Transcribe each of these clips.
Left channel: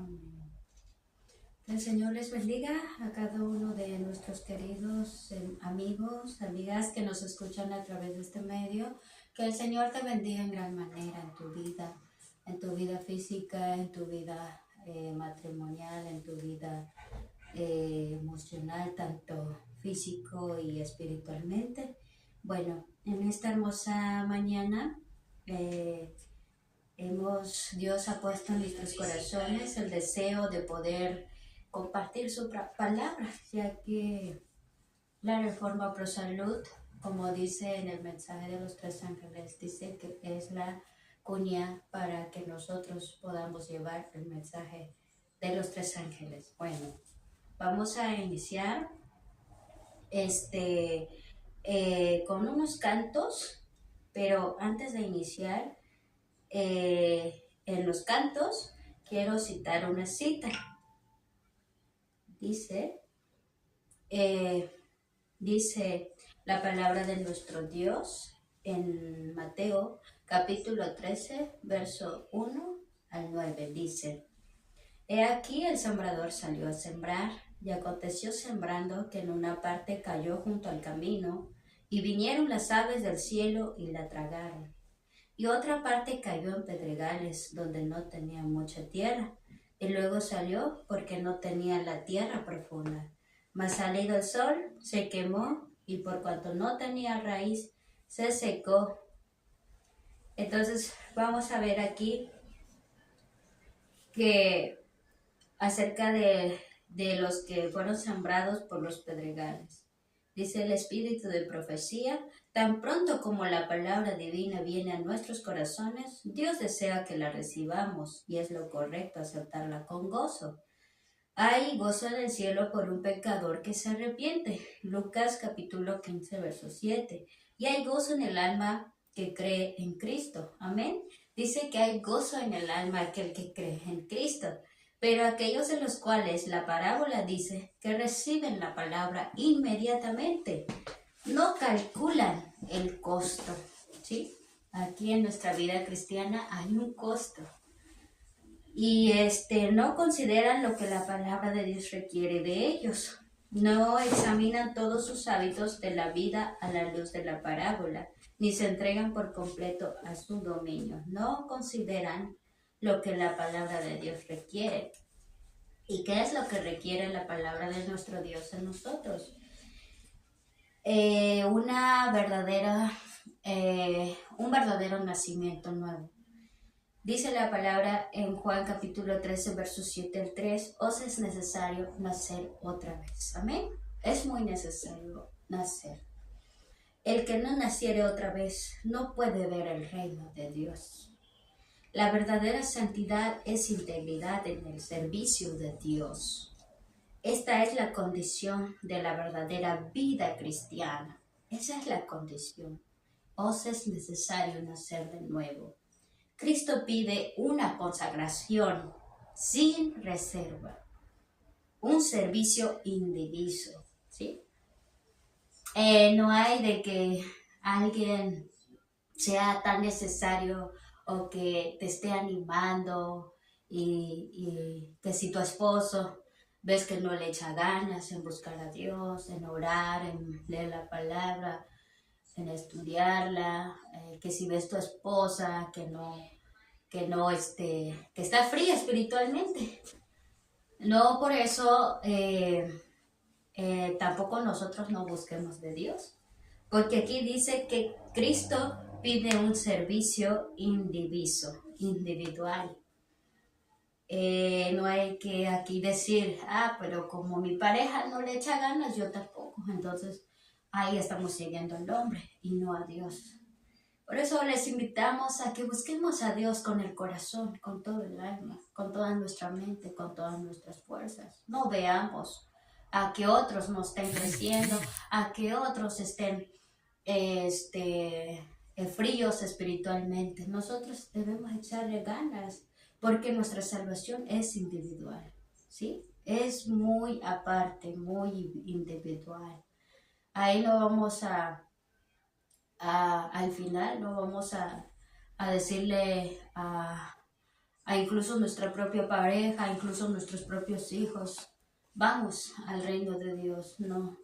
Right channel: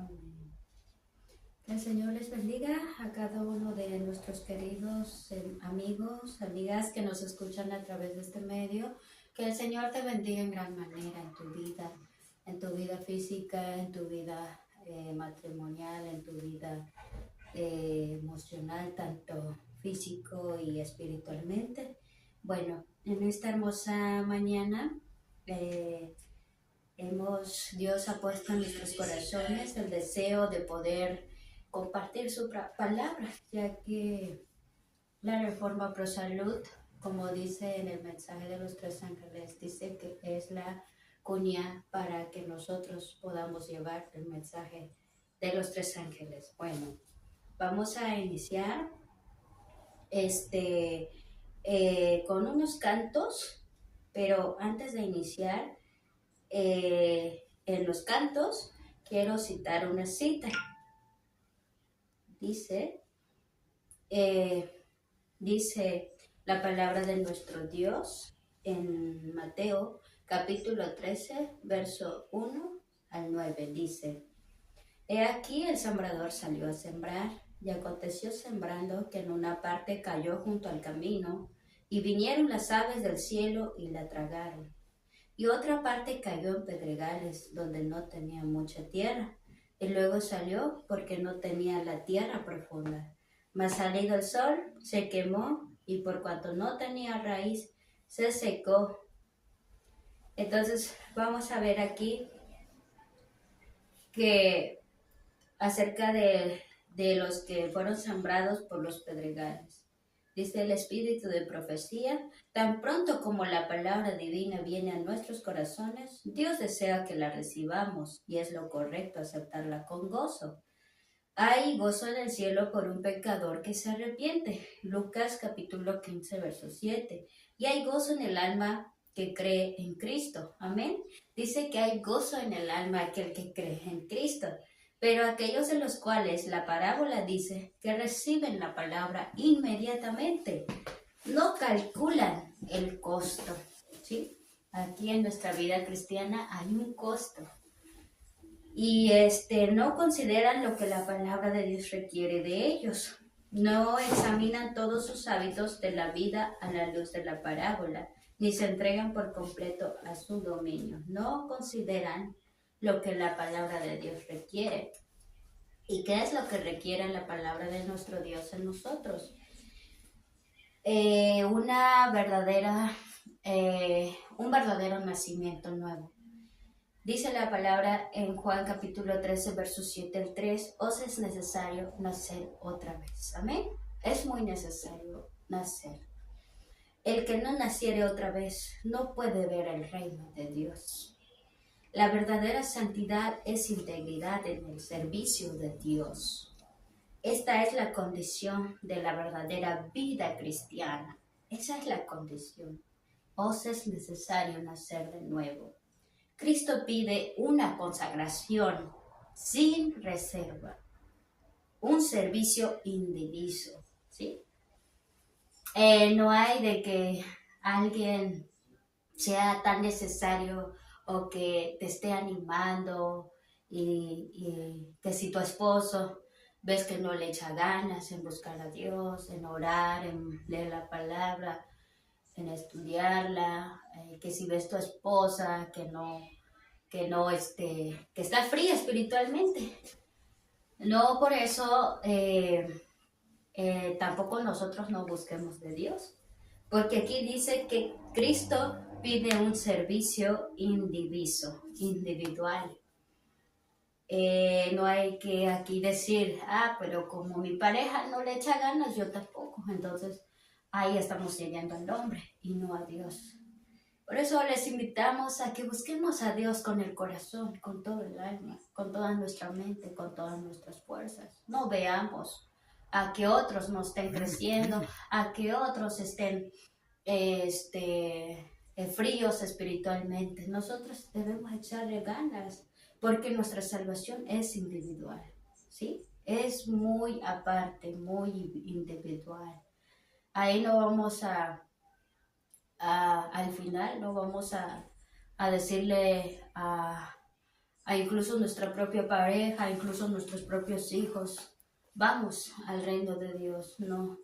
Amén. Que el Señor les bendiga a cada uno de nuestros queridos amigos, amigas que nos escuchan a través de este medio. Que el Señor te bendiga en gran manera en tu vida física, en tu vida matrimonial, en tu vida emocional, tanto físico y espiritualmente. Bueno, en esta hermosa mañana Dios ha puesto en nuestros corazones el deseo de poder compartir su palabra, ya que la Reforma Pro Salud, como dice en el mensaje de los tres ángeles, dice que es la cuña para que nosotros podamos llevar el mensaje de los tres ángeles. Bueno, vamos a iniciar con unos cantos, pero antes de iniciar en los cantos quiero citar una cita. Dice la palabra de nuestro Dios en Mateo capítulo 13, verso 1 al 9. Dice: He aquí el sembrador salió a sembrar, y aconteció sembrando que en una parte cayó junto al camino, y vinieron las aves del cielo y la tragaron. Y otra parte cayó en pedregales, donde no tenía mucha tierra, y luego salió porque no tenía la tierra profunda. Mas salido el sol, se quemó, y por cuanto no tenía raíz, se secó. Entonces vamos a ver aquí que acerca de los que fueron sembrados por los pedregales. Dice el espíritu de profecía: tan pronto como la palabra divina viene a nuestros corazones, Dios desea que la recibamos, y es lo correcto aceptarla con gozo. Hay gozo en el cielo por un pecador que se arrepiente. Lucas capítulo 15, verso 7. Y hay gozo en el alma que cree en Cristo. Amén. Dice que hay gozo en el alma aquel que cree en Cristo. Pero aquellos de los cuales la parábola dice que reciben la palabra inmediatamente, no calculan el costo, ¿sí? Aquí en nuestra vida cristiana hay un costo. Y no consideran lo que la palabra de Dios requiere de ellos. No examinan todos sus hábitos de la vida a la luz de la parábola, ni se entregan por completo a su dominio. No consideran lo que la palabra de Dios requiere. ¿Y qué es lo que requiere la palabra de nuestro Dios en nosotros? Un verdadero nacimiento nuevo. Dice la palabra en Juan capítulo 13, verso 7 al 3, os es necesario nacer otra vez. Amén. Es muy necesario nacer. El que no naciere otra vez no puede ver el reino de Dios. La verdadera santidad es integridad en el servicio de Dios. Esta es la condición de la verdadera vida cristiana. Esa es la condición. Os es necesario nacer de nuevo. Cristo pide una consagración sin reserva, un servicio indiviso, ¿sí? No hay de que alguien sea tan necesario o que te esté animando y que si tu esposo ves que no le echa ganas en buscar a Dios, en orar, en leer la palabra, en estudiarla, que si ves tu esposa que está fría espiritualmente. No por eso tampoco nosotros no busquemos de Dios, porque aquí dice que Cristo pide un servicio individual. No hay que aquí decir, pero como mi pareja no le echa ganas, yo tampoco. Entonces ahí estamos siguiendo al hombre y no a Dios. Por eso les invitamos a que busquemos a Dios con el corazón, con todo el alma, con toda nuestra mente, con todas nuestras fuerzas. No veamos a que otros no estén creciendo, a que otros estén fríos espiritualmente. Nosotros debemos echarle ganas porque nuestra salvación es individual, ¿sí? Es muy aparte, muy individual. Ahí no vamos al final no vamos a decirle a incluso nuestra propia pareja, a incluso nuestros propios hijos. Vamos al reino de Dios, no.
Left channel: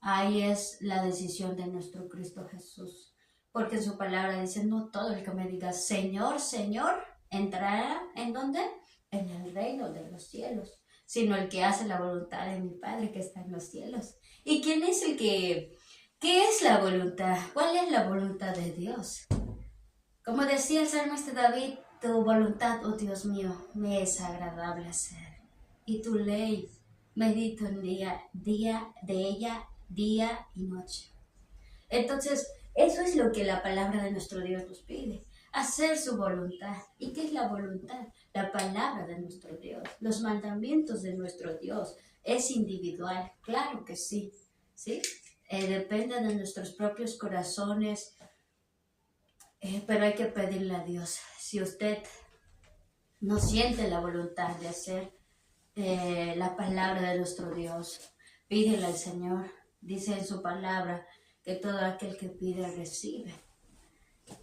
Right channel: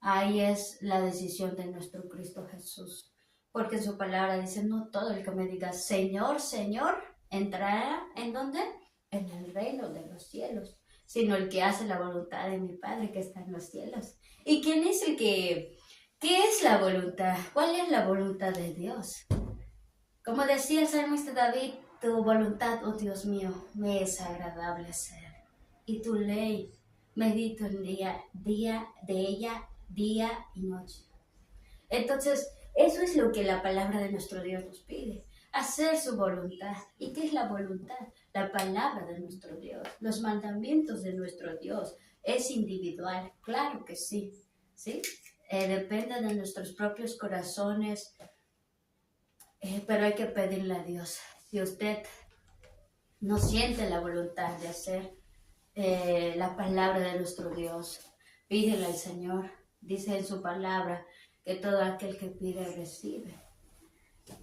Ahí es la decisión de nuestro Cristo Jesús. Porque en su palabra dice, no todo el que me diga, Señor, Señor, entrará ¿en dónde? En el reino de los cielos, sino el que hace la voluntad de mi Padre que está en los cielos. ¿Y quién es el que, qué es la voluntad? ¿Cuál es la voluntad de Dios? Como decía el salmista David, tu voluntad, oh Dios mío, me es agradable hacer. Y tu ley, medito en de ella, día y noche. Entonces, eso es lo que la palabra de nuestro Dios nos pide, hacer su voluntad. ¿Y qué es la voluntad? La palabra de nuestro Dios, los mandamientos de nuestro Dios. Es individual, claro que sí, ¿sí? Depende de nuestros propios corazones, pero hay que pedirle a Dios. Si usted no siente la voluntad de hacer la palabra de nuestro Dios, pídele al Señor. Dice en su palabra que todo aquel que pide recibe,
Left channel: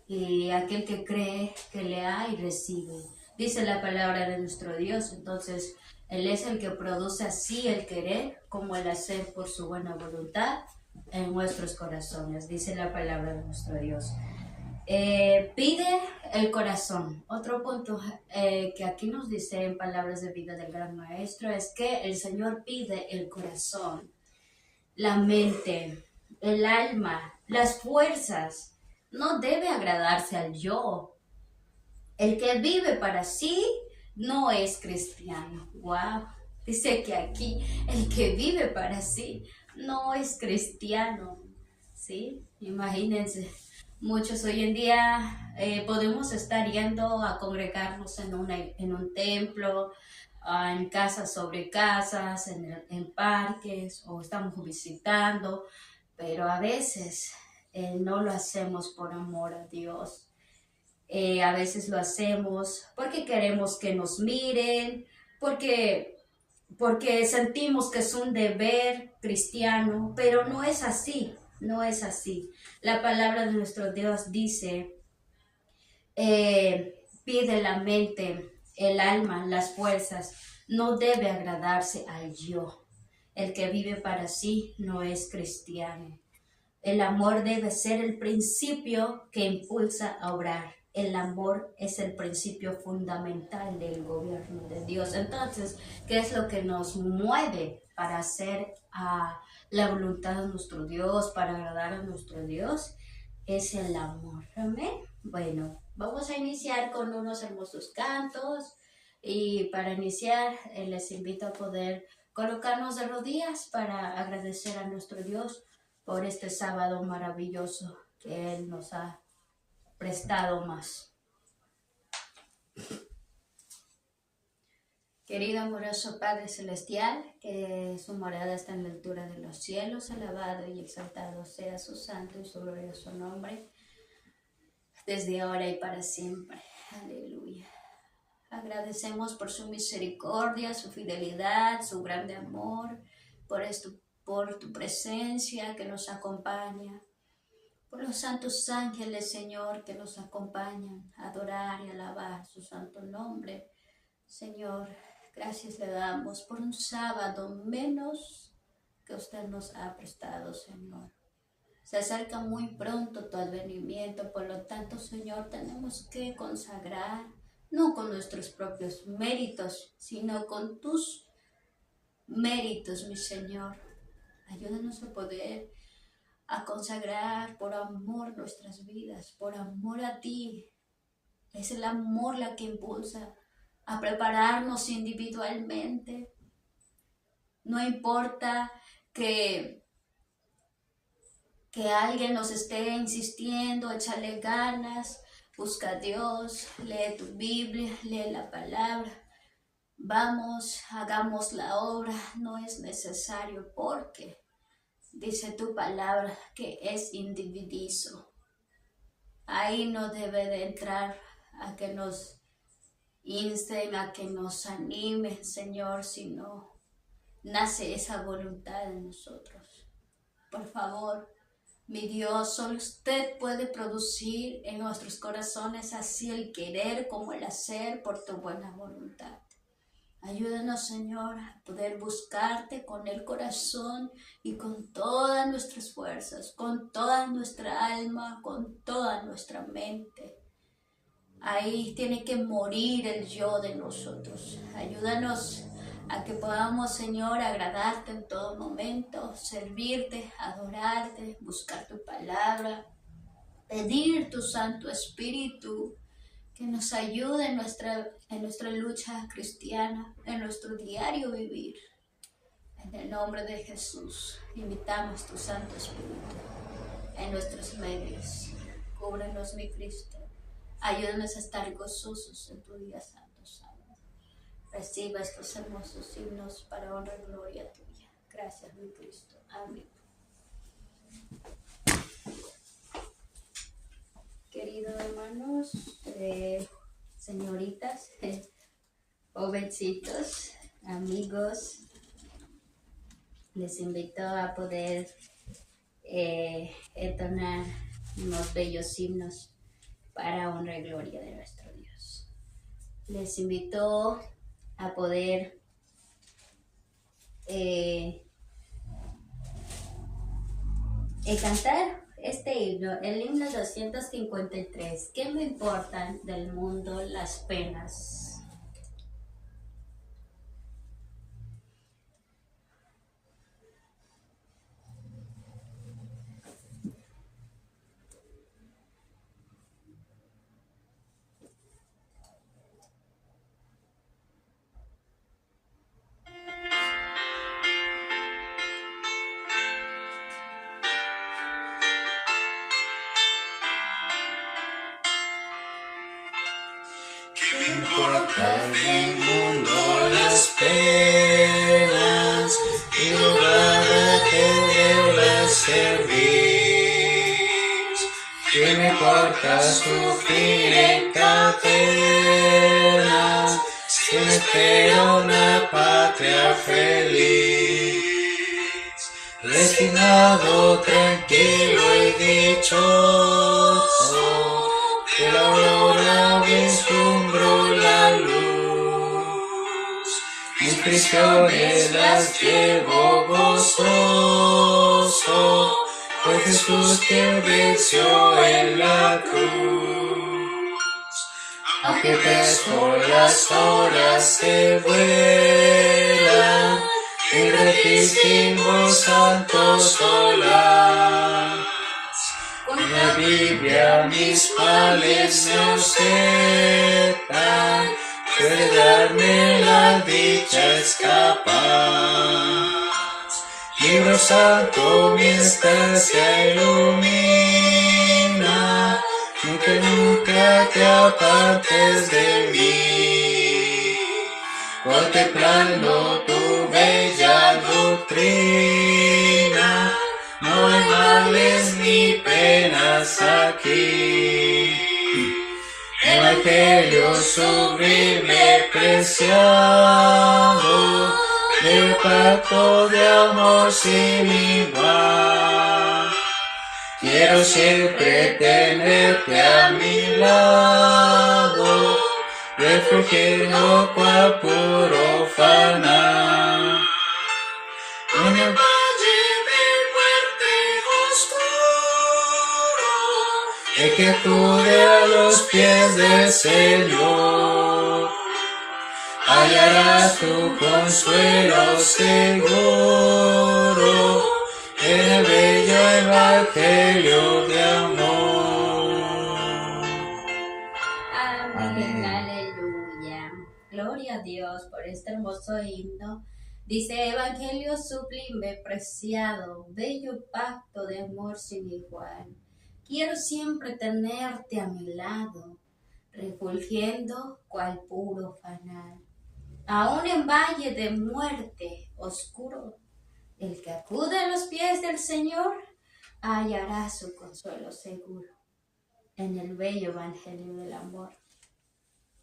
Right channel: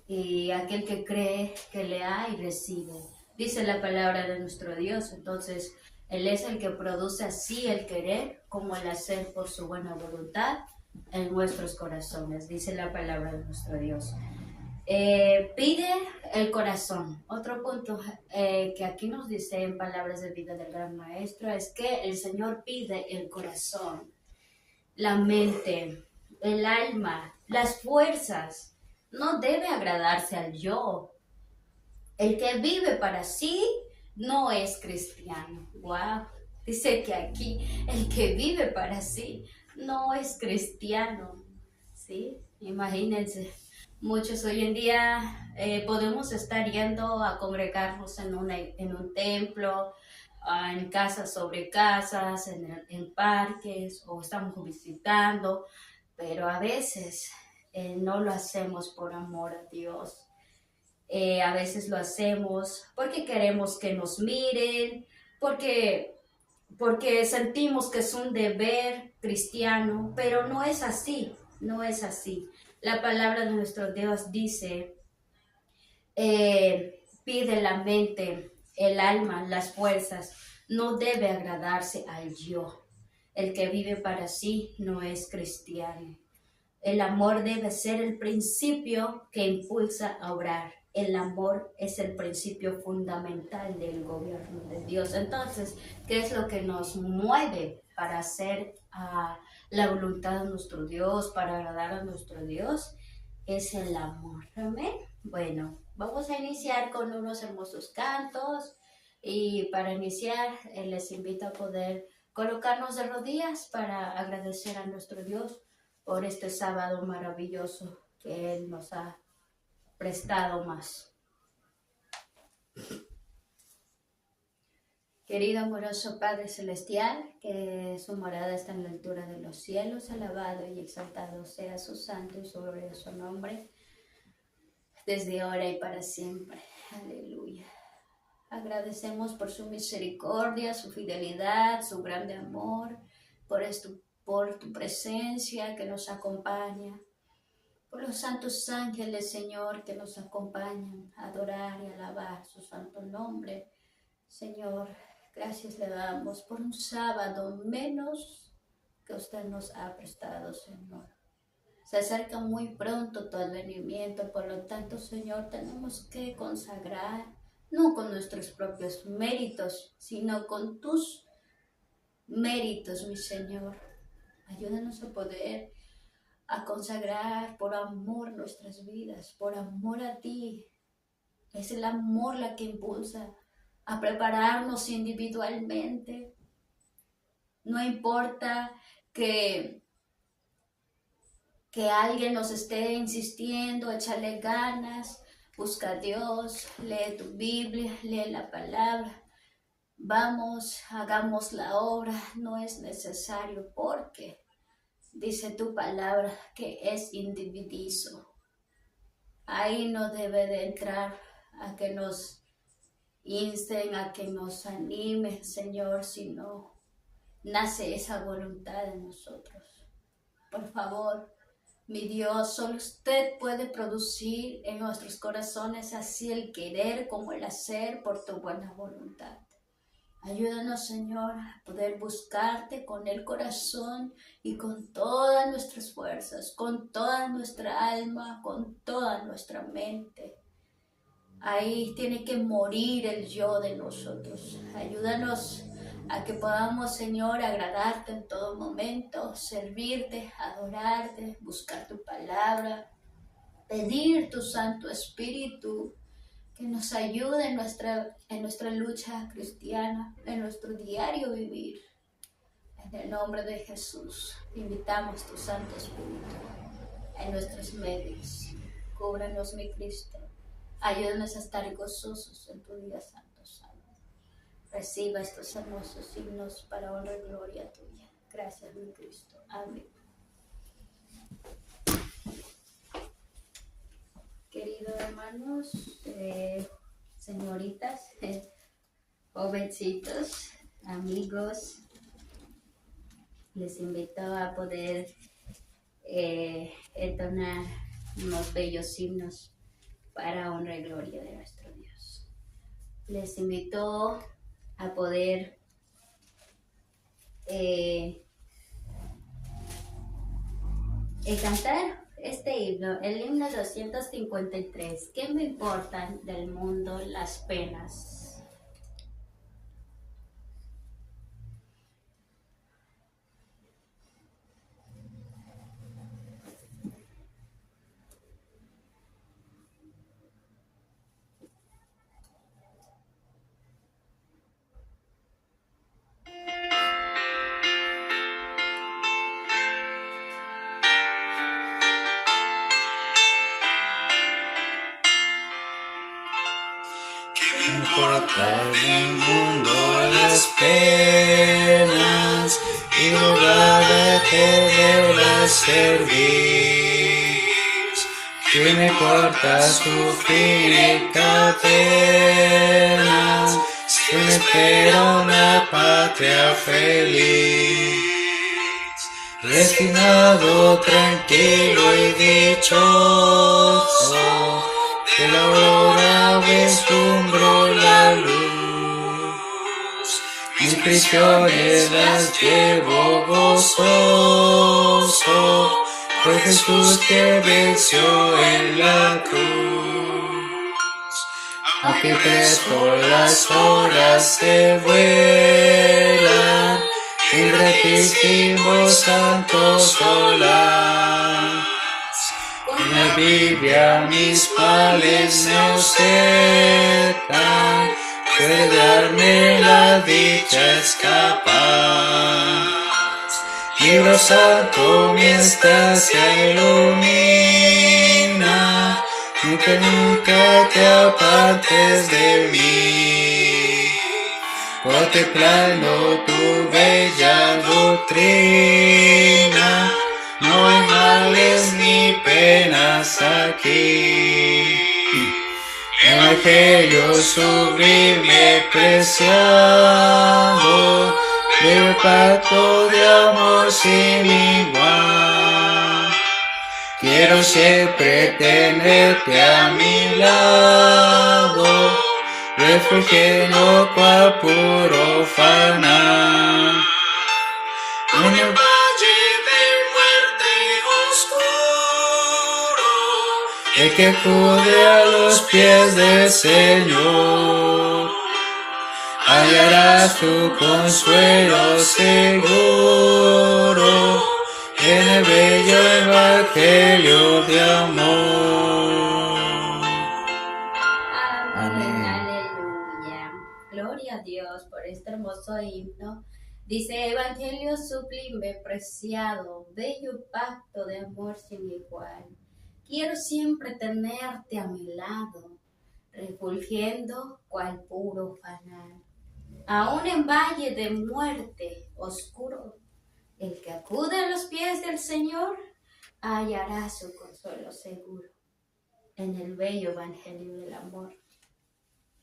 y aquel que cree que le ha y recibe. Dice la palabra de nuestro Dios. Entonces, Él es el que produce así el querer como el hacer por su buena voluntad en nuestros corazones. Dice la palabra de nuestro Dios. Pide el corazón. Otro punto que aquí nos dice en palabras de vida del gran maestro es que el Señor pide el corazón, la mente, el alma, las fuerzas. No debe agradarse al yo. El que vive para sí no es cristiano. Wow. Dice que aquí el que vive para sí no es cristiano. ¿Sí? Imagínense. Muchos hoy en día podemos estar yendo a congregarnos en un templo, en casas sobre casas, en parques, o estamos visitando, pero a veces no lo hacemos por amor a Dios. A veces lo hacemos porque queremos que nos miren, porque sentimos que es un deber cristiano, pero no es así, no es así. La palabra de nuestro Dios dice, pide la mente, el alma, las fuerzas, no debe agradarse al yo. El que vive para sí no es cristiano. El amor debe ser el principio que impulsa a obrar. El amor es el principio fundamental del gobierno de Dios. Entonces, ¿qué es lo que nos mueve para hacer la voluntad de nuestro Dios, para agradar a nuestro Dios? Es el amor. Amén. Bueno, vamos a iniciar con unos hermosos cantos, y para iniciar les invito a poder colocarnos de rodillas para agradecer a nuestro Dios por este sábado maravilloso que Él nos ha prestado más. Querido amoroso Padre Celestial, que su morada está en la altura de los cielos, alabado y exaltado sea su santo y su glorioso nombre, desde ahora y para siempre. Aleluya. Agradecemos por su misericordia, su fidelidad, su grande amor, por tu presencia que nos acompaña, por los santos ángeles, Señor, que nos acompañan a adorar y alabar su santo nombre. Señor, gracias le damos por un sábado menos que usted nos ha prestado, Señor. Se acerca muy pronto tu advenimiento, por lo tanto, Señor, tenemos que consagrar, no con nuestros propios méritos, sino con tus méritos, mi Señor. Ayúdanos a poder a consagrar por amor nuestras vidas, por amor a ti. Es el amor la que impulsa a prepararnos individualmente. No importa que alguien nos esté insistiendo, échale ganas, busca a Dios, lee tu Biblia, lee la palabra. Vamos, hagamos la obra, no es necesario porque dice tu palabra que es individuo. Ahí no debe de entrar a que nos insten, a que nos animen, Señor, sino nace esa voluntad en nosotros. Por favor, Mi Dios, solo usted puede producir en nuestros corazones así el querer como el hacer por tu buena voluntad. Ayúdanos, Señor, a poder buscarte con el corazón y con todas nuestras fuerzas, con toda nuestra alma, con toda nuestra mente. Ahí tiene que morir el yo de nosotros. Ayúdanos a que podamos, Señor, agradarte en todo momento, servirte, adorarte, buscar tu palabra, pedir tu Santo Espíritu que nos ayude en nuestra lucha cristiana, en nuestro diario vivir. En el nombre de Jesús, invitamos tu Santo Espíritu en nuestros medios. Cúbrenos, mi Cristo. Ayúdanos a estar gozosos en tu día santo, Santo. Reciba estos hermosos signos para honra y gloria tuya. Gracias, mi Cristo. Amén. Queridos hermanos, señoritas, jovencitos, amigos, les invito a poder entonar unos bellos himnos para honra y gloria de nuestro Dios. Les invito a poder cantar este himno, el himno 253. ¿Qué me importan del mundo las penas? No importa el mundo las penas y lugar de las servir. ¿Qué me importa sufrir en cadenas si me espera una patria feliz? Resignado, tranquilo y dichoso, de la aurora vislumbro la luz. Mis prisiones las llevo gozoso, por Jesús que venció en la cruz. Aunque presto las horas se vuelan, el gratísimo santo solar. Con la Biblia mis males me ausentan, puede darme la dicha escapar. Libro santo mi estancia ilumina, nunca te apartes de mí. Contemplando tu bella doctrina, no hay males ni penas aquí. Evangelio sublime, preciado, del pacto de amor sin igual. Quiero siempre tenerte a mi lado, refugio cual puro fanar. En el valle de muerte oscuro, el que acude a los pies del Señor, hallará su consuelo seguro en el bello evangelio de amor. Amén. Aleluya. Gloria a Dios por este hermoso himno. Dice: Evangelio sublime, preciado, bello pacto de amor sin igual. Quiero siempre tenerte a mi lado, refulgiendo cual puro fanal. Aún en valle de muerte oscuro, el que acude a los pies del Señor hallará su consuelo seguro en el bello evangelio del amor.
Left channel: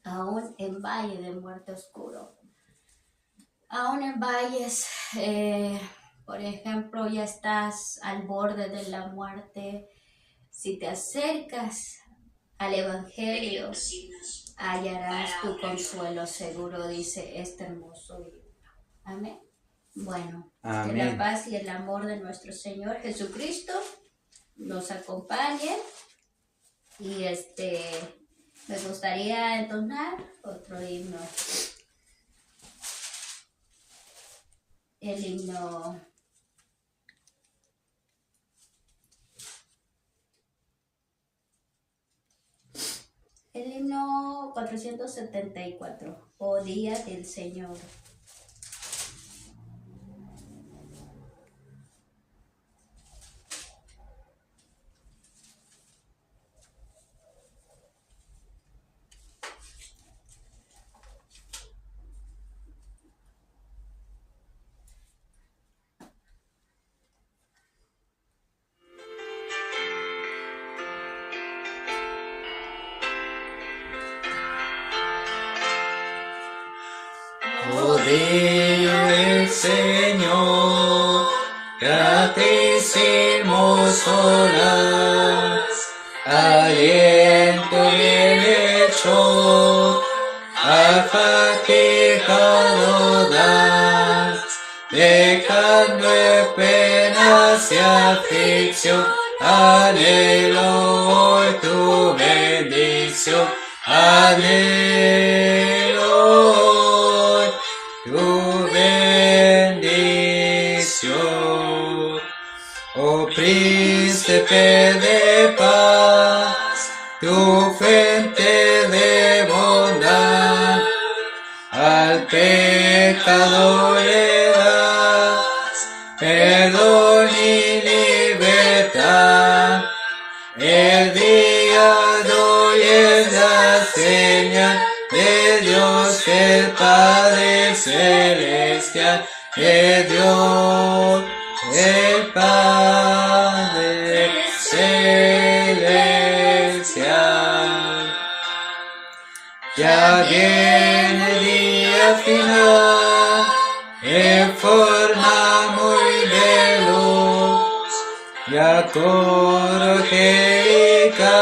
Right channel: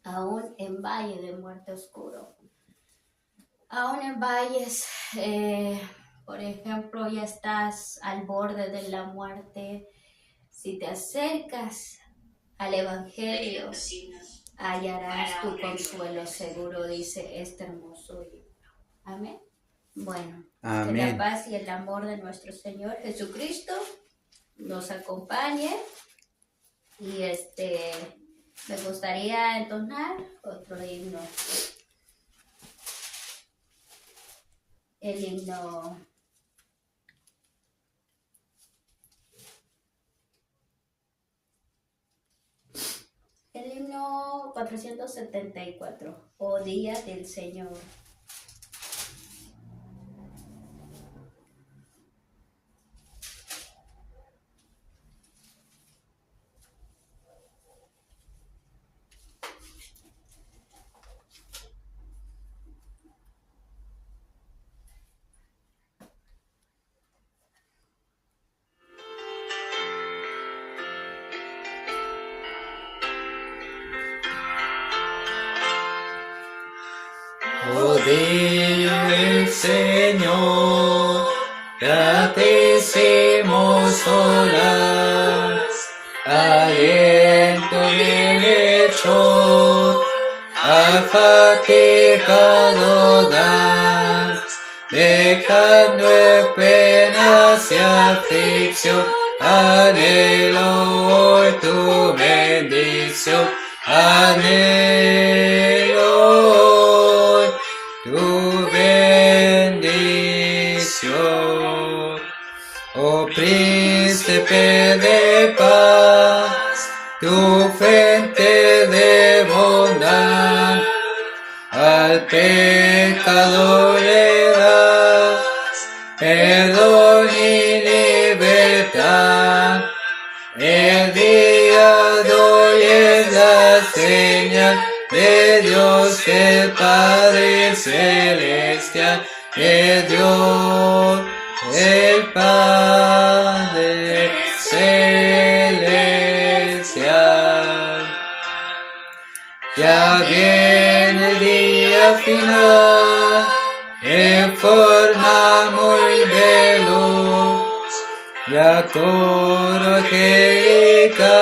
Aún en valle de muerte oscuro, aún en valles Por ejemplo, ya estás al borde de la muerte. Si te acercas al Evangelio, hallarás tu consuelo seguro, dice este hermoso himno. Amén. Bueno, que la Amén. paz y el amor de nuestro Señor Jesucristo nos acompañe. Y me gustaría entonar otro himno. El himno El himno 474, Oh Día del Señor. Oh día del Señor, gratísimos horas, aliento bien hecho, afatigado das, dejando en penas y aflicción, anhelo hoy tu bendición, anhelo hoy tu bendición. Oh príncipe de paz, tu frente de bondad, al pecador le das perdón y libertad. El día de hoy es la señal de Dios el Padre Celestial, de Dios el Padre Celestial. Ya viene el día final, en forma muy veloz, ya coro angelical,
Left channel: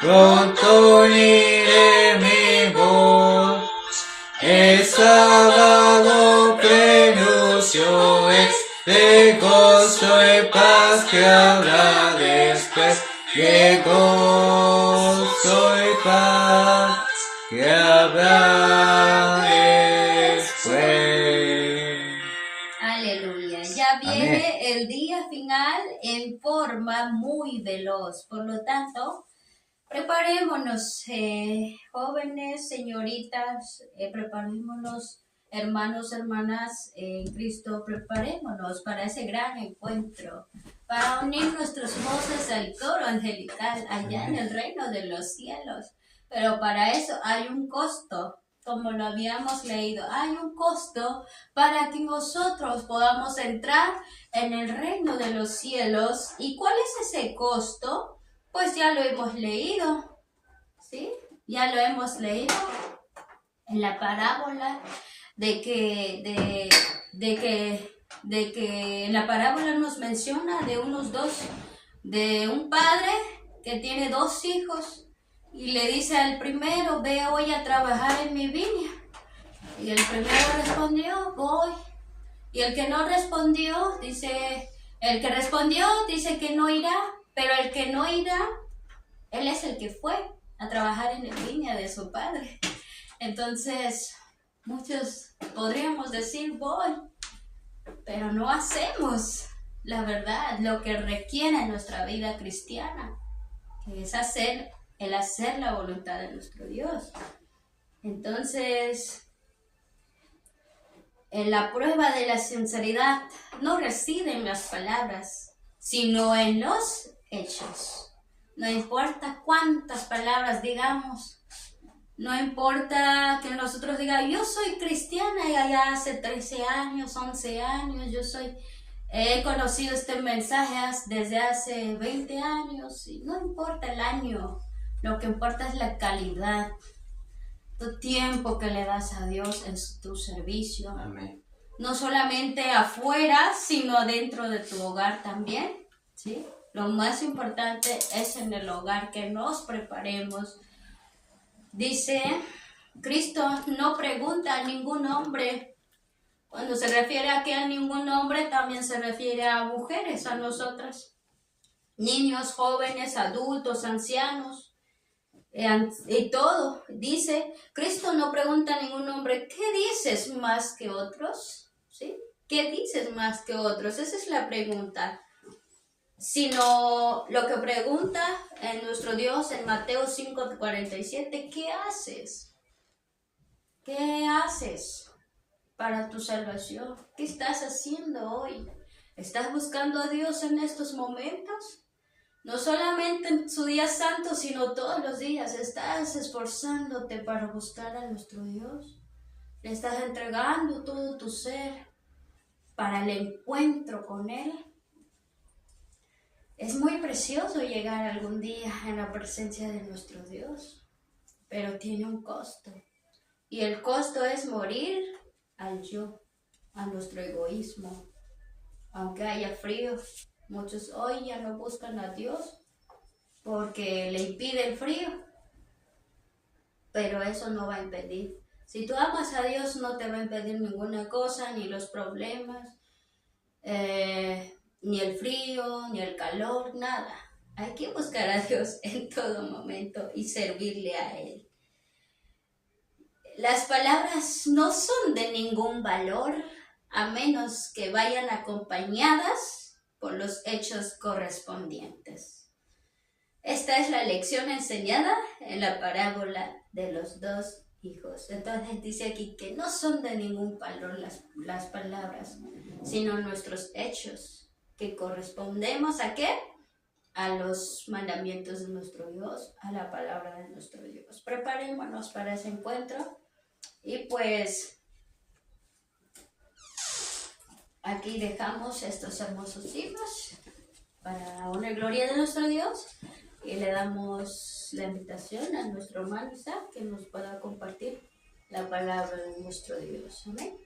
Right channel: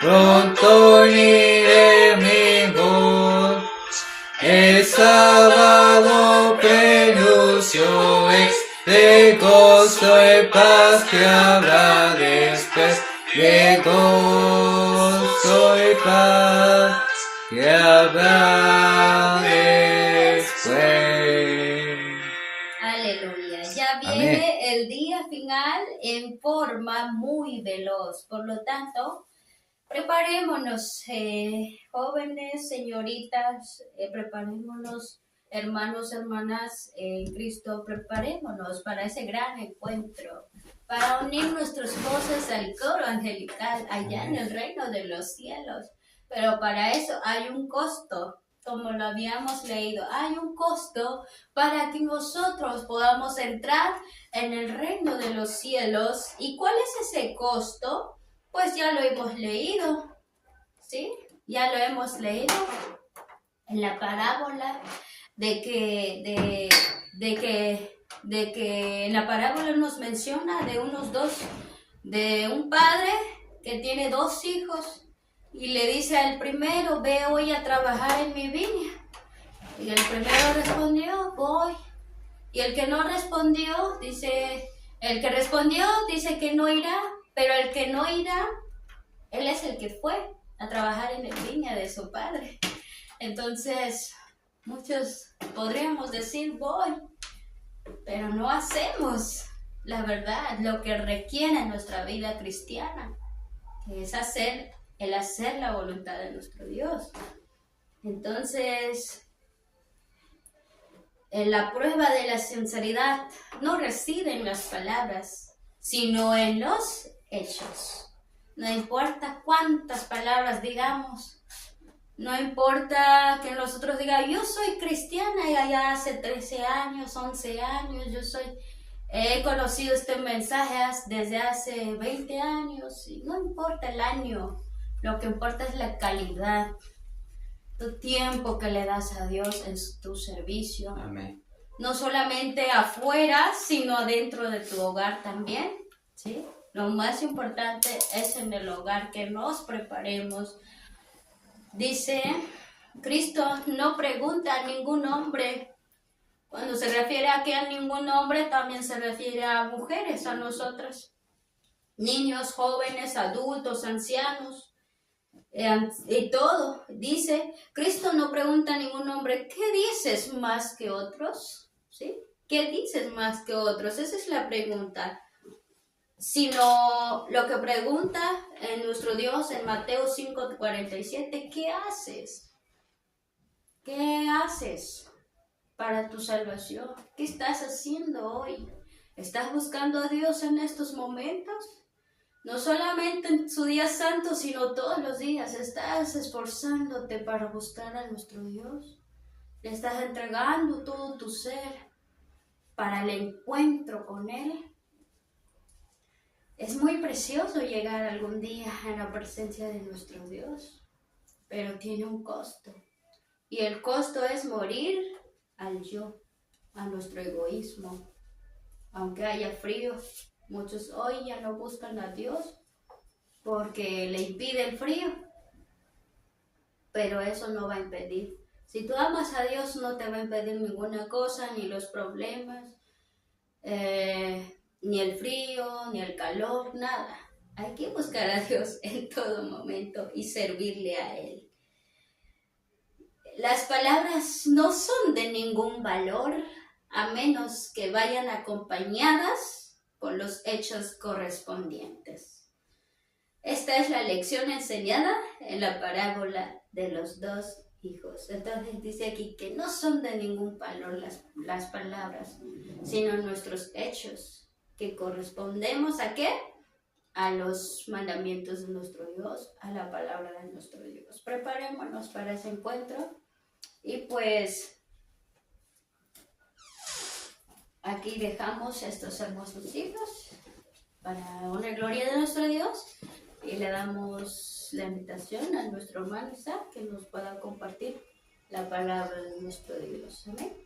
pronto uniré mi voz. El sábado prenuncio es de gozo y paz que habrá después, de gozo y paz que habrá después. Aleluya. Ya viene el día final en forma muy veloz. Por lo tanto, preparémonos, jóvenes, señoritas, preparémonos, hermanos, hermanas en Cristo, preparémonos para ese gran encuentro, para unir nuestras voces al coro angelical allá en el reino de los cielos. Pero para eso hay un costo, como lo habíamos leído, hay un costo para que nosotros podamos entrar en el reino de los cielos. ¿Y cuál es ese costo? Pues ya lo hemos leído, ¿sí? Ya lo hemos leído en la parábola de que en la parábola nos menciona de un padre que tiene 2 hijos y le dice al primero, ve hoy a trabajar en mi viña. Y el primero respondió, voy. Y el que no respondió, el que respondió dice que no irá, pero el que no irá, él es el que fue a trabajar en la viña de su padre. Entonces, muchos podríamos decir, voy, pero no hacemos, la verdad, lo que requiere nuestra vida cristiana, que es hacer la voluntad de nuestro Dios. Entonces, en la prueba de la sinceridad no reside en las palabras, sino en los hechos. No importa cuántas palabras digamos, no importa que nosotros digamos, yo soy cristiana ya hace 13 años, 11 años, he conocido este mensaje desde hace 20 años, y no importa el año, lo que importa es la calidad, tu tiempo que le das a Dios en tu servicio. Amén. no solamente afuera, sino dentro de tu hogar también, ¿sí? Lo más importante es en el hogar que nos preparemos. Dice, Cristo no pregunta a ningún hombre. Cuando se refiere aquí a ningún hombre, también se refiere a mujeres, a nosotras. Niños, jóvenes, adultos, ancianos, y todo. Dice, Cristo no pregunta a ningún hombre, ¿qué dices más que otros? ¿Sí? ¿Qué dices más que otros? Esa es la pregunta. Sino lo que pregunta en nuestro Dios en Mateo 5:47, ¿qué haces? ¿Qué haces para tu salvación? ¿Qué estás haciendo hoy? ¿Estás buscando a Dios en estos momentos? No solamente en su día santo, sino todos los días. ¿Estás esforzándote para buscar a nuestro Dios? ¿Le estás entregando todo tu ser para el encuentro con Él? Es muy precioso llegar algún día en la presencia de nuestro Dios, pero tiene un costo. Y el costo es morir al yo, a nuestro egoísmo. Aunque haya frío, muchos hoy ya no buscan a Dios porque le impide el frío, pero eso no va a impedir. Si tú amas a Dios, no te va a impedir ninguna cosa, ni los problemas, ni el frío, ni el calor, nada. Hay que buscar a Dios en todo momento y servirle a Él. Las palabras no son de ningún valor a menos que vayan acompañadas con los hechos correspondientes. Esta es la lección enseñada en la parábola de los dos hijos. Entonces dice aquí que no son de ningún valor las palabras, sino nuestros hechos, que correspondemos ¿a qué? A los mandamientos de nuestro Dios, a la palabra de nuestro Dios. Preparémonos para ese encuentro y pues aquí dejamos estos hermosos libros para una gloria de nuestro Dios. Y le damos la invitación a nuestro hermano Isaac que nos pueda compartir la palabra de nuestro Dios. Amén.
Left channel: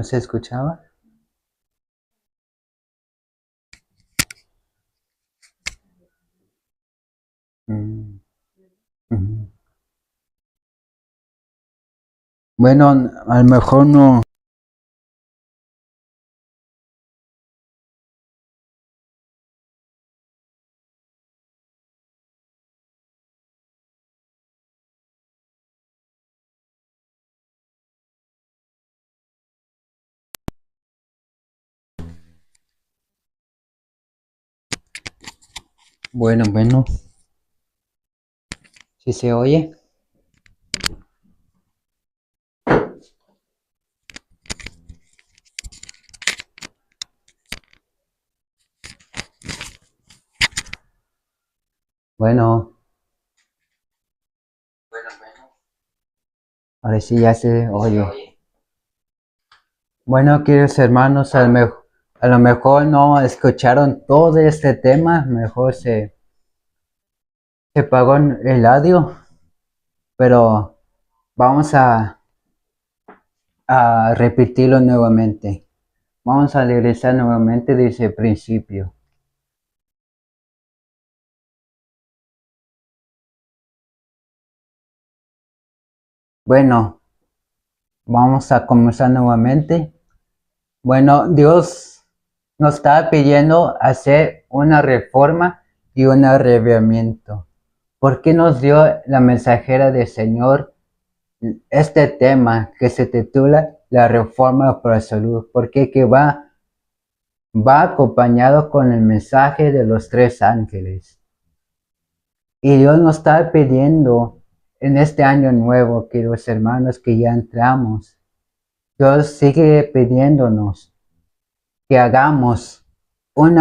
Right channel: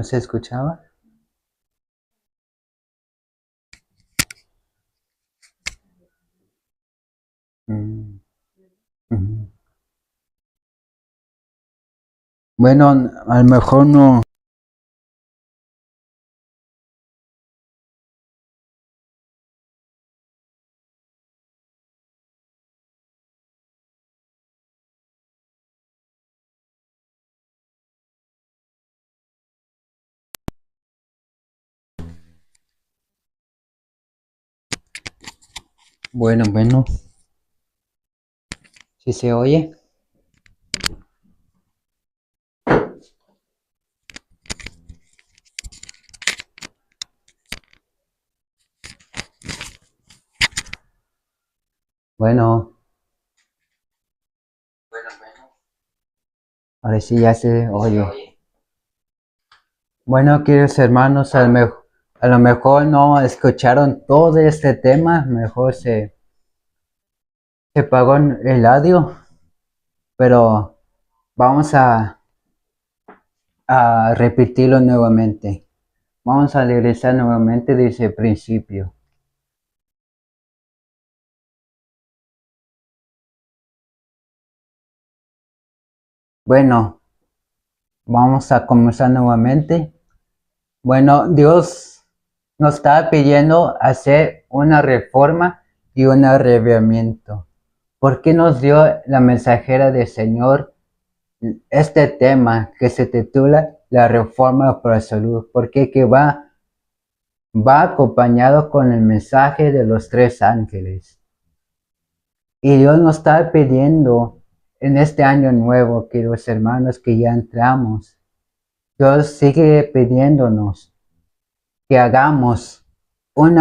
¿No se escuchaba? Mm, ujú. Bueno, a lo mejor no. Bueno, ¿sí se oye? Bueno, ahora sí ya se oye. Bueno, queridos hermanos, a lo mejor no escucharon todo este tema, mejor se apagó el audio, pero vamos a repetirlo nuevamente. Vamos a regresar nuevamente desde el principio. Bueno, vamos a comenzar nuevamente. Bueno, Dios nos está pidiendo hacer una reforma y un arreglamiento. ¿Por qué nos dio la mensajera del Señor este tema que se titula la reforma para la salud? Porque que va acompañado con el mensaje de los tres ángeles. Y Dios nos está pidiendo en este año nuevo, queridos hermanos, que ya entramos. Dios sigue pidiéndonos que hagamos un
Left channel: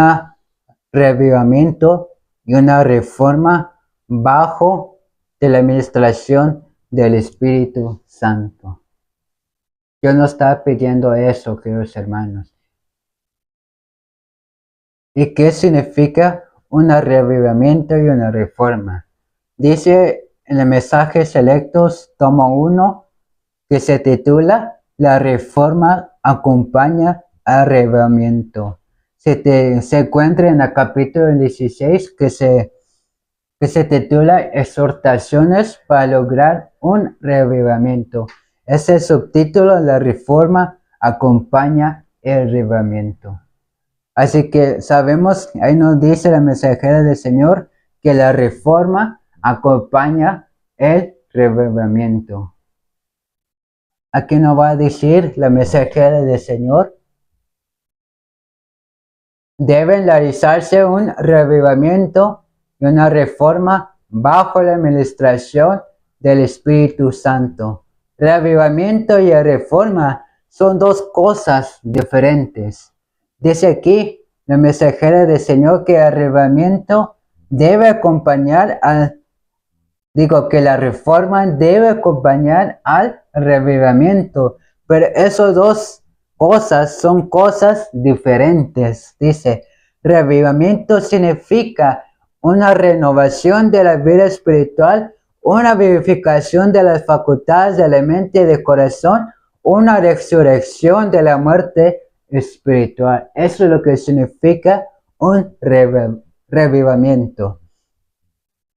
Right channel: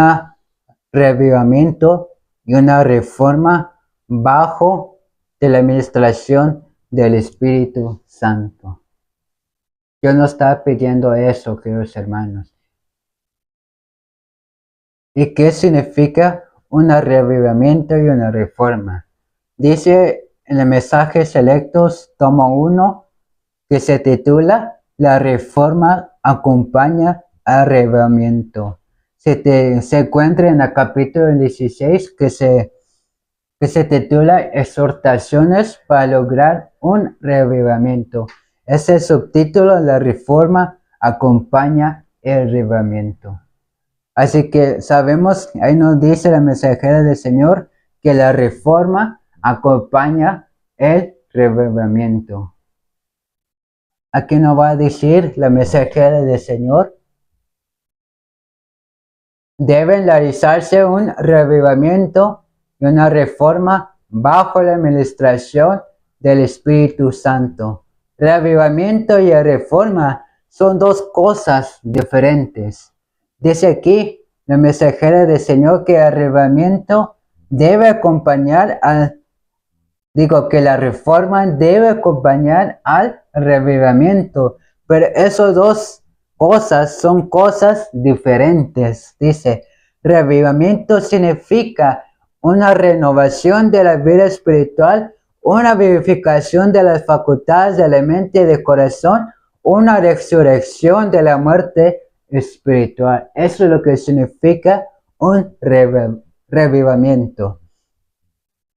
revivimiento y una reforma bajo de la administración del Espíritu Santo. Dios nos está pidiendo eso, queridos hermanos. ¿Y qué significa un revivimiento y una reforma? Dice en el mensaje Selectos, tomo 1, que se titula La reforma acompaña al revivimiento. Se encuentra en el capítulo 16 que se titula Exhortaciones para lograr un revivimiento. Ese subtítulo, La reforma acompaña el revivimiento. Así que sabemos, ahí nos dice la mensajera del Señor, que la reforma acompaña el revivimiento. Aquí nos va a decir la mensajera del Señor, deben realizarse un revivimiento y una reforma bajo la administración del Espíritu Santo. Revivimiento y reforma son dos cosas diferentes. Dice aquí la mensajera del Señor que el revivimiento debe acompañar que la reforma debe acompañar al revivimiento, pero esas dos cosas son cosas diferentes. Dice, revivimiento significa una renovación de la vida espiritual, una vivificación de las facultades de la mente y del corazón, una resurrección de la muerte espiritual. Eso es lo que significa un revivimiento.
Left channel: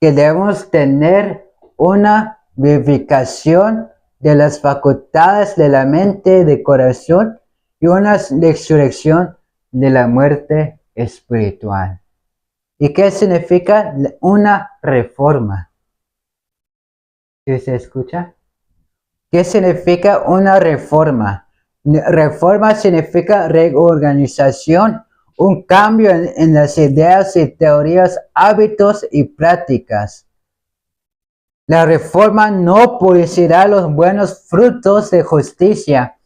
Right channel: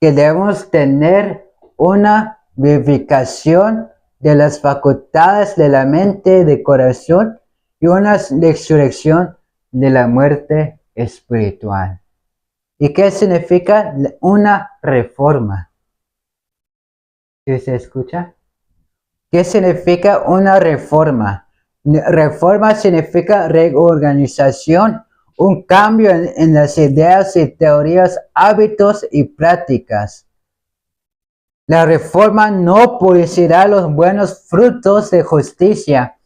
Que debemos tener una vivificación de las facultades de la mente y del corazón y una resurrección de la muerte espiritual. ¿Y qué significa una reforma? ¿Sí se escucha? ¿Qué significa una reforma? Reforma significa reorganización, un cambio en las ideas y teorías, hábitos y prácticas. La reforma no producirá los buenos frutos de justicia,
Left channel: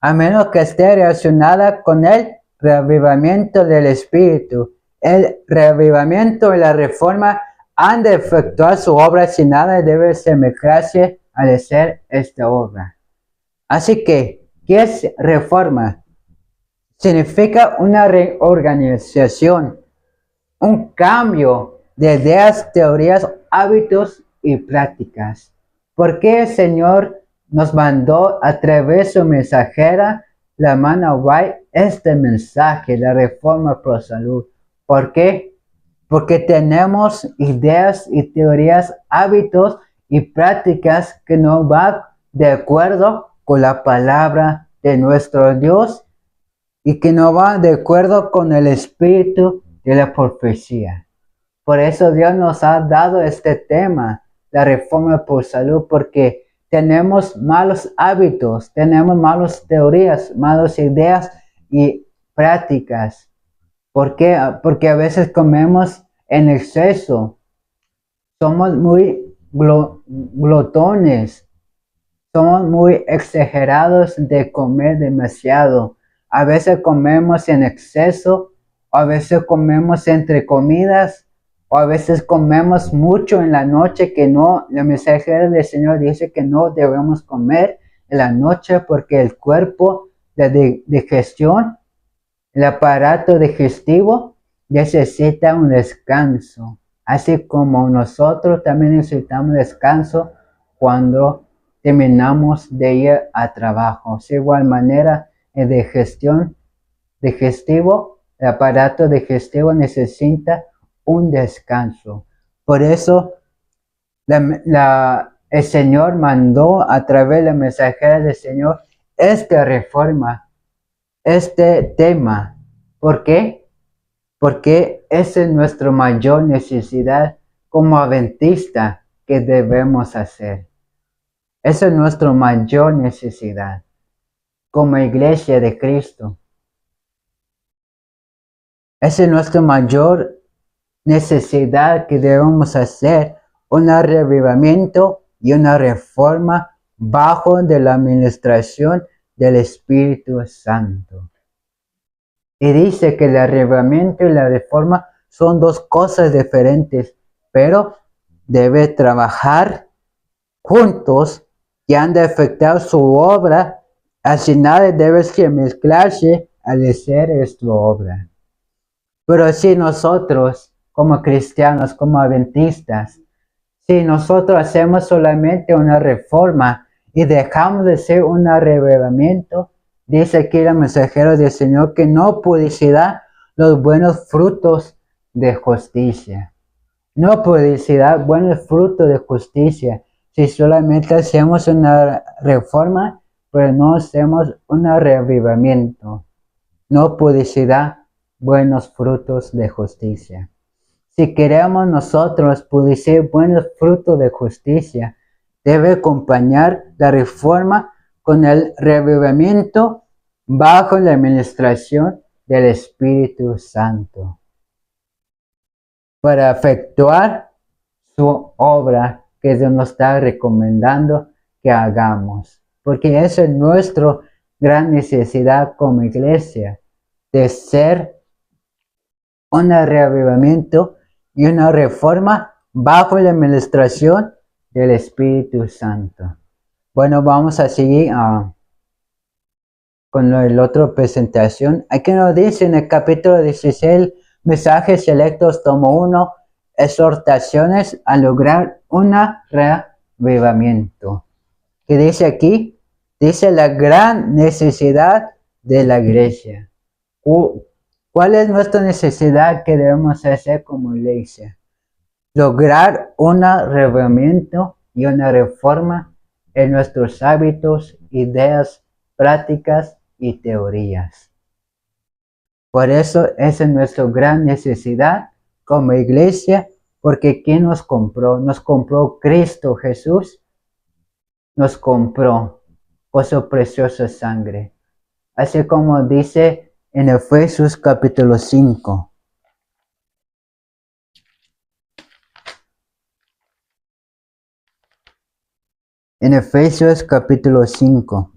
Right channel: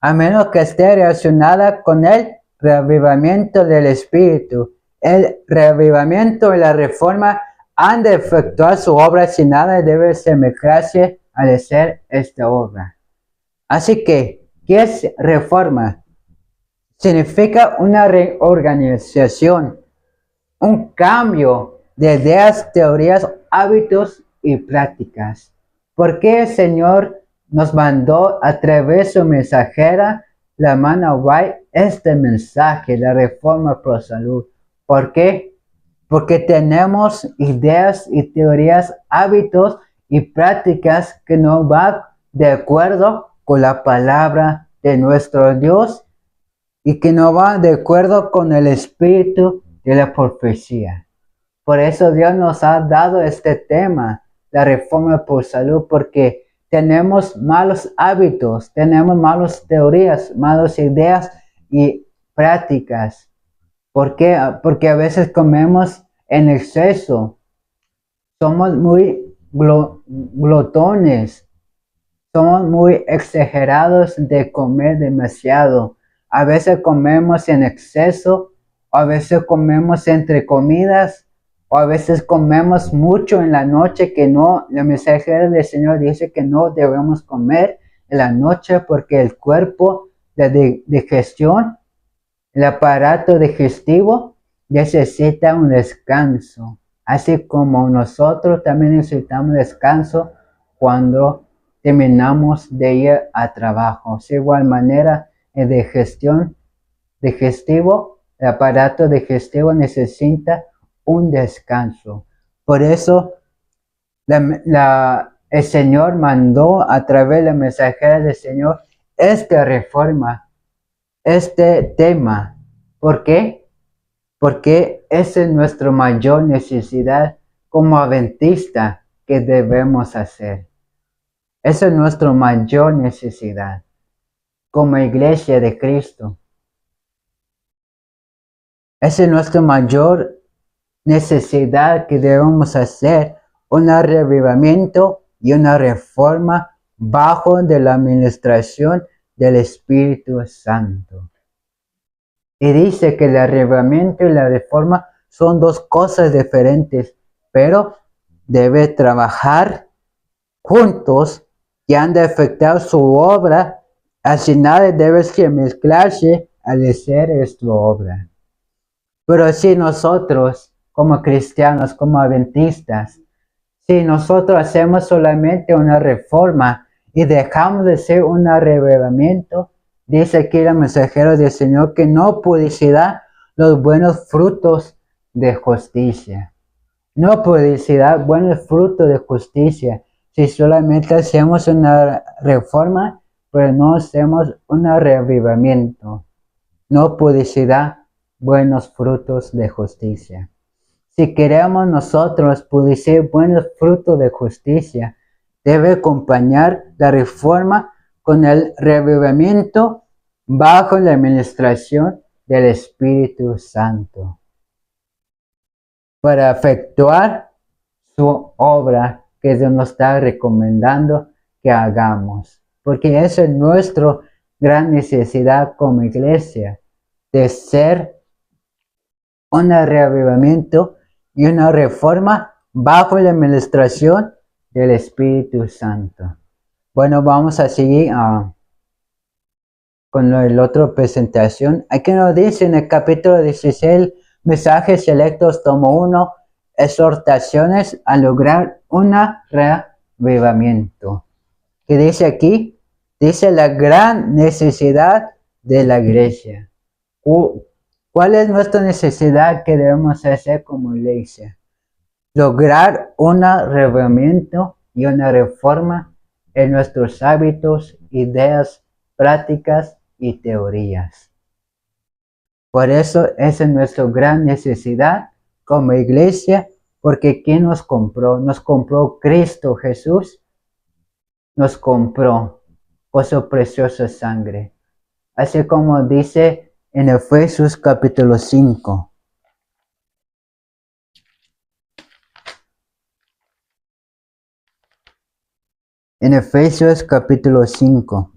a menos que esté relacionada con el reavivamiento del Espíritu. El reavivamiento y la reforma han de efectuar su obra sin nada debe semejarse al hacer esta obra. Así que, ¿qué es reforma? Significa una reorganización, un cambio de ideas, teorías, hábitos y prácticas. ¿Por qué el Señor nos mandó a través de su mensajera la hermana White este mensaje, la reforma pro salud. ¿Por qué? Porque tenemos ideas y teorías, hábitos y prácticas que no van de acuerdo con la palabra de nuestro Dios y que no van de acuerdo con el espíritu de la profecía. Por eso Dios nos ha dado este tema, la reforma por salud, porque tenemos malos hábitos, tenemos malas teorías, malas ideas y prácticas. ¿Por qué? Porque a veces comemos en exceso, somos muy glotones, somos muy exagerados de comer demasiado. A veces comemos en exceso, a veces comemos entre comidas, o a veces comemos mucho en la noche que no, la mensajera del Señor dice que no debemos comer en la noche porque el cuerpo de digestión, el aparato digestivo necesita un descanso. Así como nosotros también necesitamos descanso cuando terminamos de ir a trabajo. De igual manera, el digestivo, el aparato digestivo necesita un descanso. Por eso el Señor mandó a través de la mensajera del Señor esta reforma, este tema. ¿Por qué? Porque esa es nuestra mayor necesidad como adventista que debemos hacer. Esa es nuestra mayor necesidad como iglesia de Cristo. Esa es nuestra mayor necesidad que debemos hacer, un reavivamiento y una reforma bajo de la administración del Espíritu Santo. Y dice que el arrebatamiento y la reforma son dos cosas diferentes, pero debe trabajar juntos y han de afectar su obra, así nada debe mezclarse al hacer su obra. Pero si nosotros, como cristianos, como adventistas, si nosotros hacemos solamente una reforma y dejamos de hacer un arrebatamiento, dice aquí el mensajero del Señor que no producirá los buenos frutos de justicia. No producirá buenos frutos de justicia si solamente hacemos una reforma, pero no hacemos un reavivamiento. No producirá buenos frutos de justicia. Si queremos nosotros producir buenos frutos de justicia, debe acompañar la reforma con el reavivamiento bajo la administración del Espíritu Santo para efectuar su obra que Dios nos está recomendando que hagamos. Porque esa es nuestra gran necesidad como iglesia, de ser un reavivamiento y una reforma bajo la administración del Espíritu Santo. Bueno, vamos a seguir con la otra presentación. Aquí nos dice en el capítulo 16, mensajes selectos, tomo 1, exhortaciones a lograr un reavivamiento. ¿Qué dice aquí? Dice la gran necesidad de la iglesia. ¿Cuál es nuestra necesidad que debemos hacer como iglesia? Lograr un reavivamiento y una reforma en nuestros hábitos, ideas, prácticas y teorías. Por eso esa es nuestra gran necesidad como iglesia, porque ¿quién nos compró? Nos compró Cristo Jesús, nos compró por su preciosa sangre. Así como dice en Efesios capítulo 5. En Efesios capítulo 5.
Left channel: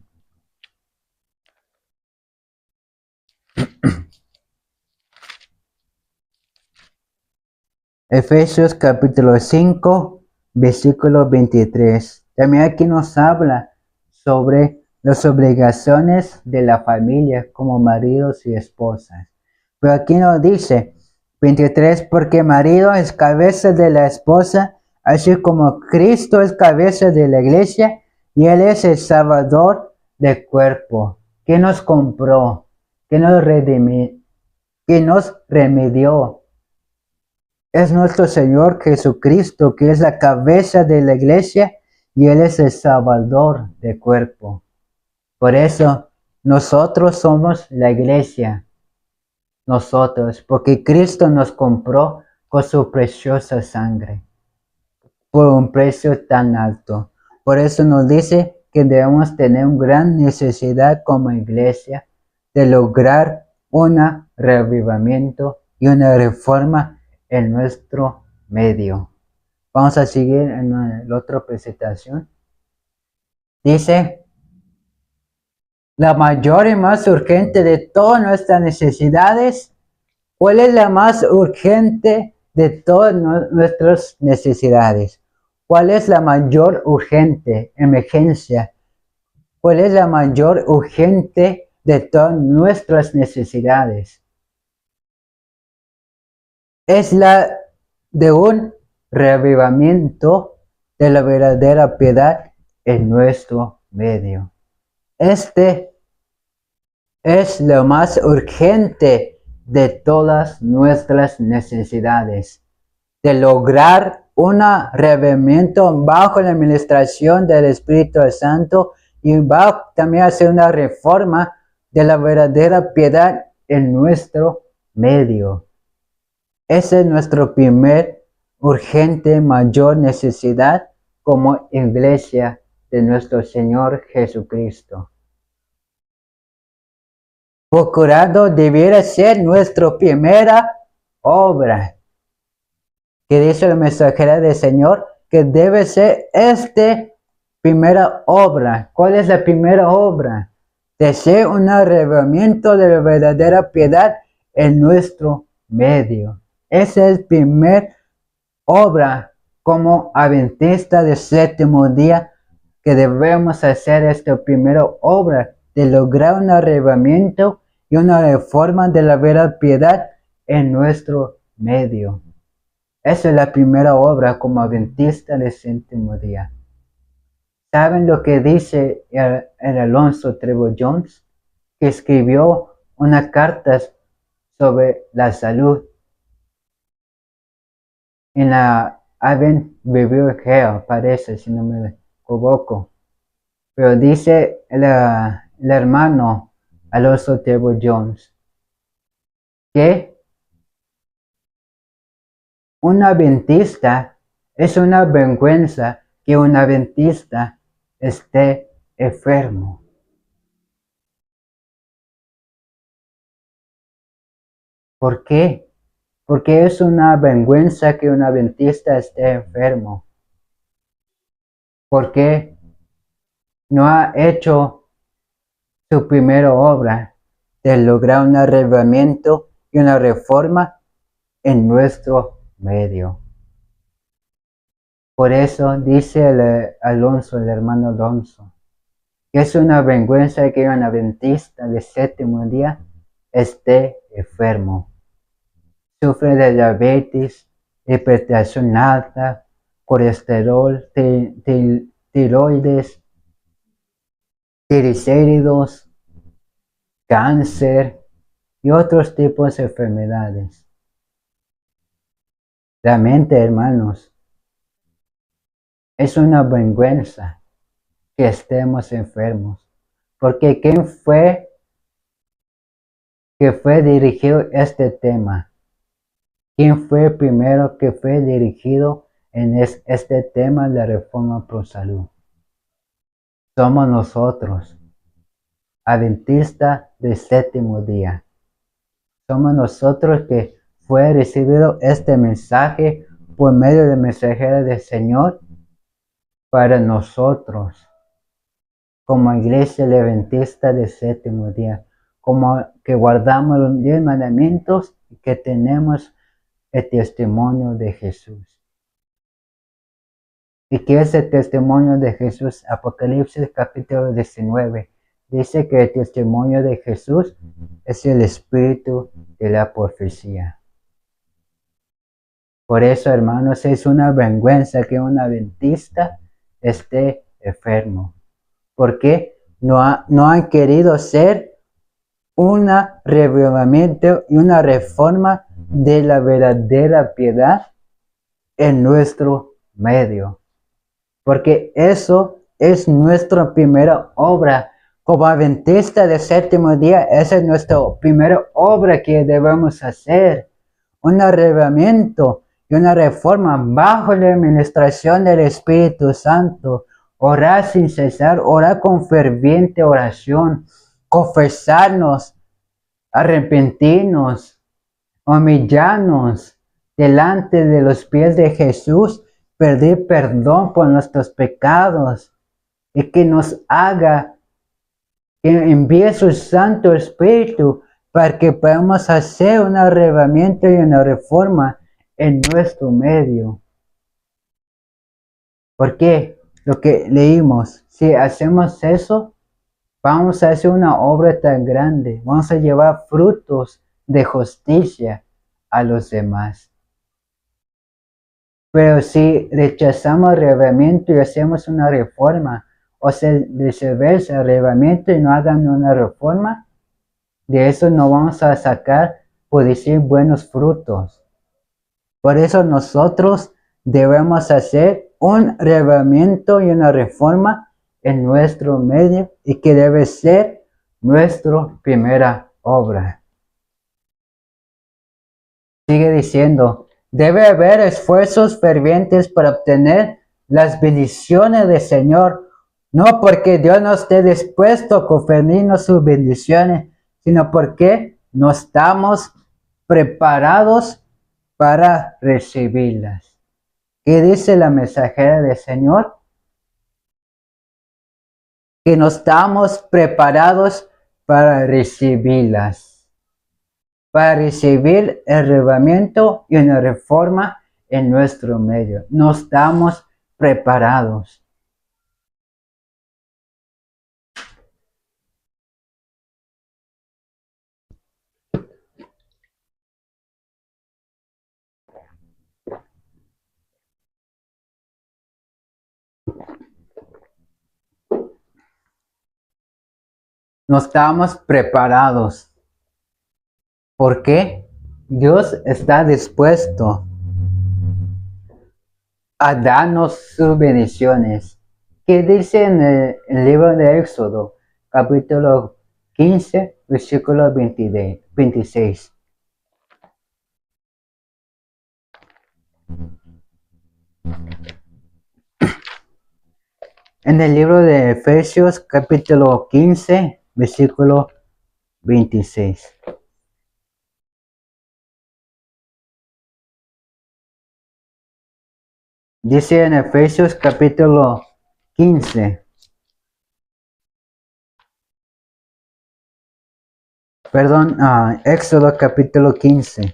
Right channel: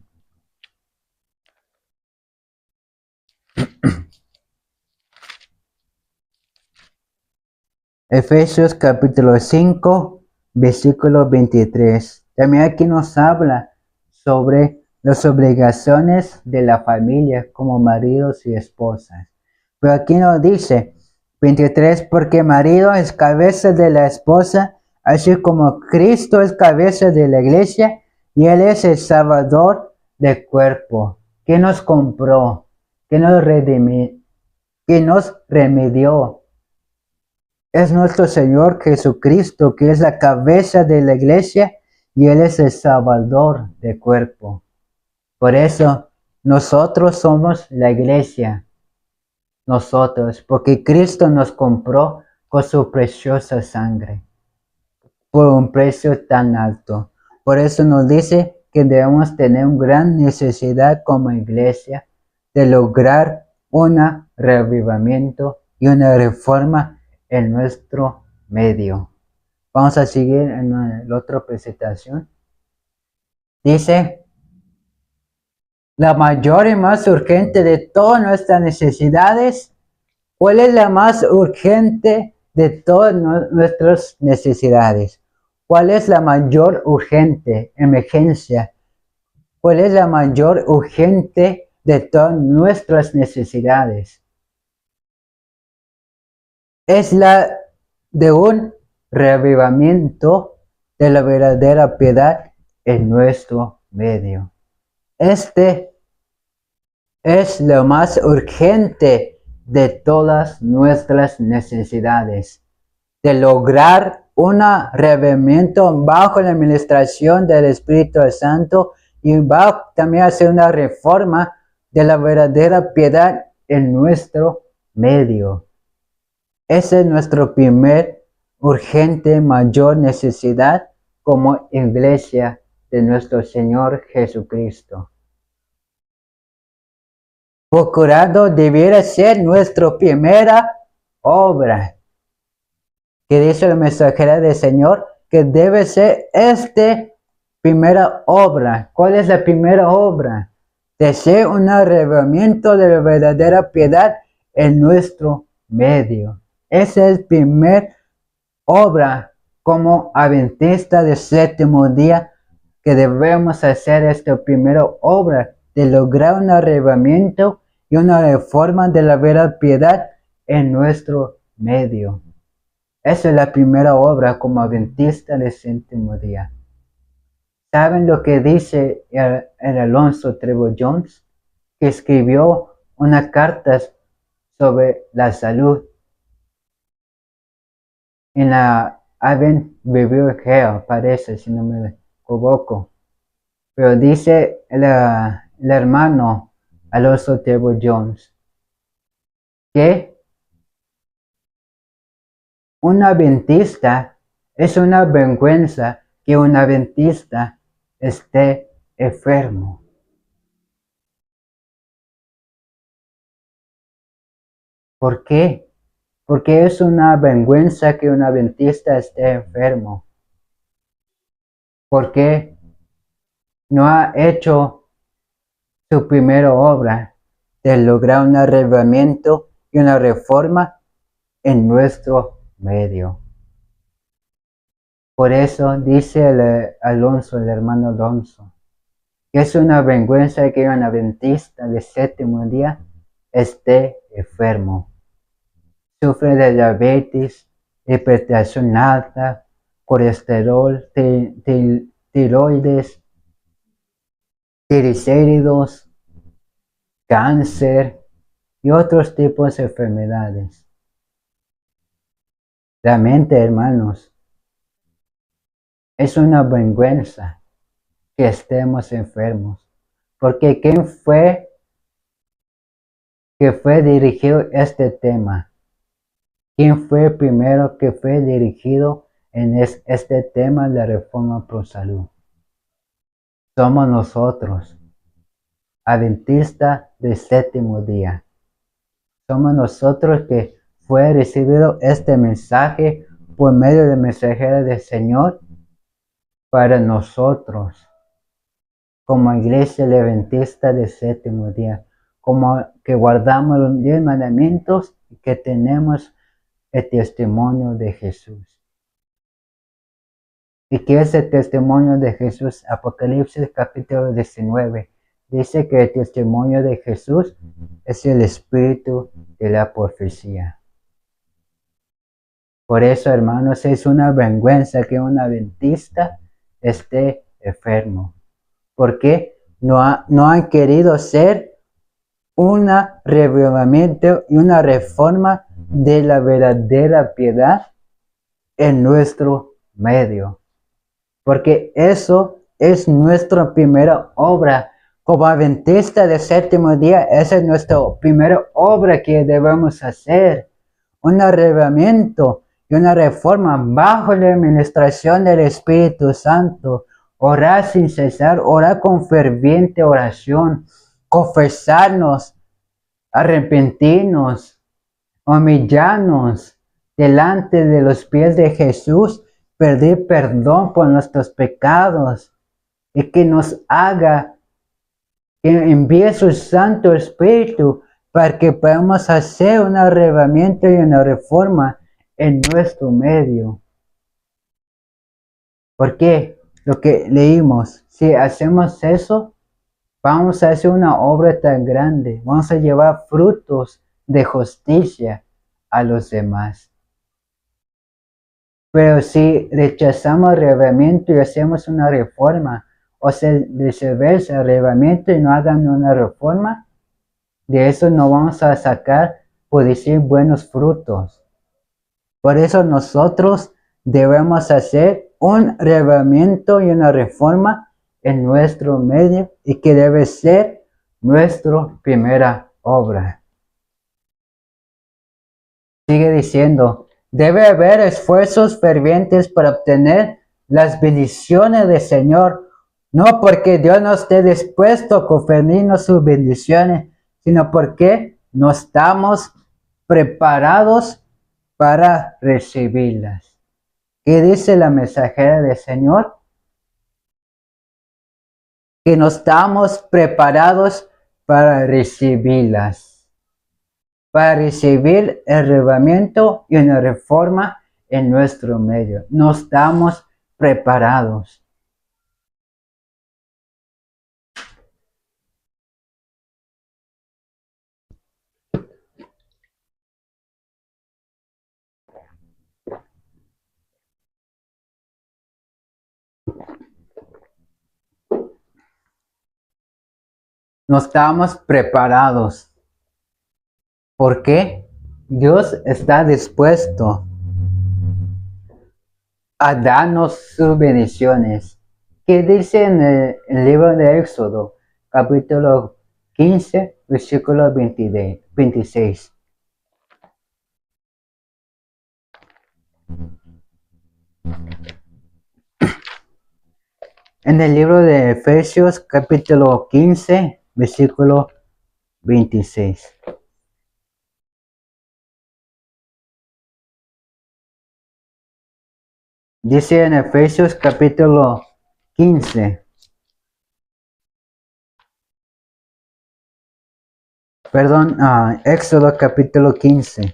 Efesios capítulo 5, versículo 23. También aquí nos habla sobre las obligaciones de la familia como maridos y esposas. Pero aquí nos dice 23, porque marido es cabeza de la esposa, así como Cristo es cabeza de la iglesia y Él es el Salvador del cuerpo. que nos compró, que nos redimió, que nos remedió. Es nuestro Señor Jesucristo, que es la cabeza de la iglesia y Él es el Salvador del cuerpo. Por eso nosotros somos la iglesia, nosotros, porque Cristo nos compró con su preciosa sangre, por un precio tan alto. Por eso nos dice que debemos tener una gran necesidad como iglesia de lograr un reavivamiento y una reforma en nuestro medio. Vamos a seguir en la otra presentación. Dice, la mayor y más urgente de todas nuestras necesidades. ¿Cuál es la más urgente de todas nuestras necesidades? ¿Cuál es la mayor urgente emergencia? ¿Cuál es la mayor urgente de todas nuestras necesidades? Es la de un reavivamiento de la verdadera piedad en nuestro medio. Este es lo más urgente de todas nuestras necesidades, de lograr un reavivamiento bajo la administración del Espíritu Santo y va también a hacer una reforma de la verdadera piedad en nuestro medio. Esa es nuestra primer urgente mayor necesidad como iglesia de nuestro Señor Jesucristo. Procurando debiera ser nuestra primera obra. Que dice la mensajera del Señor que debe ser esta primera obra. ¿Cuál es la primera obra? De ser un arrebatamiento de la verdadera piedad en nuestro medio. Esa es la primera obra como adventista del séptimo día que debemos hacer esta primera obra de lograr un arrebatamiento y una reforma de la verdadera piedad en nuestro medio. Esa es la primera obra como adventista del séptimo día. ¿Saben lo que dice el Alonso Trevor Jones? Que escribió una carta sobre la salud en la Advent Review Hell, parece, si no me equivoco. Pero dice el hermano Alonso Trevor Jones que un adventista es una vergüenza que un adventista esté enfermo. ¿Por qué? Porque es una vergüenza que un adventista esté enfermo. Porque no ha hecho su primera obra de lograr un arrebatamiento y una reforma en nuestro medio. Por eso dice el hermano Alonso, que es una vergüenza que un adventista de séptimo día esté enfermo. Sufre de diabetes, hipertensión alta, colesterol, tiroides, triglicéridos, cáncer y otros tipos de enfermedades. Realmente, hermanos, es una vergüenza que estemos enfermos, porque ¿quién fue que fue dirigido este tema? ¿Quién fue el primero que fue dirigido en este tema de la reforma pro salud? Somos nosotros, adventistas del séptimo día. Somos nosotros que fue recibido este mensaje por medio del mensajero del Señor para nosotros, como iglesia adventista del séptimo día, como que guardamos los 10 mandamientos y que tenemos el testimonio de Jesús. ¿Y qué es el testimonio de Jesús? Apocalipsis capítulo 19 dice que el testimonio de Jesús es el espíritu de la profecía. Por eso, hermanos, es una vergüenza que un adventista esté enfermo. ¿Por qué? no han querido hacer un revelamiento y una reforma de la verdadera piedad en nuestro medio. Porque eso es nuestra primera obra. Como adventista del séptimo día, esa es nuestra primera obra que debemos hacer. Un arreglamiento y una reforma bajo la administración del Espíritu Santo. Orar sin cesar, orar con ferviente oración, confesarnos, arrepentirnos, humillarnos delante de los pies de Jesús, pedir perdón por nuestros pecados y que nos haga, que envíe su Santo Espíritu para que podamos hacer un arreglamiento y una reforma en nuestro medio. Porque lo que leímos, si hacemos eso, vamos a hacer una obra tan grande, vamos a llevar frutos de justicia a los demás. Pero si rechazamos el arreglamiento y hacemos una reforma, o se viceversa, el arreglamiento y no hagan una reforma, de eso no vamos a sacar, por decir, buenos frutos. Por eso nosotros debemos hacer un arreglamiento y una reforma en nuestro medio y que debe ser nuestra primera obra. Sigue diciendo, debe haber esfuerzos fervientes para obtener las bendiciones del Señor, no porque Dios no esté dispuesto a conferirnos sus bendiciones, sino porque no estamos preparados para recibirlas. ¿Qué dice la mensajera del Señor? Que no estamos preparados para recibirlas, para recibir el arreglamiento y una reforma en nuestro medio. No estamos preparados. No estamos preparados. ¿Por qué? Dios está dispuesto a darnos sus bendiciones. ¿Qué dice en el libro de Éxodo, capítulo 15, versículo 26? En el libro de Efesios, capítulo 15, versículo 26. Dice en Efesios, capítulo 15. Perdón, Éxodo, capítulo 15.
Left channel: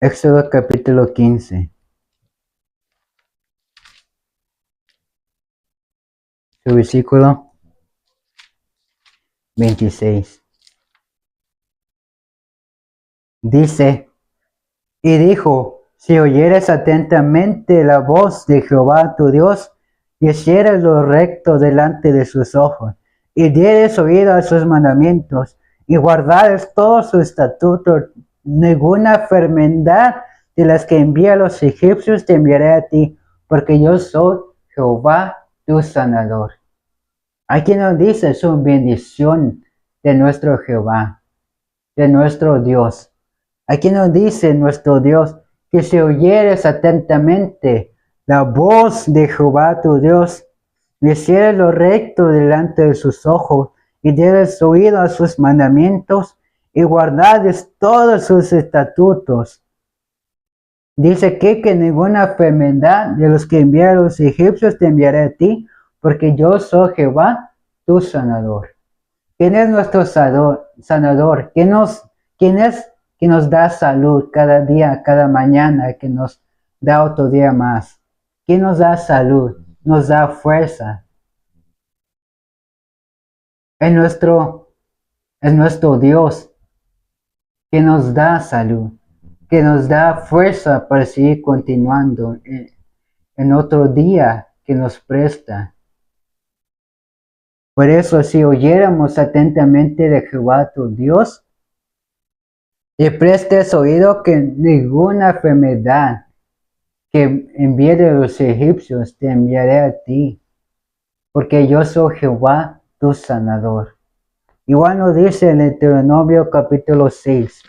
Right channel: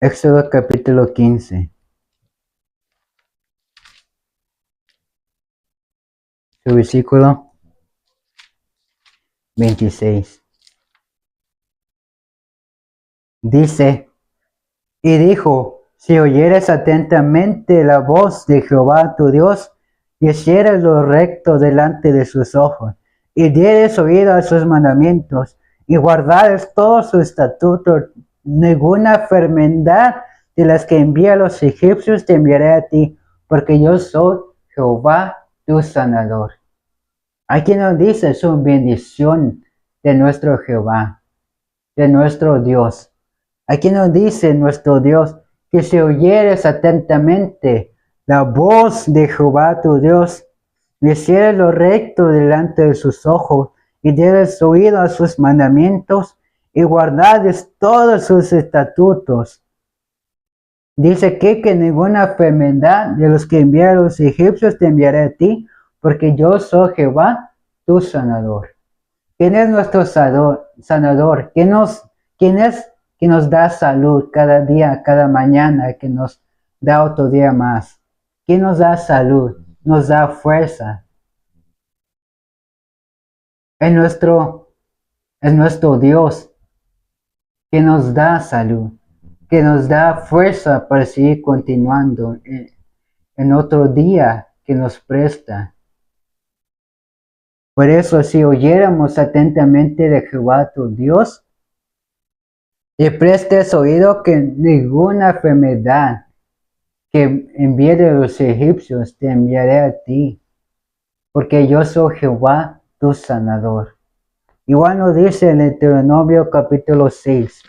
Éxodo capítulo 15. Su versículo 26. Dice, y dijo, si oyeres atentamente la voz de Jehová tu Dios, y hicieres lo recto delante de sus ojos, y dieres oído a sus mandamientos, y guardares todos sus estatutos, ninguna enfermedad de las que envía a los egipcios te enviaré a ti, porque yo soy Jehová tu sanador. Aquí nos dice su bendición de nuestro Jehová, de nuestro Dios. Aquí nos dice nuestro Dios que si oyeres atentamente la voz de Jehová tu Dios, le hicieres lo recto delante de sus ojos y dieres oído a sus mandamientos y guardares todos sus estatutos. Dice que ninguna enfermedad de los que envía a los egipcios te enviaré a ti, porque yo soy Jehová, tu sanador. ¿Quién es nuestro sanador? ¿Quién es que nos da salud cada día, cada mañana, que nos da otro día más? ¿Quién nos da salud? Nos da fuerza. Es nuestro Dios. que nos da salud, que nos da fuerza para seguir continuando en otro día que nos presta. Por eso, si oyéramos atentamente de Jehová tu Dios, y prestes oído que ninguna enfermedad que envié de los egipcios te enviaré a ti, porque yo soy Jehová tu sanador. Igual nos dice en Deuteronomio capítulo 6.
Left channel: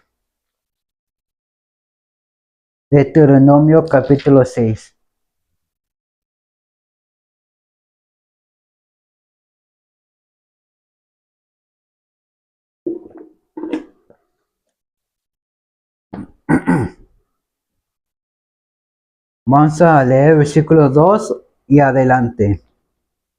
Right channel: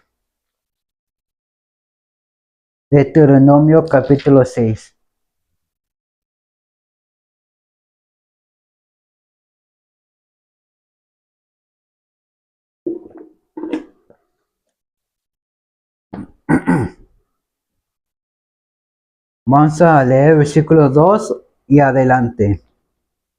Deuteronomio capítulo 6. Vamos a leer versículo 2 y adelante.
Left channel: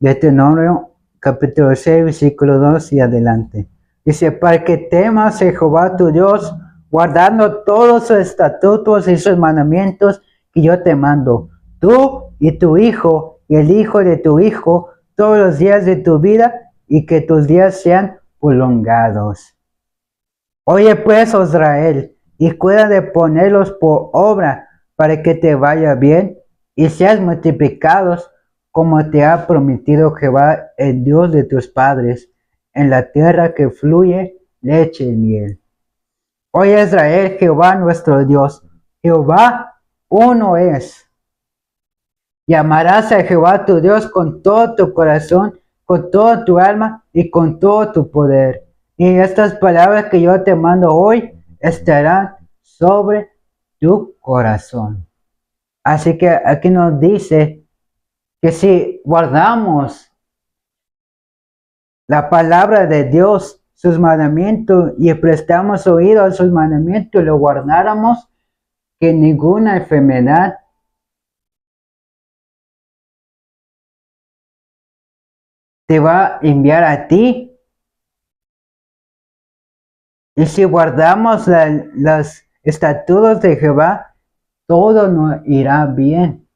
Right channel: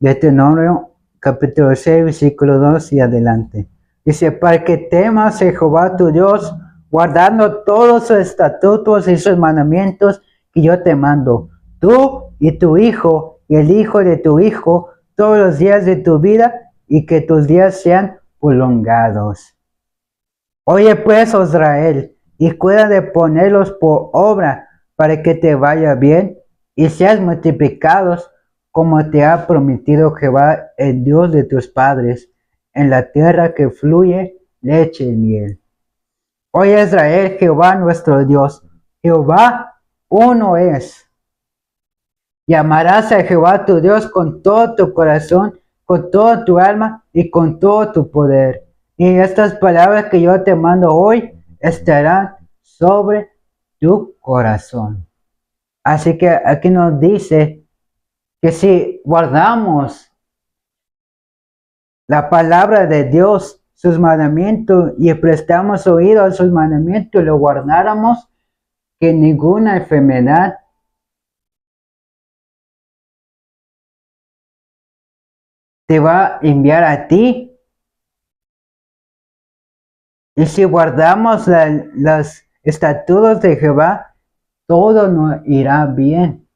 Deuteronomio capítulo 6, versículo 2 y adelante. Dice, para que temas a Jehová tu Dios, guardando todos sus estatutos y sus mandamientos que yo te mando, tú y tu hijo y el hijo de tu hijo, todos los días de tu vida, y que tus días sean prolongados. Oye pues, oh Israel, y cuida de ponerlos por obra, para que te vaya bien y seas multiplicados, como te ha prometido Jehová, el Dios de tus padres, en la tierra que fluye leche y miel. Oye Israel, Jehová nuestro Dios, Jehová uno es. Y amarás a Jehová tu Dios con todo tu corazón, con toda tu alma y con todo tu poder. Y estas palabras que yo te mando hoy estarán sobre tu corazón. Así que aquí nos dice que si guardamos la palabra de Dios, sus mandamientos, y prestamos oído a sus mandamientos, lo guardáramos, que ninguna enfermedad te va a enviar a ti. Y si guardamos los estatutos de Jehová, todo nos irá bien.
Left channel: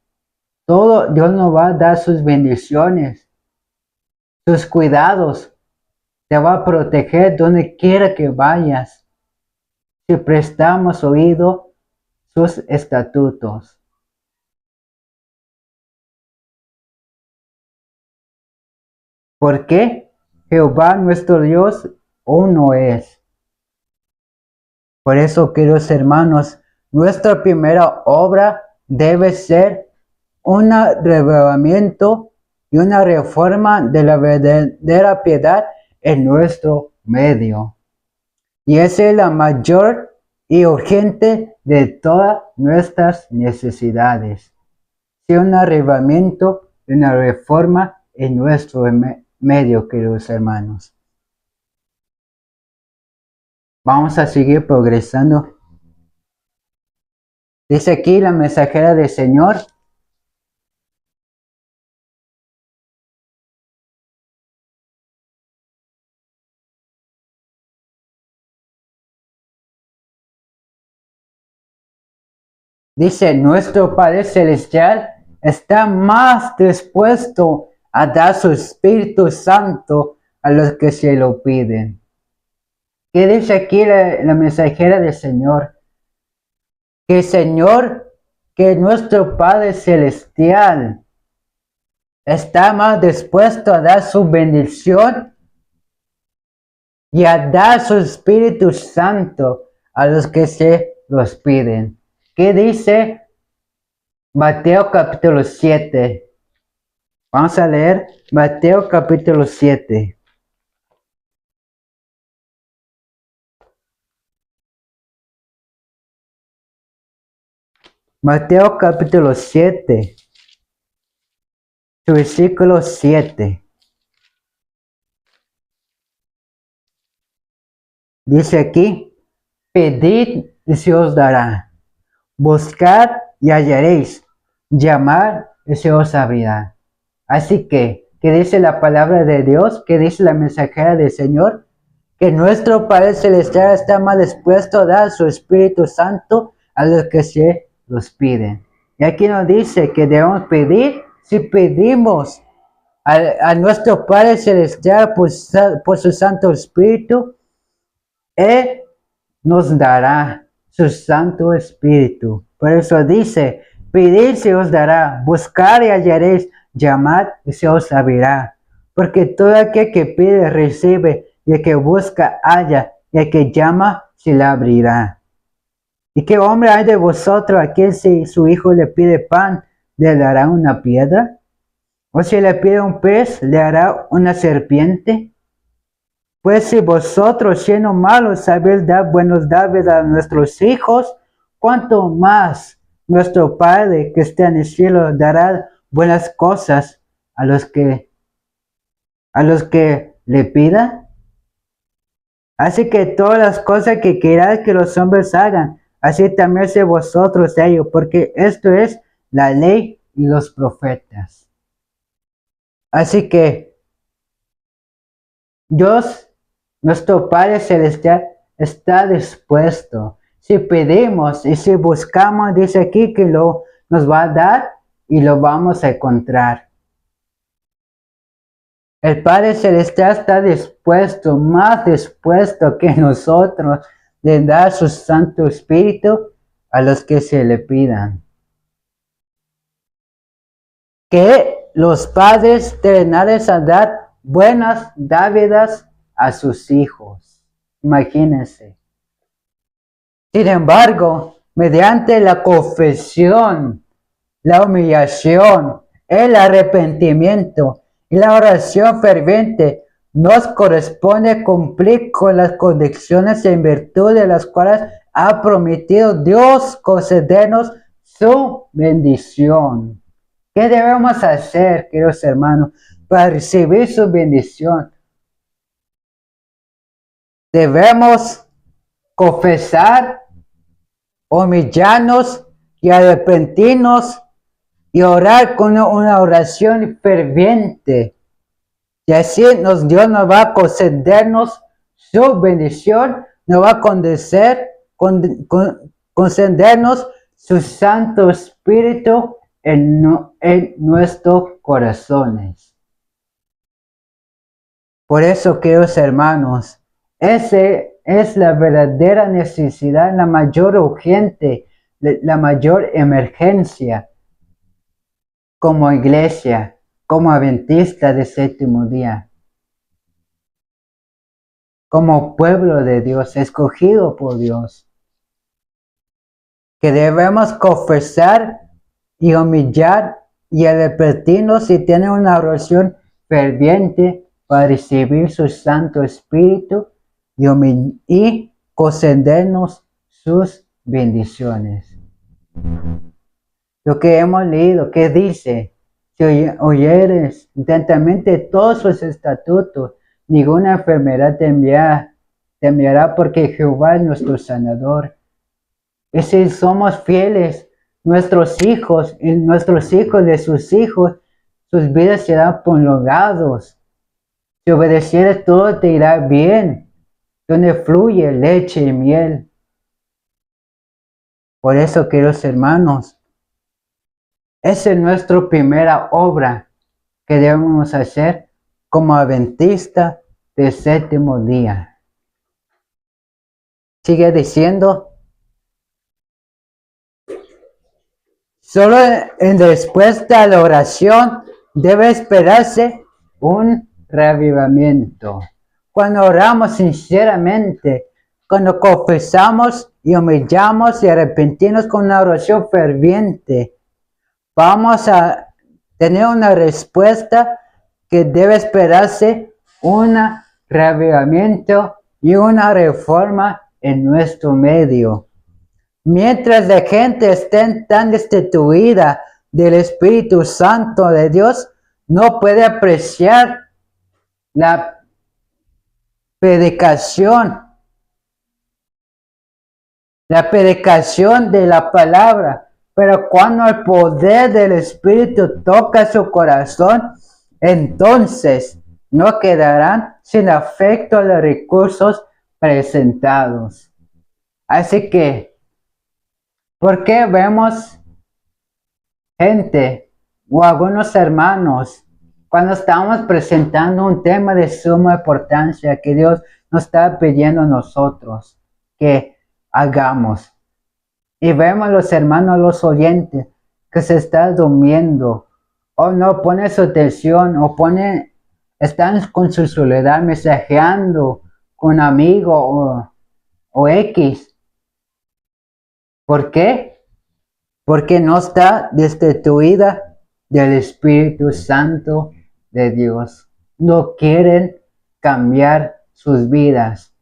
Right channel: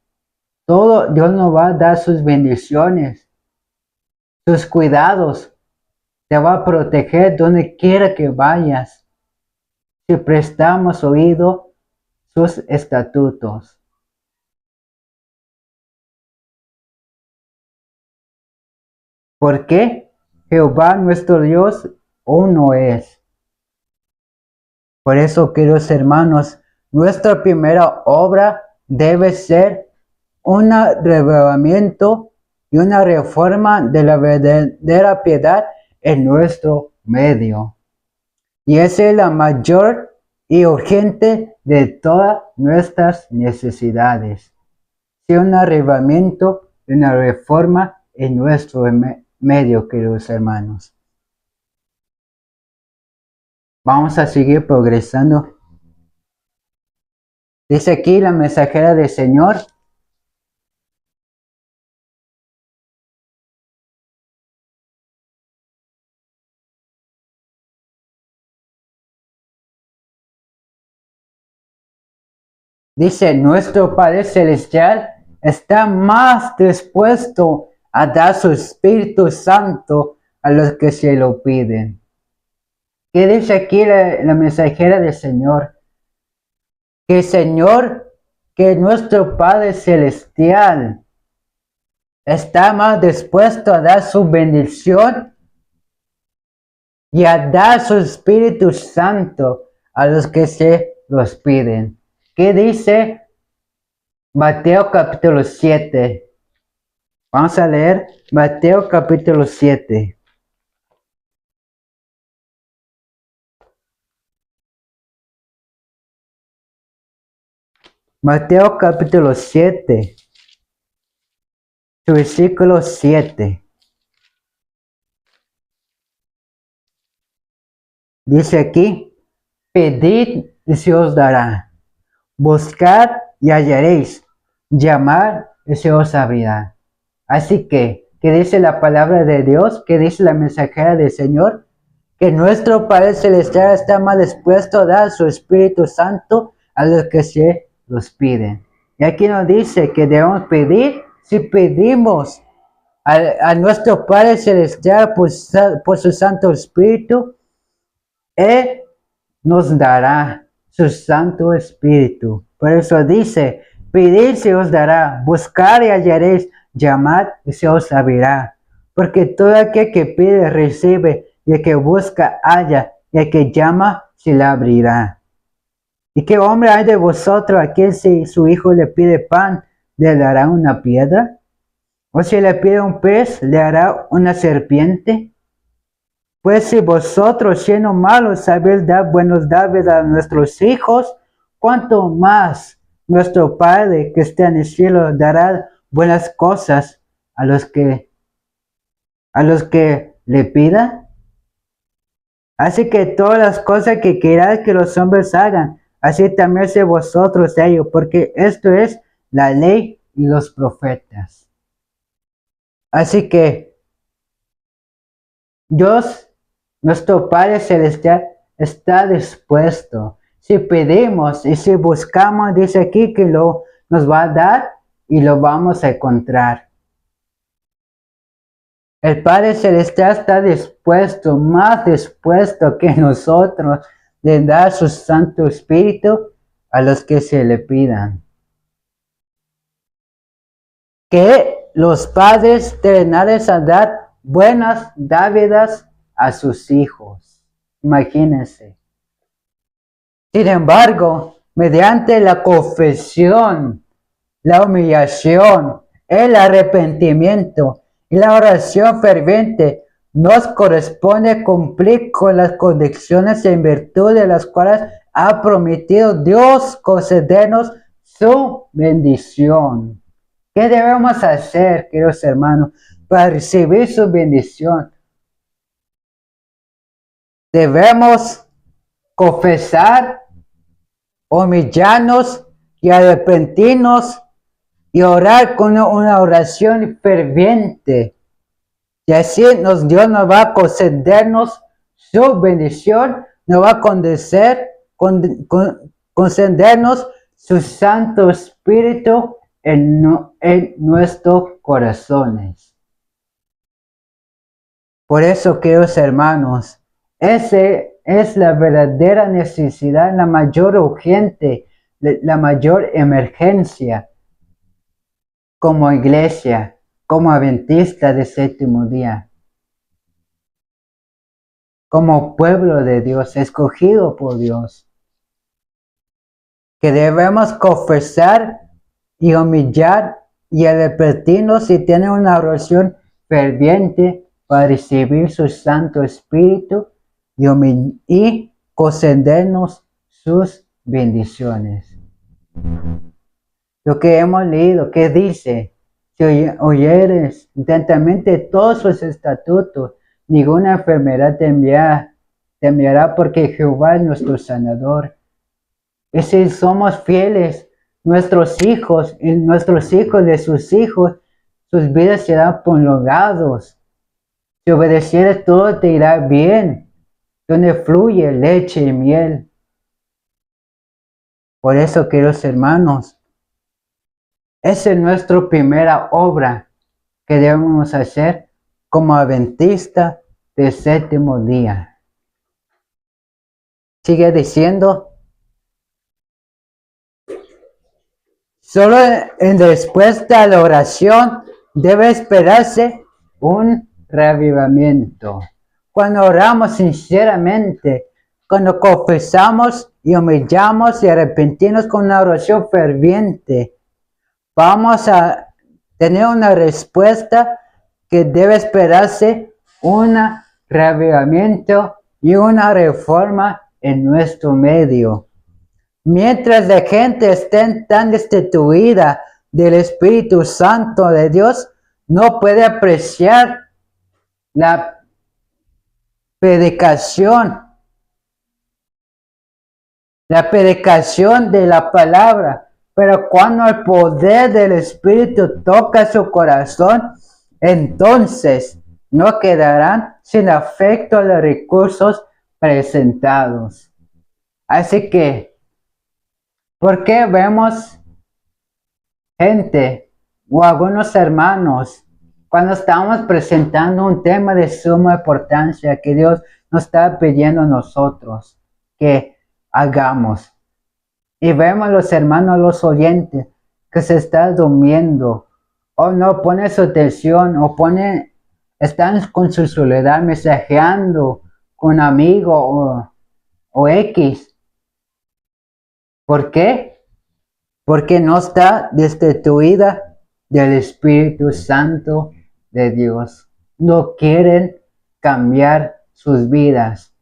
Todo Dios nos va a dar sus bendiciones, sus cuidados. Te va a proteger donde quiera que vayas. Si prestamos oído sus estatutos. ¿Por qué? Jehová nuestro Dios uno es. Por eso, queridos hermanos, nuestra primera obra debe ser un revelamiento y una reforma de la verdadera piedad en nuestro medio. Y esa es la mayor y urgente de todas nuestras necesidades. Sí, un arrebatamiento y una reforma en nuestro medio, queridos hermanos. Vamos a seguir progresando. Dice aquí la mensajera del Señor. Dice, nuestro Padre Celestial está más dispuesto a dar su Espíritu Santo a los que se lo piden. ¿Qué dice aquí la mensajera del Señor? Que el Señor, que nuestro Padre Celestial está más dispuesto a dar su bendición y a dar su Espíritu Santo a los que se los piden. ¿Qué dice Mateo capítulo 7? Vamos a leer Mateo capítulo 7. Mateo capítulo 7, versículo 7. Dice aquí, pedid y se os dará, buscad y hallaréis, llamad y se os abrirá. Así que, ¿qué dice la palabra de Dios? ¿Qué dice la mensajera del Señor? Que nuestro Padre Celestial está más dispuesto a dar su Espíritu Santo a los que se los piden. Y aquí nos dice que debemos pedir, si pedimos a nuestro Padre Celestial por su Santo Espíritu, Él nos dará su Santo Espíritu. Por eso dice, pedid se os dará, buscar y hallaréis, llamad y se os abrirá. Porque todo aquel que pide recibe, y el que busca halla, y el que llama se le abrirá. ¿Y qué hombre hay de vosotros a quien si su hijo le pide pan, le dará una piedra? ¿O si le pide un pez, le hará una serpiente? Pues si vosotros, siendo malos, sabéis dar buenos dádivas a nuestros hijos, cuánto más nuestro Padre que está en el cielo dará buenas cosas a los que le pidan. Así que todas las cosas que queráis que los hombres hagan, así también sé vosotros ellos, porque esto es la ley y los profetas. Así que Dios, nuestro Padre Celestial, está dispuesto. Si pedimos y si buscamos, dice aquí que nos va a dar y lo vamos a encontrar. El Padre Celestial está dispuesto, más dispuesto que nosotros, de dar su Santo Espíritu a los que se le pidan. Que los padres terrenales a dar buenas dádivas a sus hijos. Imagínense. Sin embargo, mediante la confesión, la humillación, el arrepentimiento y la oración ferviente, nos corresponde cumplir con las condiciones en virtud de las cuales ha prometido Dios concedernos su bendición. ¿Qué debemos hacer, queridos hermanos, para recibir su bendición? Debemos confesar, humillarnos y arrepentirnos y orar con una oración ferviente. Y así Dios nos va a concedernos su bendición, nos va a concedernos su Santo Espíritu en nuestros corazones. Por eso, queridos hermanos, esa es la verdadera necesidad, la mayor urgente, la mayor emergencia como iglesia, como adventista del séptimo día, como pueblo de Dios, escogido por Dios, que debemos confesar y humillar y arrepentirnos y tener una oración ferviente para recibir su Santo Espíritu y concedernos sus bendiciones. Lo que hemos leído, que dice, si oyeres atentamente todos sus estatutos, ninguna enfermedad te enviará porque Jehová es nuestro sanador. Y si somos fieles, nuestros hijos y nuestros hijos de sus hijos, sus vidas serán prolongados. Si obedecieres, todo te irá bien, donde fluye leche y miel. Por eso, queridos hermanos, esa es nuestra primera obra que debemos hacer como adventista del séptimo día. Sigue diciendo, solo en respuesta a la oración debe esperarse un reavivamiento. Cuando oramos sinceramente, cuando confesamos y humillamos y arrepentimos con una oración ferviente, vamos a tener una respuesta que debe esperarse un reavivamiento y una reforma en nuestro medio. Mientras la gente esté tan destituida del Espíritu Santo de Dios, no puede apreciar la predicación de la palabra. Pero cuando el poder del Espíritu toca su corazón, entonces no quedarán sin afecto a los recursos presentados. Así que, ¿por qué vemos gente o algunos hermanos cuando estamos presentando un tema de suma importancia que Dios nos está pidiendo a nosotros? Que hagamos. Y vemos los hermanos, los oyentes, que se están durmiendo, o no pone su atención, están con su soledad mensajeando con amigo o X. ¿Por qué? Porque no está destituida del Espíritu Santo de Dios. No quieren cambiar sus vidas.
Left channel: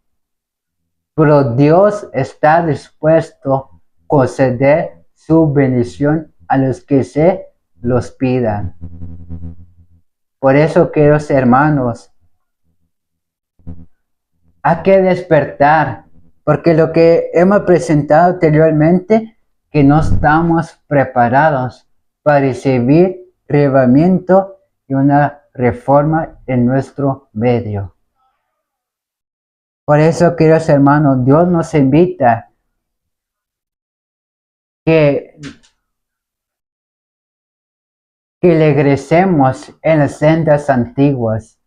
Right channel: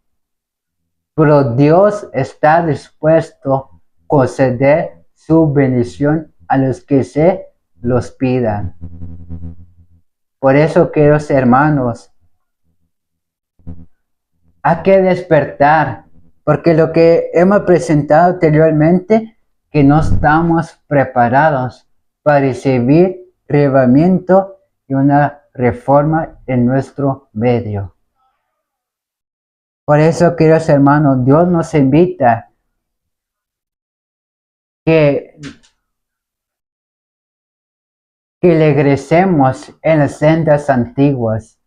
Pero Dios está dispuesto a conceder su bendición a los que se los pidan. Por eso, queridos hermanos, hay que despertar, porque lo que hemos presentado anteriormente, que no estamos preparados para recibir reavivamiento y una reforma en nuestro medio. Por eso, queridos hermanos, Dios nos invita que regresemos en las sendas antiguas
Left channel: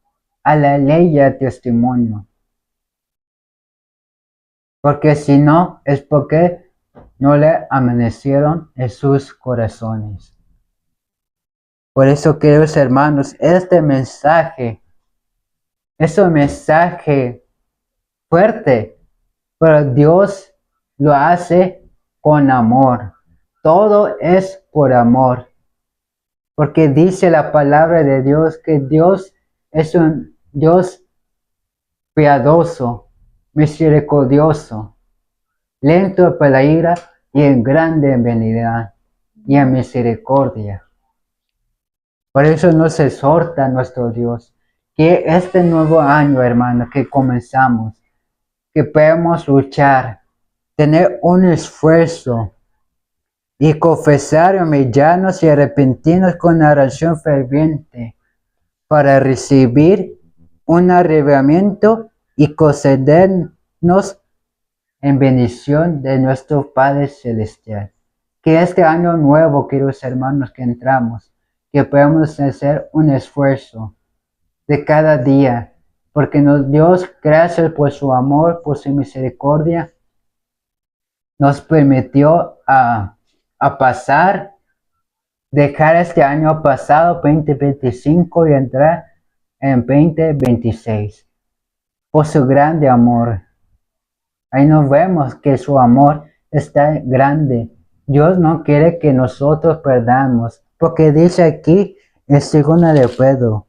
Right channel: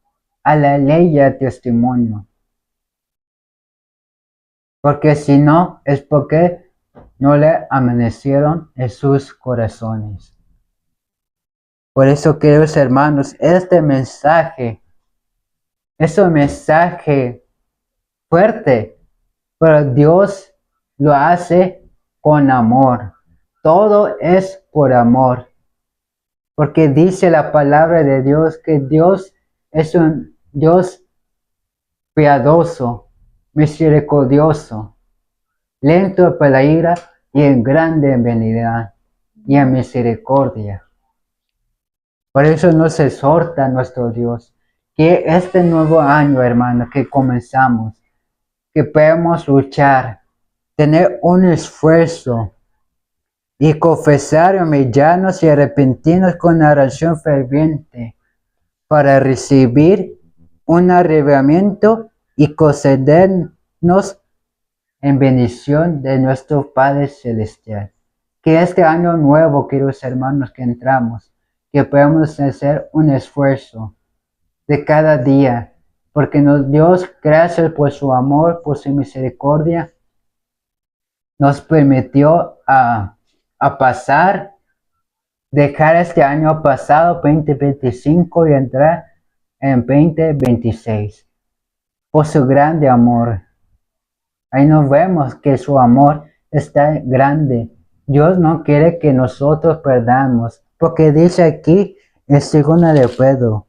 a la ley y al testimonio. Porque si no, es porque no le amanecieron en sus corazones. Por eso, queridos hermanos, este mensaje es un mensaje fuerte, pero Dios lo hace con amor. Todo es por amor. Porque dice la palabra de Dios que Dios es un Dios piadoso, misericordioso, lento para la ira y en grande en benignidad y en misericordia. Por eso nos exhorta nuestro Dios que este nuevo año, hermano, que comenzamos, que podamos luchar, tener un esfuerzo y confesar, humillarnos y arrepentirnos con oración ferviente para recibir un arrebatamiento y concedernos en bendición de nuestro Padre Celestial. Que este año nuevo, queridos hermanos, que entramos, que podamos hacer un esfuerzo de cada día, porque Dios, gracias por su amor, por su misericordia, nos permitió a pasar, dejar este año pasado, 2025, y entrar en 2026. Por su grande amor. Ahí nos vemos que su amor está grande. Dios no quiere que nosotros perdamos, porque dice aquí en 2 de Pedro.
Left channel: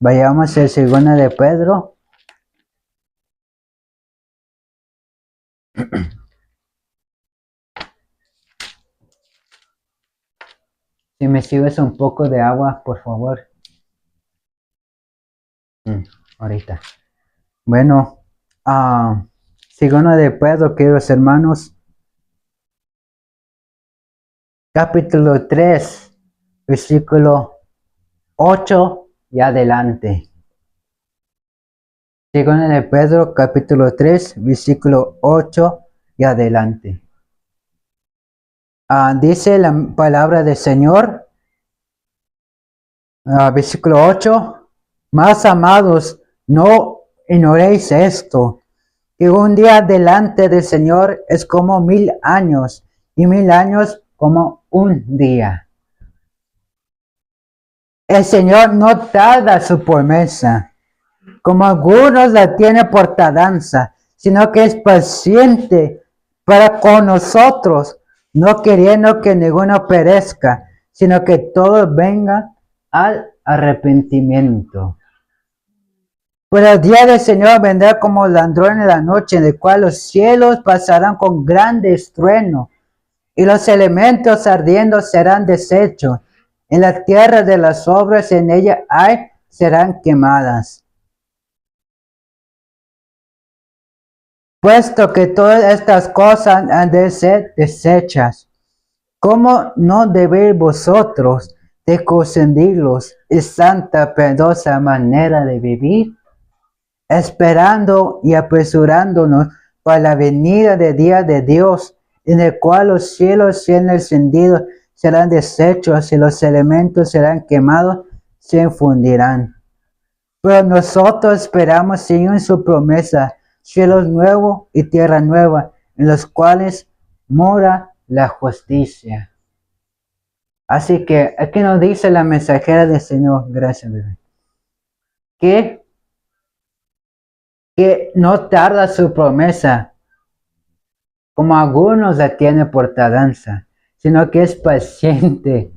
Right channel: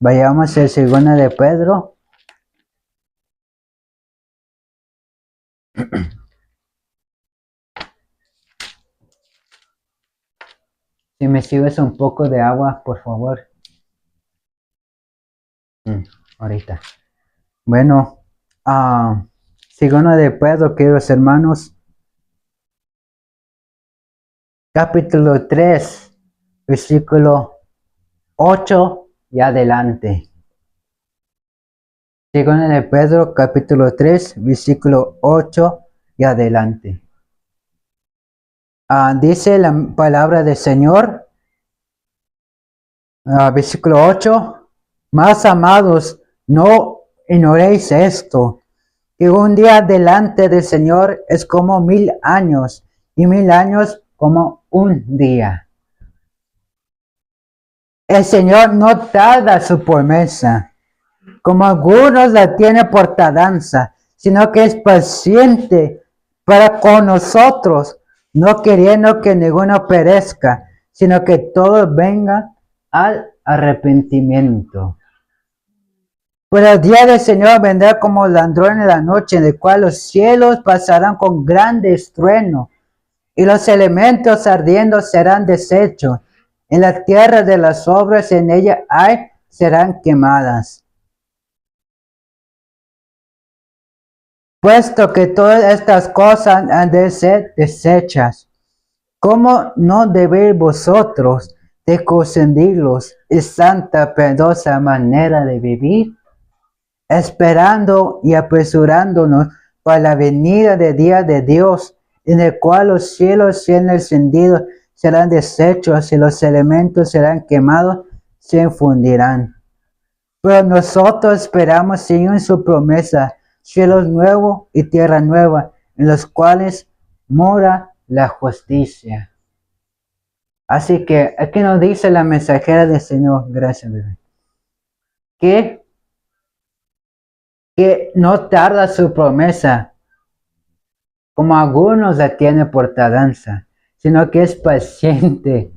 Vayamos a 2 de Pedro. Si me sirves un poco de agua, por favor. Ahorita. Bueno, 2 de Pedro, queridos hermanos, capítulo 3, versículo 8 y adelante. 2 de Pedro, capítulo 3, versículo 8 y adelante. Dice la palabra del Señor, versículo 8, más amados, no ignoréis esto, que un día delante del Señor es como 1000 años, y 1000 años como un día. El Señor no tarda su promesa, como algunos la tienen por tardanza, sino que es paciente para con nosotros, no queriendo que ninguno perezca, sino que todos vengan al arrepentimiento. Pues el día del Señor vendrá como ladrón en la noche, en el cual los cielos pasarán con grande estruendo, y los elementos ardiendo serán deshechos, en la tierra de las obras en ella hay serán quemadas. Puesto que todas estas cosas han de ser deshechas, ¿cómo no debéis vosotros de consentirlos y santa piadosa manera de vivir? Esperando y apresurándonos para la venida del día de Dios, en el cual los cielos siendo encendidos serán deshechos y los elementos serán quemados, se infundirán. Pero nosotros esperamos, Señor, en su promesa, cielos nuevos y tierra nueva, en los cuales mora la justicia. Así que aquí nos dice la mensajera del Señor, gracias, bebé, que no tarda su promesa, como algunos la tienen por tardanza, sino que es paciente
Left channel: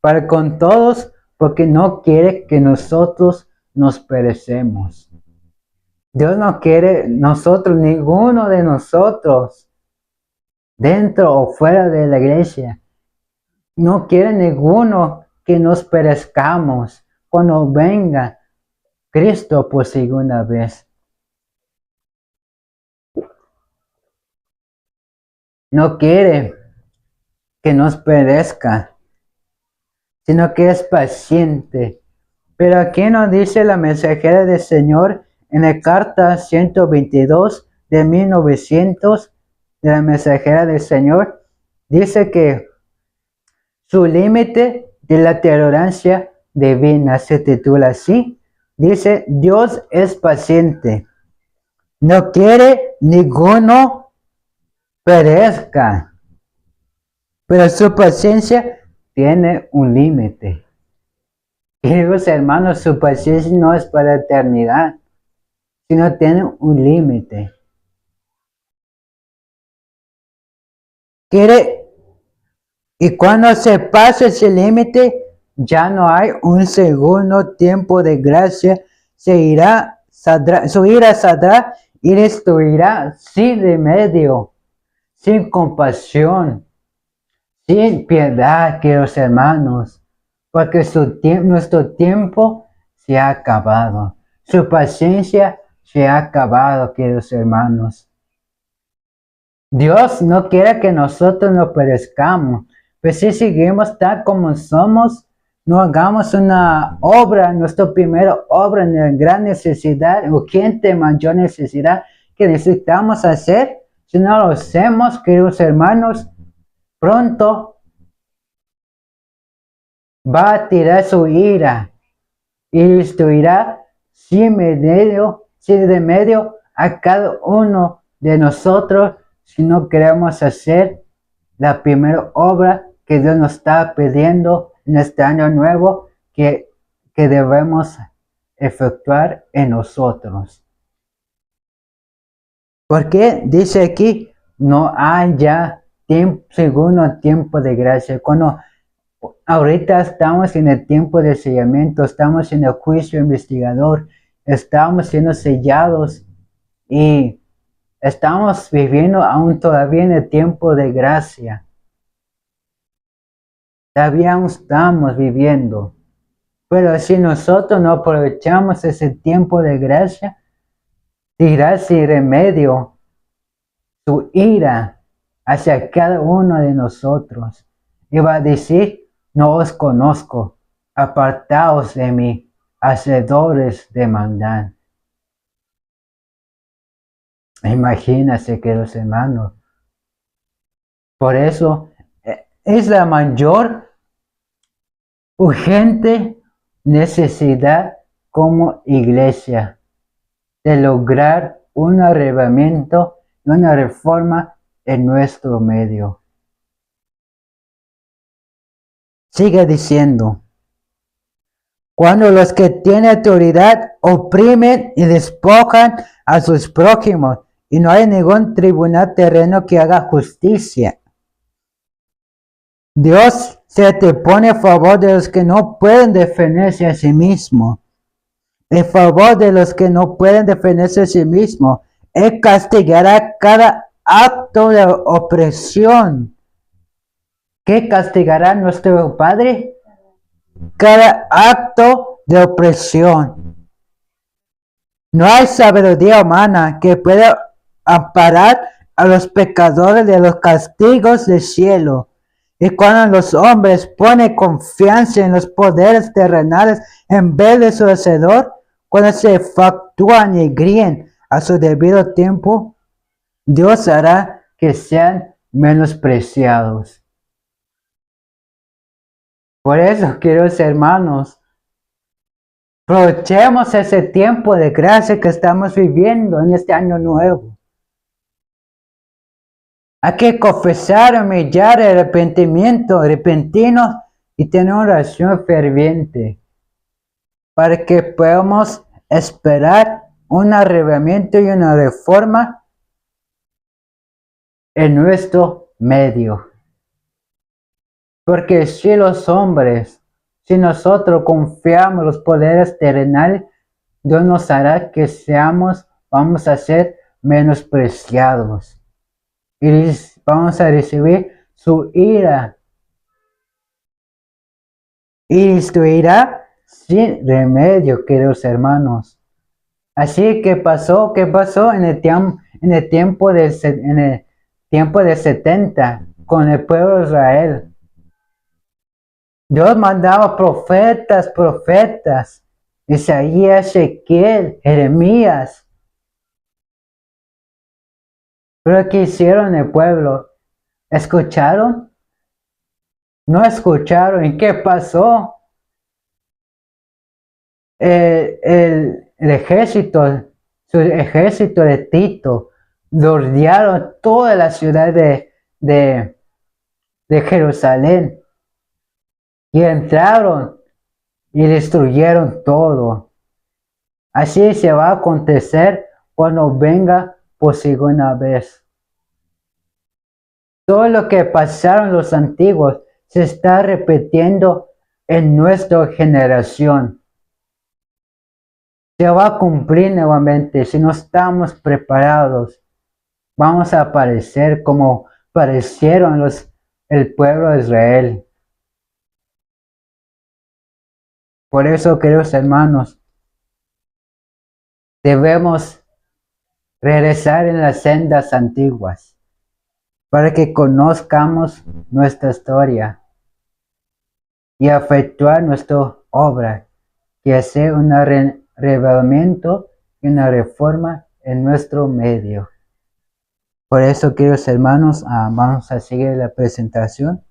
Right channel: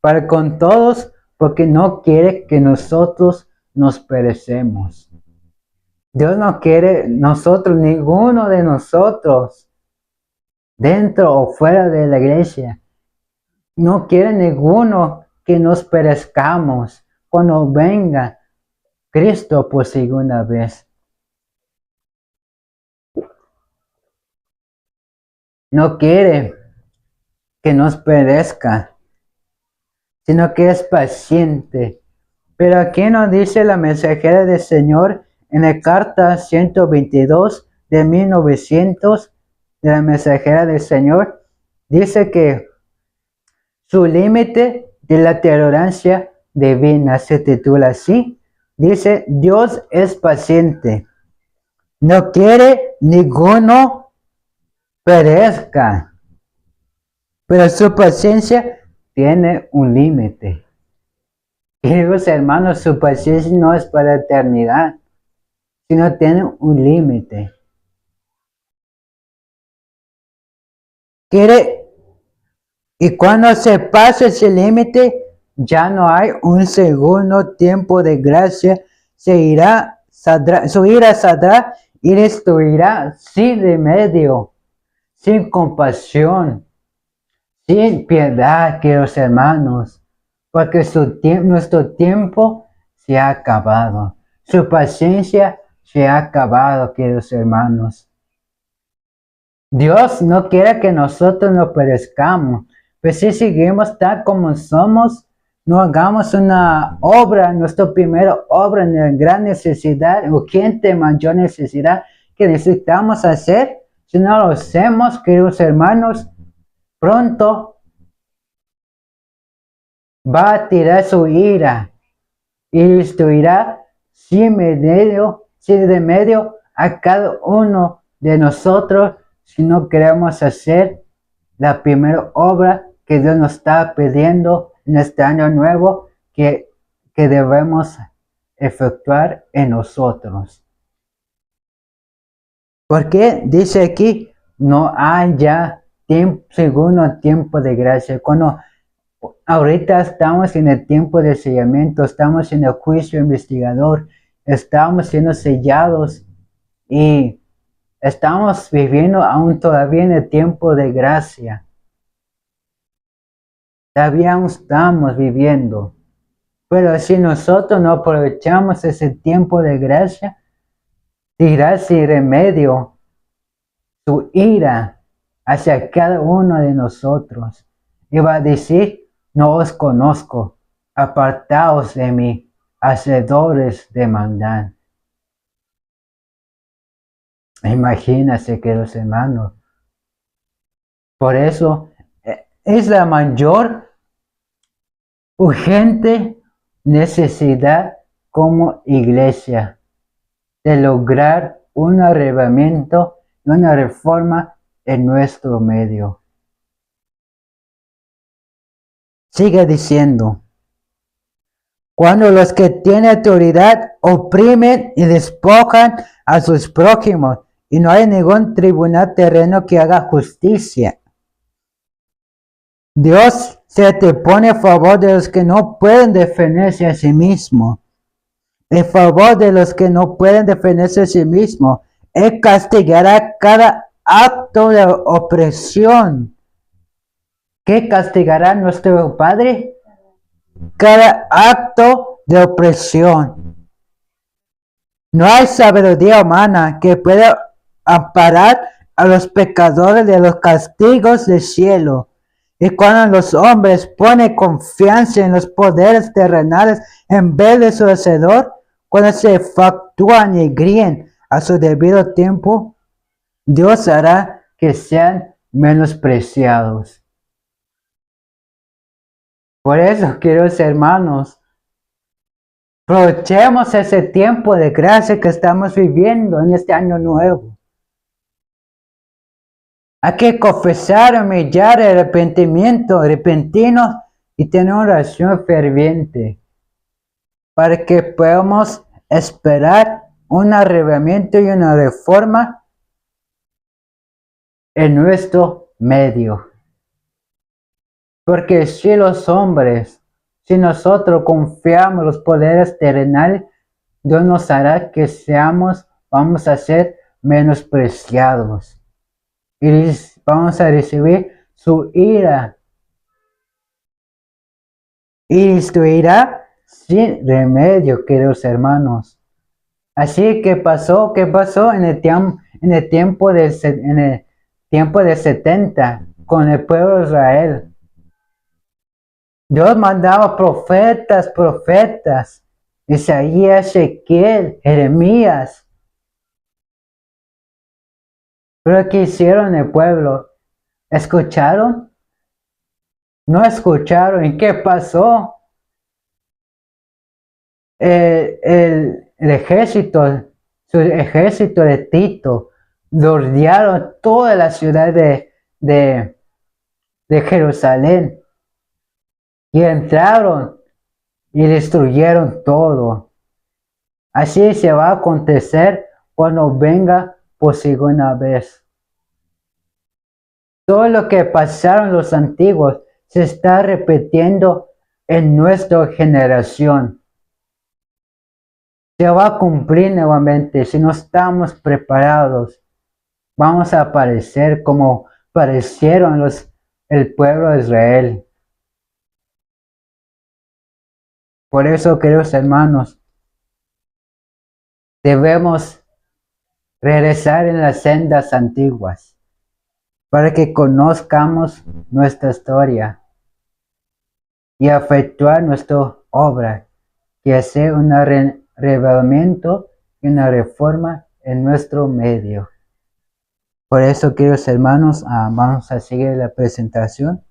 para con todos, porque no quiere que nosotros nos perecemos. Dios no quiere nosotros, ninguno de nosotros, dentro o fuera de la iglesia, no quiere ninguno que nos perezcamos cuando venga Cristo por segunda vez. No quiere que nos perezca, sino que es paciente. Pero aquí nos dice la mensajera del Señor en la carta 122 de 1900 de la mensajera del Señor, dice que su límite de la tolerancia divina se titula así. Dice, Dios es paciente, no quiere ninguno perezca, pero su paciencia tiene un límite. Queridos hermanos, su paciencia no es para la eternidad, sino tiene un límite. Y cuando se pasa ese límite, ya no hay un segundo tiempo de gracia. Su ira saldrá y destruirá sin remedio, sin compasión, sin piedad, queridos hermanos, porque nuestro tiempo se ha acabado. Su paciencia se ha acabado, queridos hermanos. Dios no quiere que nosotros nos perezcamos, pues si seguimos tal como somos, no hagamos una obra, nuestra primera obra en la gran necesidad, urgente, mayor necesidad que necesitamos hacer. Si no lo hacemos, queridos hermanos, pronto va a tirar su ira y destruirá sin remedio a cada uno de nosotros si no queremos hacer la primera obra que Dios nos está pidiendo en este año nuevo que debemos efectuar en nosotros. Porque dice aquí, no hay ya segundo tiempo de gracia. Cuando ahorita estamos en el tiempo de sellamiento, estamos en el juicio investigador, estamos siendo sellados y estamos viviendo aún todavía en el tiempo de gracia. Todavía aún estamos viviendo. Pero si nosotros no aprovechamos ese tiempo de gracia, dirá sin remedio su ira hacia cada uno de nosotros. Y va a decir, no os conozco, apartaos de mí, hacedores de maldad. Imagínense, queridos hermanos. Por eso es la mayor urgente necesidad como iglesia de lograr un arrebatamiento y una reforma en nuestro medio. Sigue diciendo, cuando los que tienen autoridad oprimen y despojan a sus prójimos y no hay ningún tribunal terreno que haga justicia. Dios se te pone a favor de los que no pueden defenderse a sí mismos. En favor de los que no pueden defenderse a sí mismos. Él castigará cada acto de opresión. ¿Qué castigará nuestro Padre? Cada acto de opresión. No hay sabiduría humana que pueda amparar a los pecadores de los castigos del cielo. Y cuando los hombres ponen confianza en los poderes terrenales en vez de su Hacedor, cuando se factúan y gríen a su debido tiempo, Dios hará que sean menospreciados. Por eso, queridos hermanos, aprovechemos ese tiempo de gracia que estamos viviendo en este año nuevo. Hay que confesar, humillar, arrepentimiento, arrepentirnos y tener una oración ferviente para que podamos esperar un arrebatamiento y una reforma en nuestro medio. Porque si los hombres, si nosotros confiamos en los poderes terrenales, Dios nos hará que vamos a ser menospreciados. Y vamos a recibir su ira. Y su ira sin remedio, queridos hermanos. Así que ¿qué pasó en el tiempo de 70 con el pueblo de Israel? Dios mandaba profetas, Isaías, Ezequiel, Jeremías. Pero ¿qué hicieron el pueblo? ¿Escucharon? No escucharon. ¿Y qué pasó? El ejército, su ejército de Tito, rodearon toda la ciudad de Jerusalén y entraron y destruyeron todo. Así se va a acontecer cuando venga por segunda vez. Todo lo que pasaron los antiguos se está repitiendo en nuestra generación. Se va a cumplir nuevamente. Si no estamos preparados, vamos a aparecer como parecieron el pueblo de Israel. Por eso, queridos hermanos, debemos regresar en las sendas antiguas para que conozcamos nuestra historia y efectuar nuestra obra, que hace un revelamiento y una reforma en nuestro medio. Por eso, queridos hermanos, vamos a seguir la presentación.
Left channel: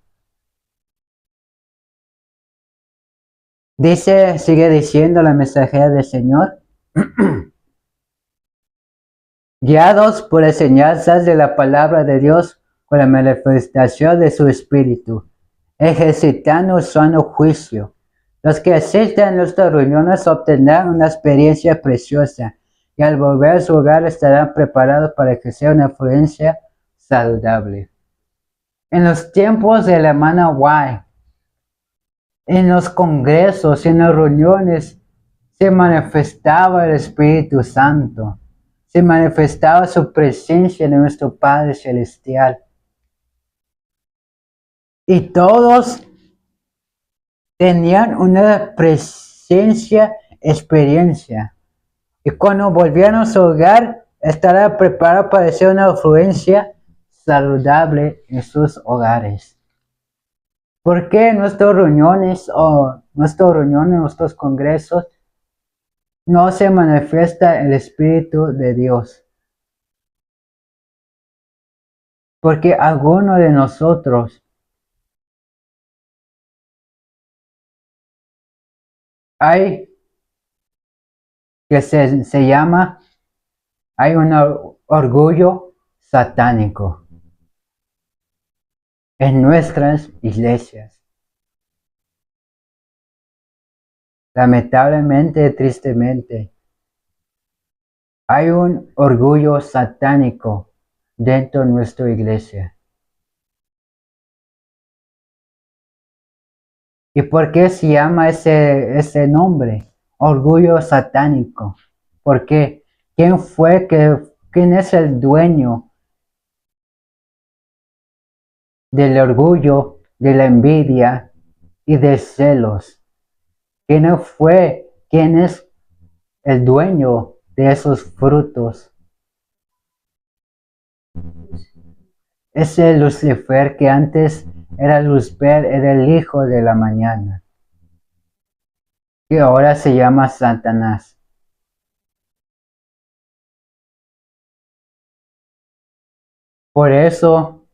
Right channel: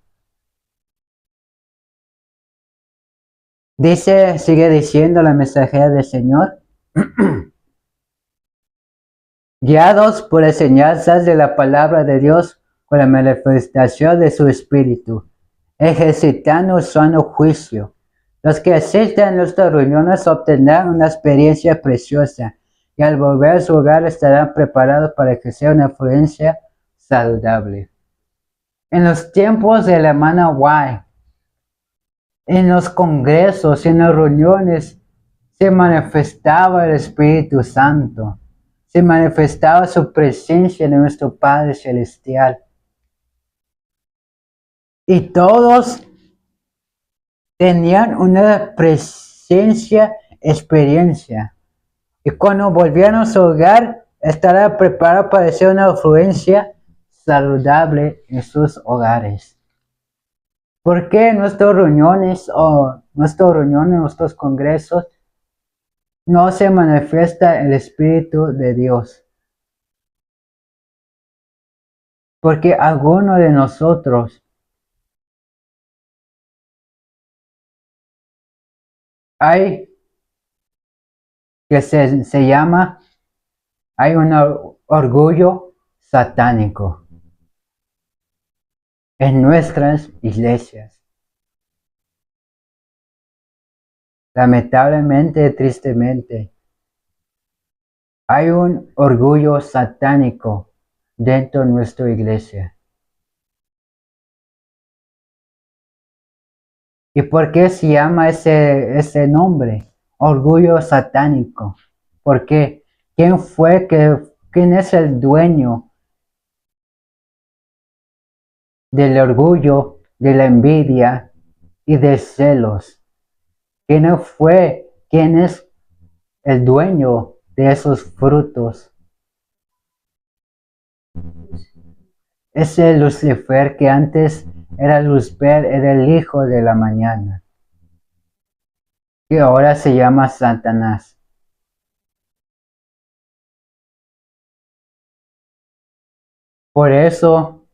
Sigue diciendo la mensajera del Señor, guiados por enseñanzas de la palabra de Dios, con la manifestación de su Espíritu, ejercitando un sano juicio. Los que asisten a nuestras reuniones obtendrán una experiencia preciosa y al volver a su hogar estarán preparados para ejercer una influencia saludable. En los tiempos de la hermana White, en los congresos, en las reuniones, se manifestaba el Espíritu Santo, se manifestaba su presencia en nuestro Padre Celestial. Y todos tenían una experiencia. Y cuando volvieron a su hogar, estará preparado para hacer una influencia saludable en sus hogares. ¿Por qué en nuestras reuniones nuestros congresos, no se manifiesta el Espíritu de Dios? Porque alguno de nosotros hay un orgullo satánico en nuestras iglesias. Lamentablemente, tristemente, hay un orgullo satánico dentro de nuestra iglesia. ¿Y por qué se llama ese nombre? Orgullo satánico. Porque ¿quién es el dueño del orgullo, de la envidia y de celos? ¿Quién es el dueño de esos frutos? Ese Lucifer que antes era Lucifer, era el hijo de la mañana, y ahora se llama Satanás. Por eso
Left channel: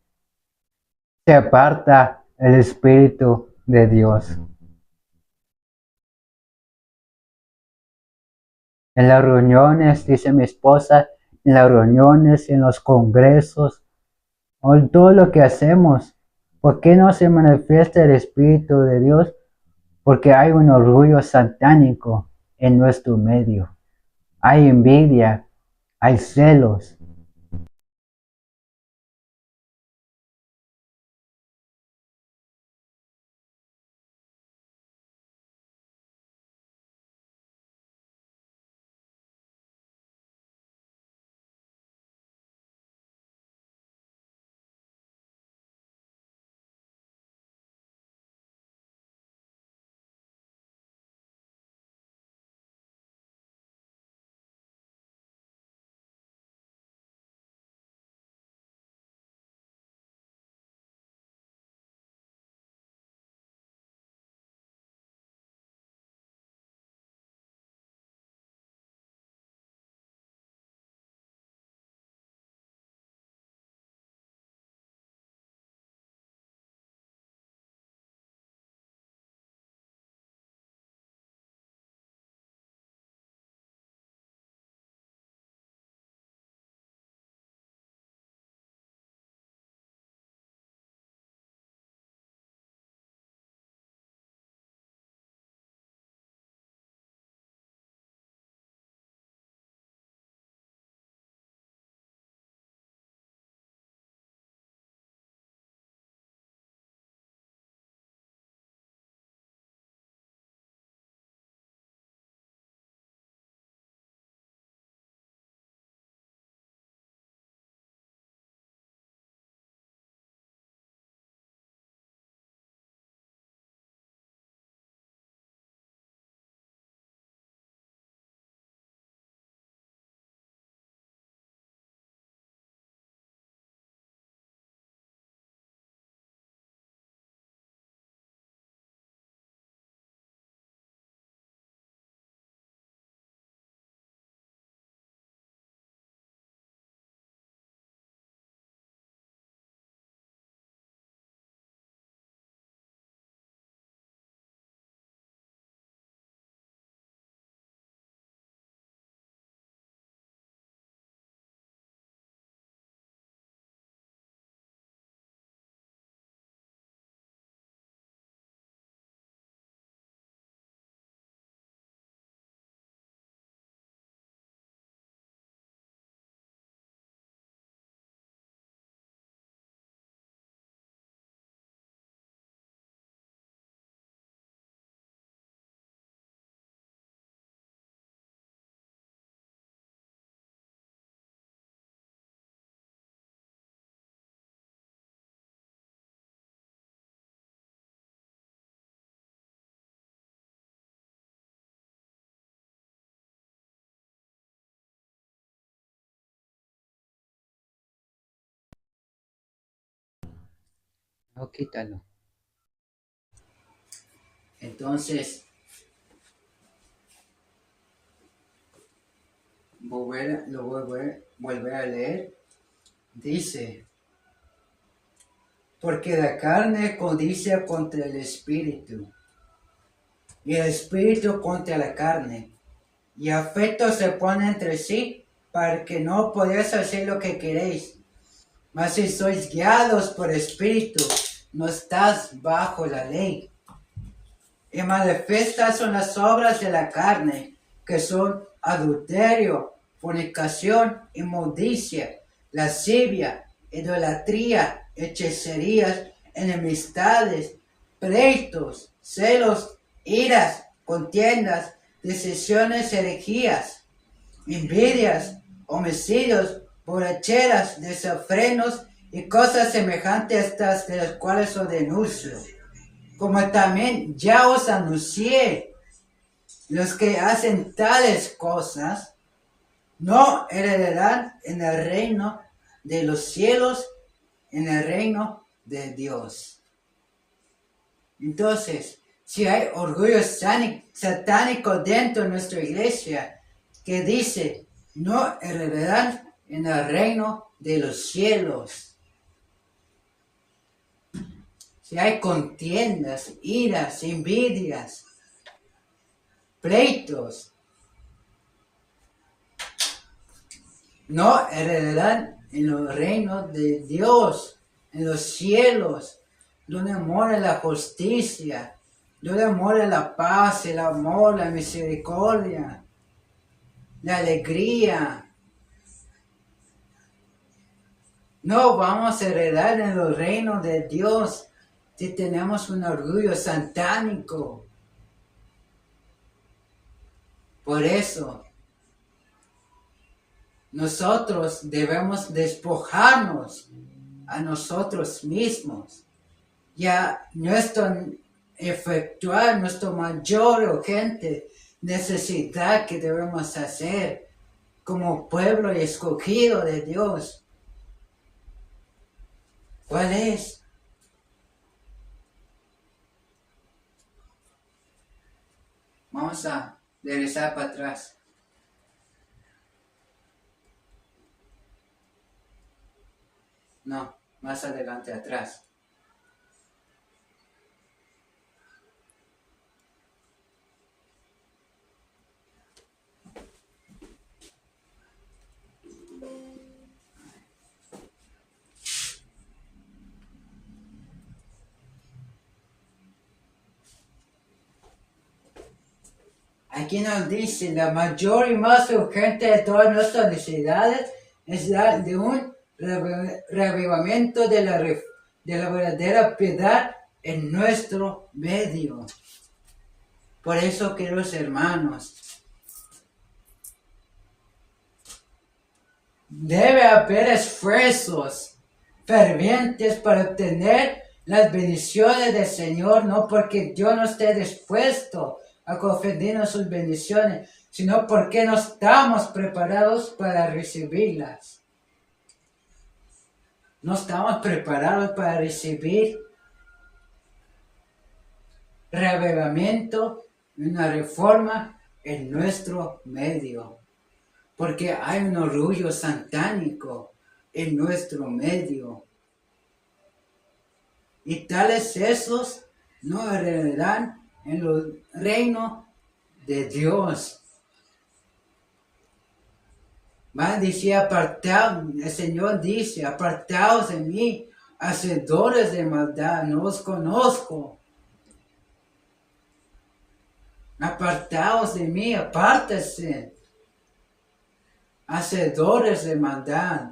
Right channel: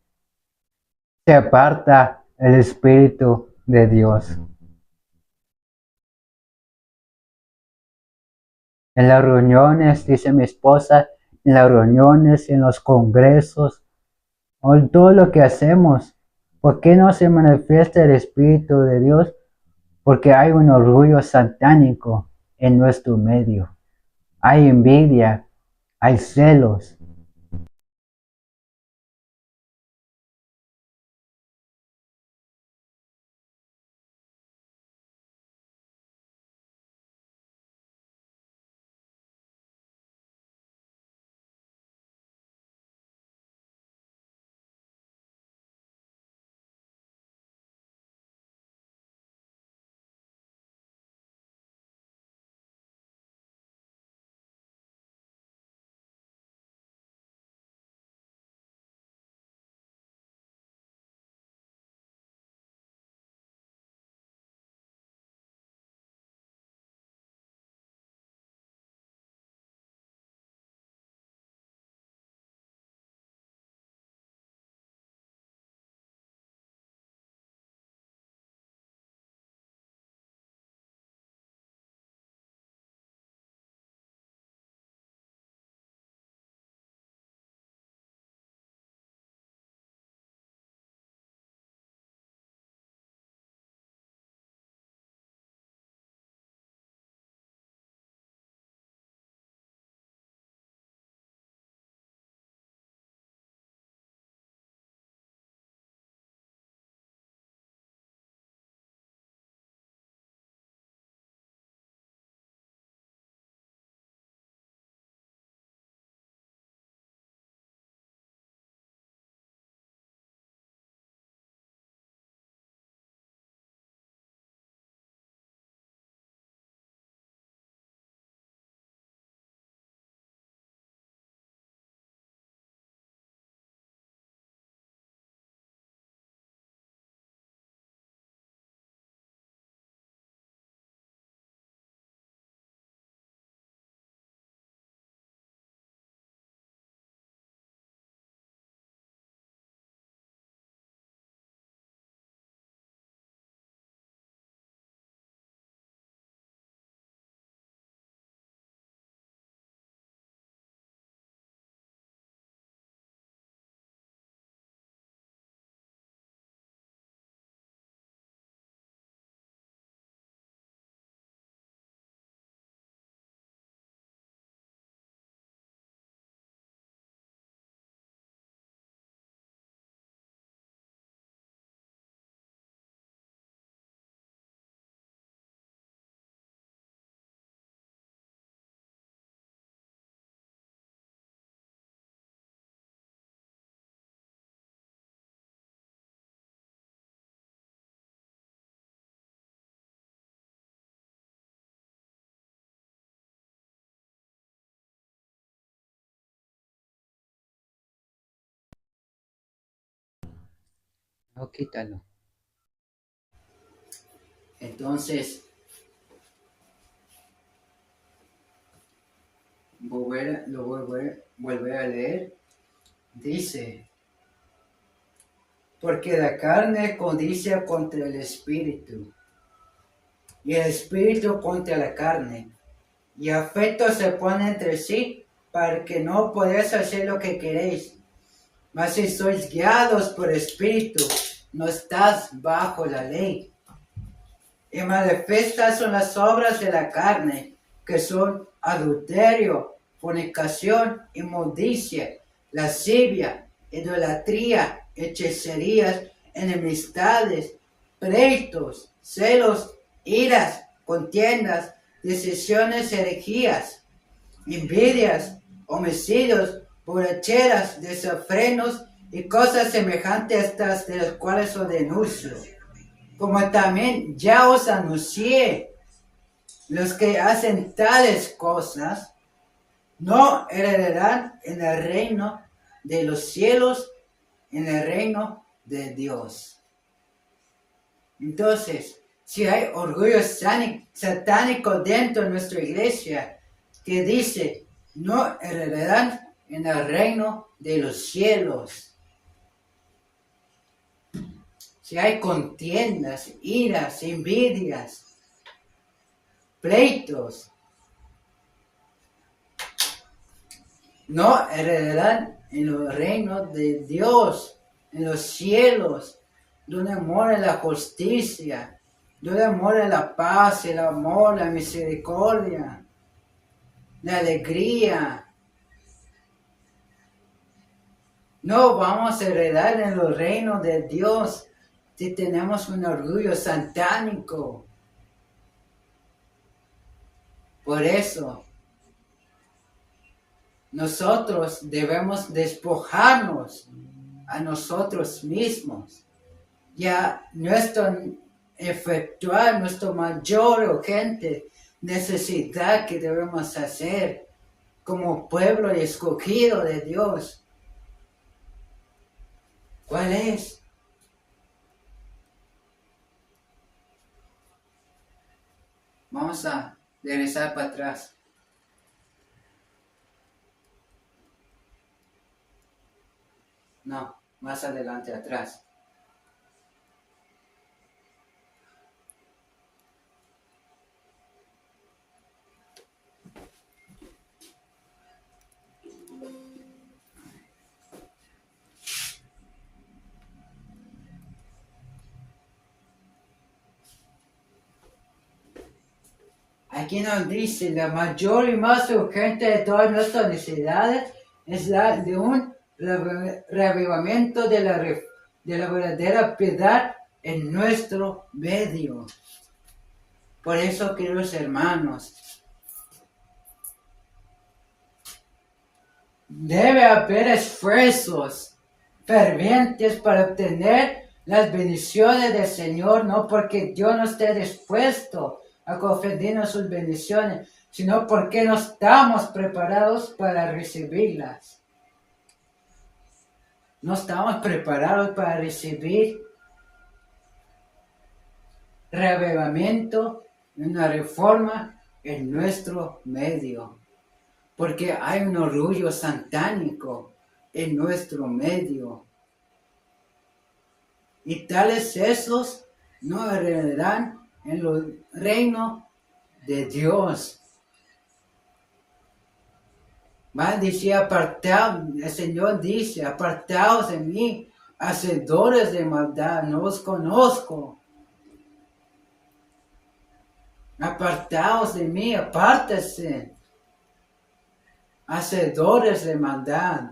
se aparta el Espíritu de Dios. En las reuniones, dice mi esposa, en las reuniones, en los congresos, o todo lo que hacemos. ¿Por qué no se manifiesta el Espíritu de Dios? Porque hay un orgullo satánico en nuestro medio. Hay envidia, hay celos. No, quítalo. Entonces, vuelve a leer. Dice, porque la carne codicia contra el espíritu, y el espíritu contra la carne, y afectos se ponen entre sí, para que no podáis hacer lo que queréis. Mas si sois guiados por espíritu, no estás bajo la ley. Y manifiestas son las obras de la carne, que son adulterio, fornicación, inmundicia, lascivia, idolatría, hechicerías, enemistades, pleitos, celos, iras, contiendas, decisiones, herejías, envidias, homicidios, borracheras, desenfrenos y cosas semejantes a estas, de las cuales os denuncio. Como también ya os anuncié, los que hacen tales cosas no heredarán en el reino de los cielos, en el reino de Dios. Entonces, si hay orgullo satánico dentro de nuestra iglesia que dice, no heredarán en el reino de los cielos. Si hay contiendas, iras, envidias, pleitos, no heredarán en los reinos de Dios, en los cielos, donde mora la justicia, donde mora la paz, el amor, la misericordia, la alegría. No vamos a heredar en los reinos de Dios si tenemos un orgullo satánico. Por eso, nosotros debemos despojarnos a nosotros mismos y a efectuar nuestra mayor o urgente necesidad que debemos hacer como pueblo escogido de Dios. ¿Cuál es? Vamos a regresar para atrás. No, más adelante, atrás. Aquí nos dice, la mayor y más urgente de todas nuestras necesidades es la de un reavivamiento de la verdadera piedad en nuestro medio. Por eso, queridos hermanos, debe haber esfuerzos fervientes para obtener las bendiciones del Señor, no porque Dios no esté dispuesto a concedernos sus bendiciones, sino porque no estamos preparados para recibirlas. No estamos preparados para recibir reavivamiento y una reforma en nuestro medio, porque hay un orgullo satánico en nuestro medio. Y tales esos no heredarán en el reino de Dios. Más dice, apartaos, el Señor dice, apartaos de mí, hacedores de maldad, no os conozco. Apartaos de mí, apártese, hacedores de maldad.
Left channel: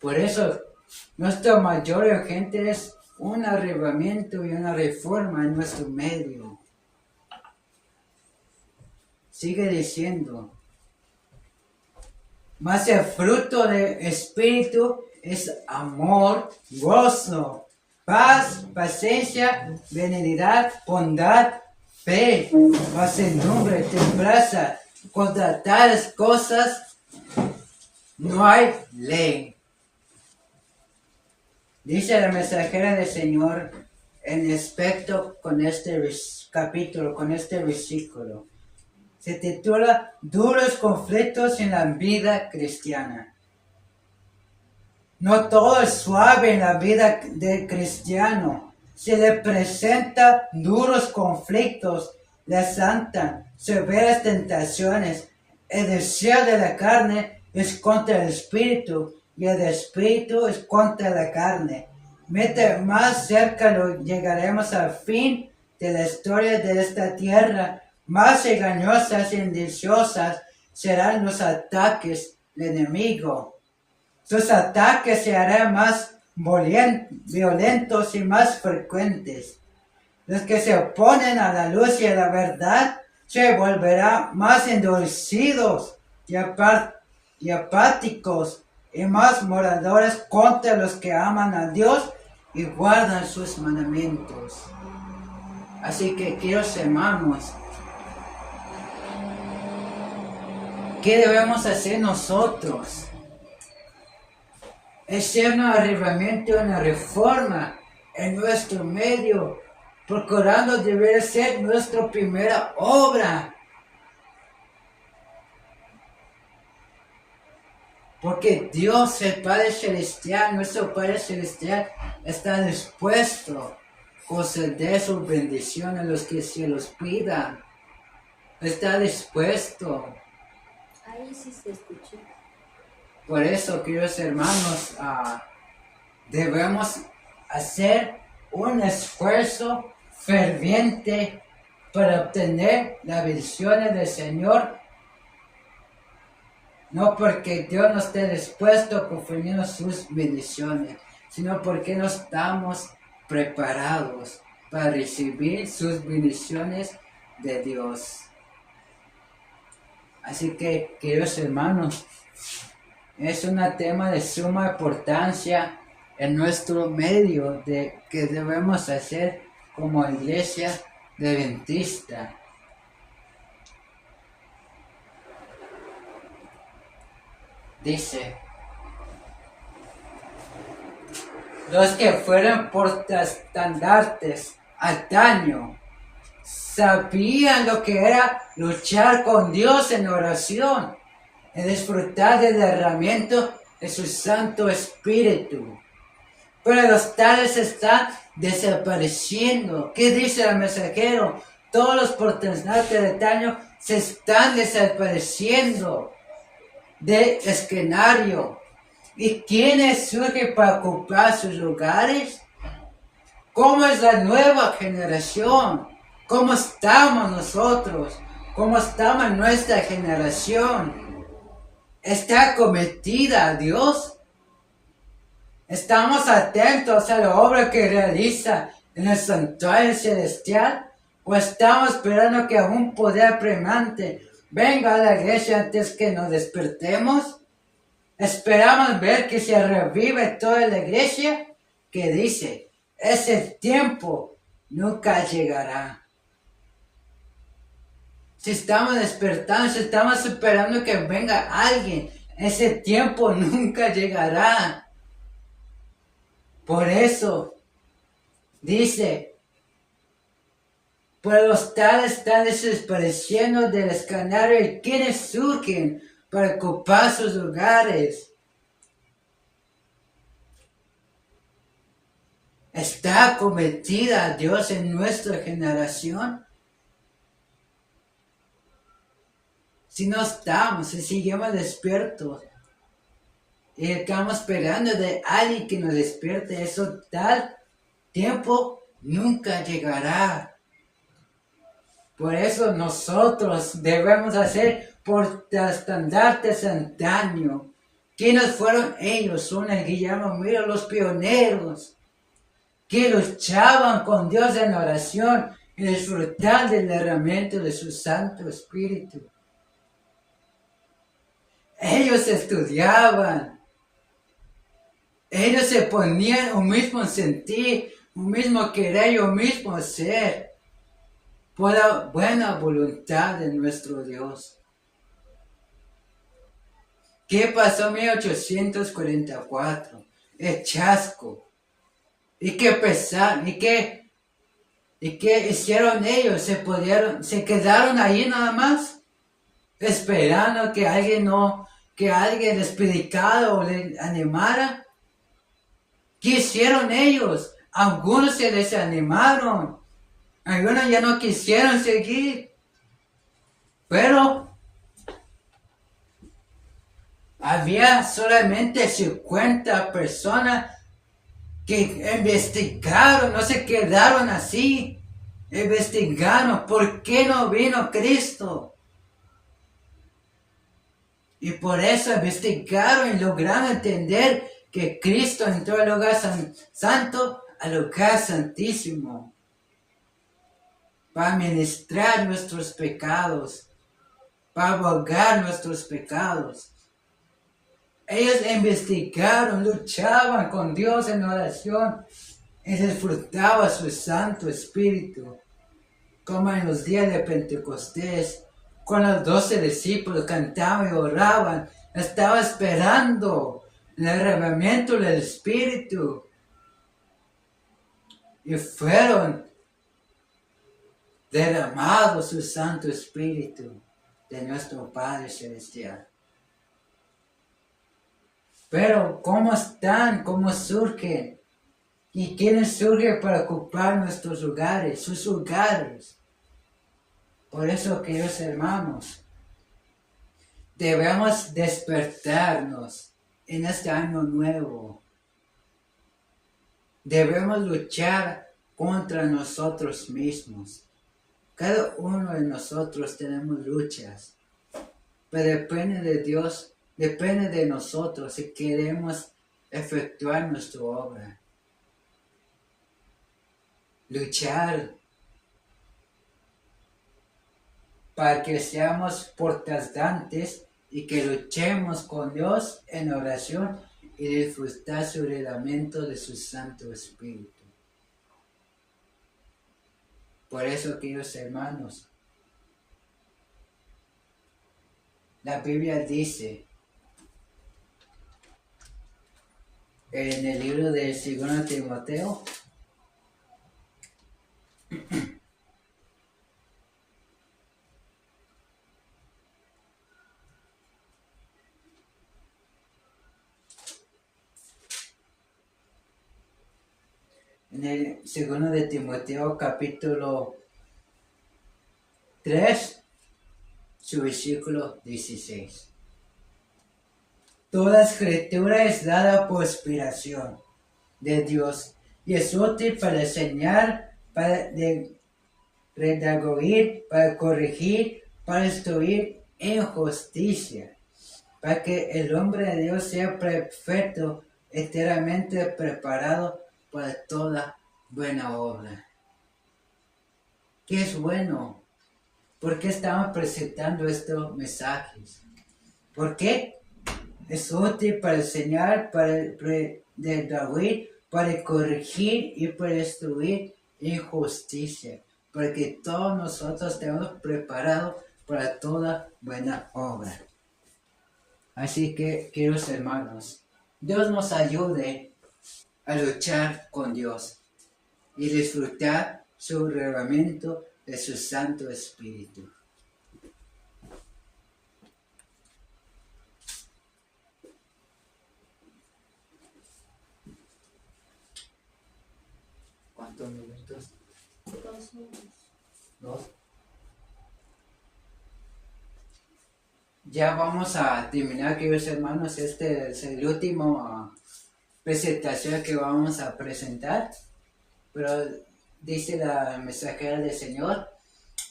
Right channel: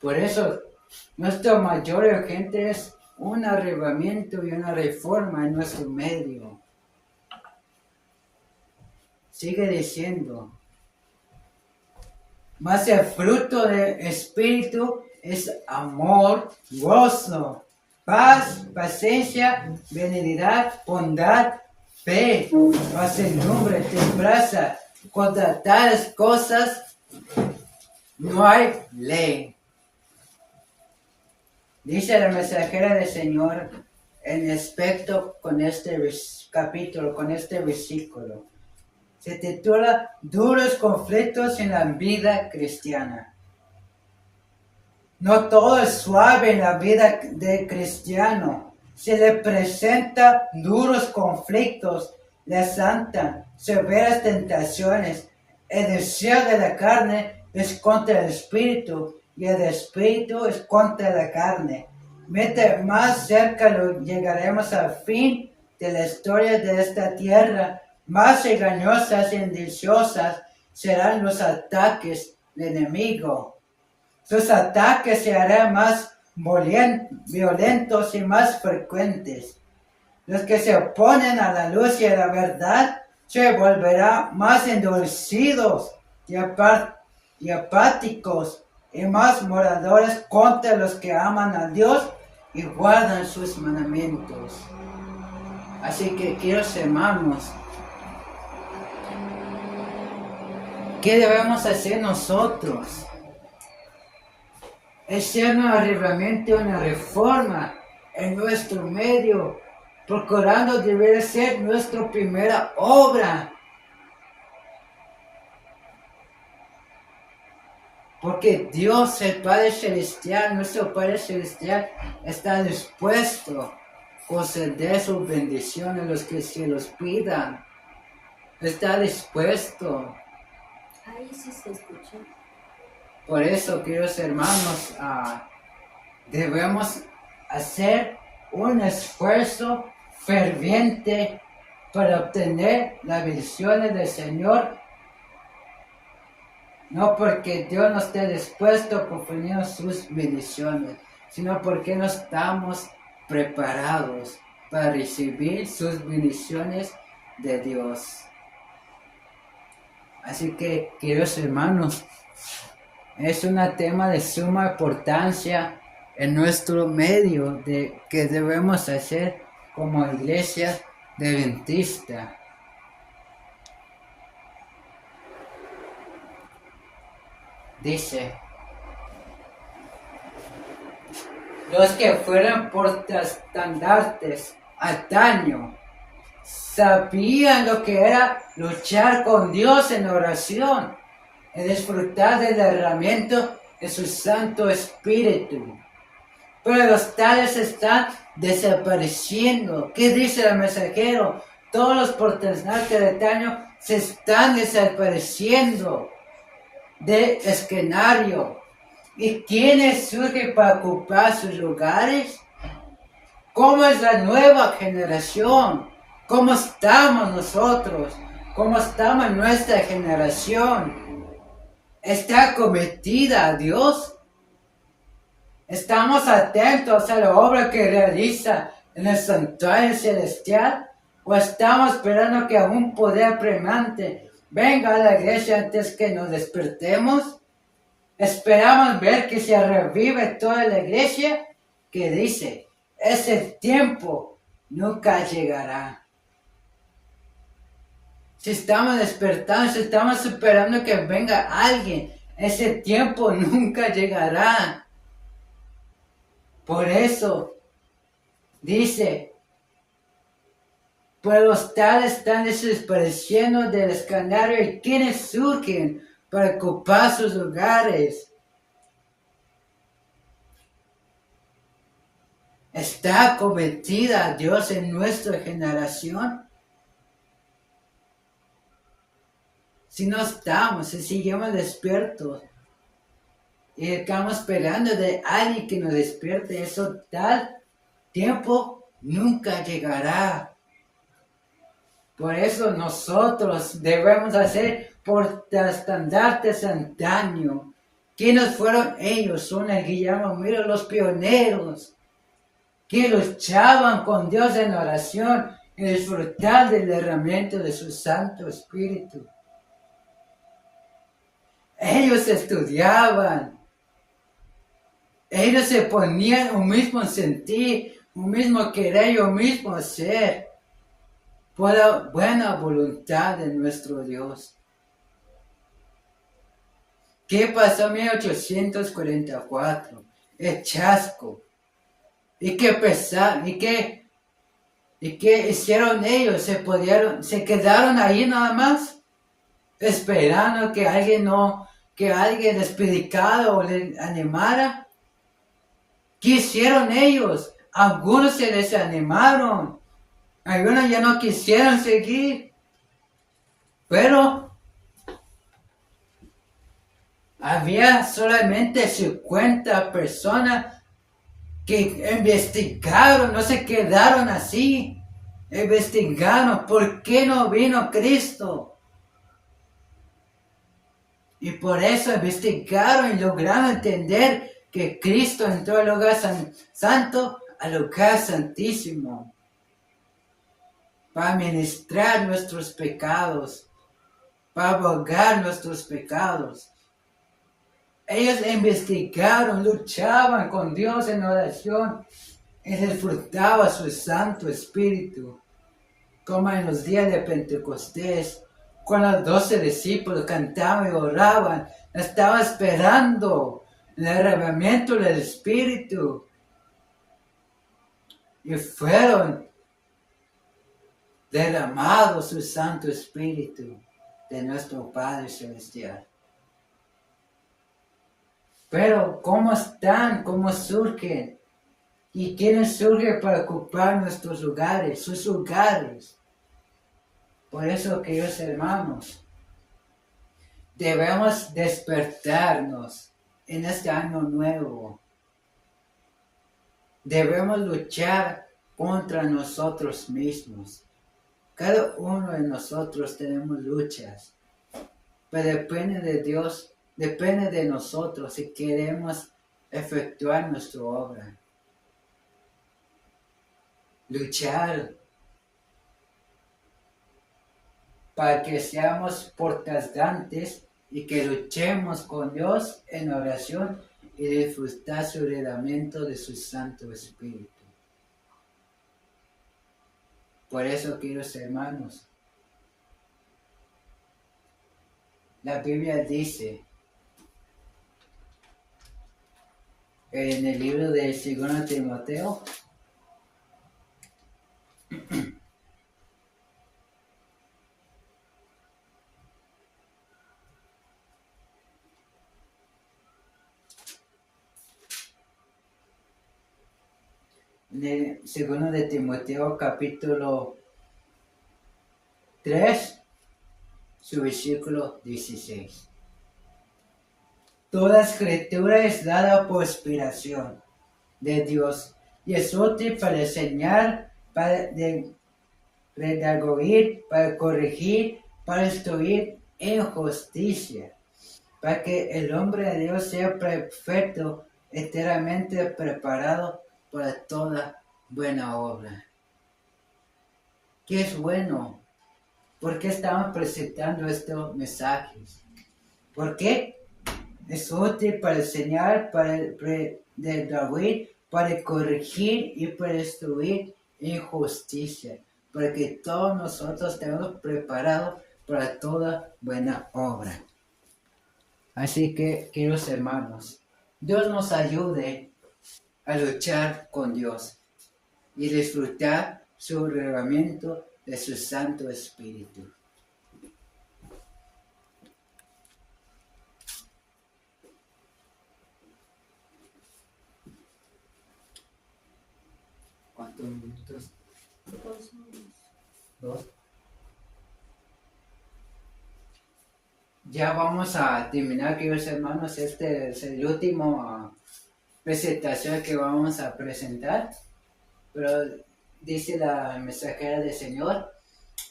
Por eso, nuestro mayor urgente es un arrebatamiento y una reforma en nuestro medio. Sigue diciendo, mas el fruto del Espíritu es amor, gozo, paz, paciencia, benignidad, bondad, fe, mansedumbre, templanza. Contra tales cosas no hay ley. Dice la mensajera del Señor en aspecto con este capítulo, con este versículo. Se titula Duros conflictos en la vida cristiana. No todo es suave en la vida del cristiano. Se le presenta duros conflictos, le asaltan severas tentaciones. El deseo de la carne es contra el espíritu y el espíritu es contra la carne. Mientras más cerca llegaremos al fin de la historia de esta tierra, más engañosas y indiciosas serán los ataques del enemigo. Sus ataques se harán más violentos y más frecuentes. Los que se oponen a la luz y a la verdad se volverán más endurecidos y apáticos y más moradores contra los que aman a Dios y guardan sus mandamientos. Así que, queridos hermanos, ¿qué debemos hacer nosotros? Es un arrebatamiento, una reforma en nuestro medio, procurando deber ser nuestra primera obra. Porque Dios, el Padre Celestial, nuestro Padre Celestial, está dispuesto a conceder su bendición a los que se los pidan. Está dispuesto. Ahí sí se escucha. Por eso, queridos hermanos, debemos hacer un esfuerzo ferviente para obtener las bendiciones del Señor, no porque Dios no esté dispuesto a conferirnos sus bendiciones, sino porque no estamos preparados para recibir sus bendiciones de Dios. Así que, queridos hermanos, es un tema de suma importancia en nuestro medio de que debemos hacer como iglesia adventista. Dice: los que fueron portaestandartes antaño sabían lo que era luchar con Dios en oración y disfrutar del derramamiento de su Santo Espíritu. Pero los tales están desapareciendo. ¿Qué dice el mensajero? Todos los protestantes de antaño se están desapareciendo del escenario. ¿Y quiénes surgen para ocupar sus lugares? ¿Cómo es la nueva generación? ¿Cómo estamos nosotros? ¿Cómo estamos nuestra generación? ¿Está cometida a Dios? ¿Estamos atentos a la obra que realiza en el santuario celestial? ¿O estamos esperando que un poder apremiante venga a la iglesia antes que nos despertemos? ¿Esperamos ver que se revive toda la iglesia? Que dice: ese tiempo nunca llegará. Si estamos despertando, si estamos esperando que venga alguien, ese tiempo nunca llegará. Por eso dice: pues los tales están desapareciendo del escenario, y quienes surgen para ocupar sus lugares. ¿Está cometida Dios en nuestra generación? Si no estamos, si seguimos despiertos y estamos esperando de alguien que nos despierte, eso tal tiempo nunca llegará. Por eso nosotros debemos hacer portaestandartes antaño. ¿Quiénes fueron ellos? Son el Guillermo Miro, los pioneros, que luchaban con Dios en oración y disfrutar del derramamiento de su Santo Espíritu. Ellos estudiaban. Ellos se ponían un mismo sentir, un mismo querer y un mismo ser, por la buena voluntad de nuestro Dios. ¿Qué pasó en 1844? El chasco. ¿Y qué pesaron? ¿Y qué hicieron ellos? ¿Se quedaron ahí nada más? Esperando que alguien les predicara o les animara. ¿Qué hicieron ellos? Algunos se desanimaron. Algunos ya no quisieron seguir. Pero había solamente 50 personas que investigaron, no se quedaron así. Investigaron por qué no vino Cristo. Y por eso investigaron y lograron entender que Cristo entró al lugar santo, al lugar santísimo, para ministrar nuestros pecados, para abogar nuestros pecados. Ellos investigaron, luchaban con Dios en oración y disfrutaban su Santo Espíritu, como en los días de Pentecostés, cuando los 12 discípulos cantaban y oraban, estaban esperando el derramamiento del Espíritu. Y fueron derramados su Santo Espíritu de nuestro Padre Celestial. Pero, ¿cómo están? ¿Cómo surgen? ¿Y quiénes surgen para ocupar nuestros lugares, sus lugares? Por eso, queridos hermanos, debemos despertarnos en este año nuevo. Debemos luchar contra nosotros mismos. Cada uno de nosotros tenemos luchas, pero depende de Dios, depende de nosotros si queremos efectuar nuestra obra. Luchar para que seamos portantes y que luchemos con Dios en oración y disfrutar su reglamento de su Santo Espíritu. Por eso, queridos hermanos, la Biblia dice en el libro de 2 Timoteo, en el 2 de Timoteo capítulo 3, su versículo 16. Toda escritura es dada por inspiración de Dios y es útil para enseñar, para redarguir, para corregir, para instruir en justicia, para que el hombre de Dios sea perfecto, enteramente preparado para toda buena obra. ¿Qué es bueno? ¿Por qué estamos presentando estos mensajes? ¿Por qué? Es útil para enseñar, para redarguir, para corregir y para instruir en justicia, para que todos nosotros estemos preparados para toda buena obra. Así que, queridos hermanos, Dios nos ayude a luchar con Dios y disfrutar su reglamento de su Santo Espíritu. ¿Cuántos minutos? 2. Ya vamos a terminar, queridos hermanos. Este es el último presentación que vamos a presentar. Pero dice la mensajera del Señor,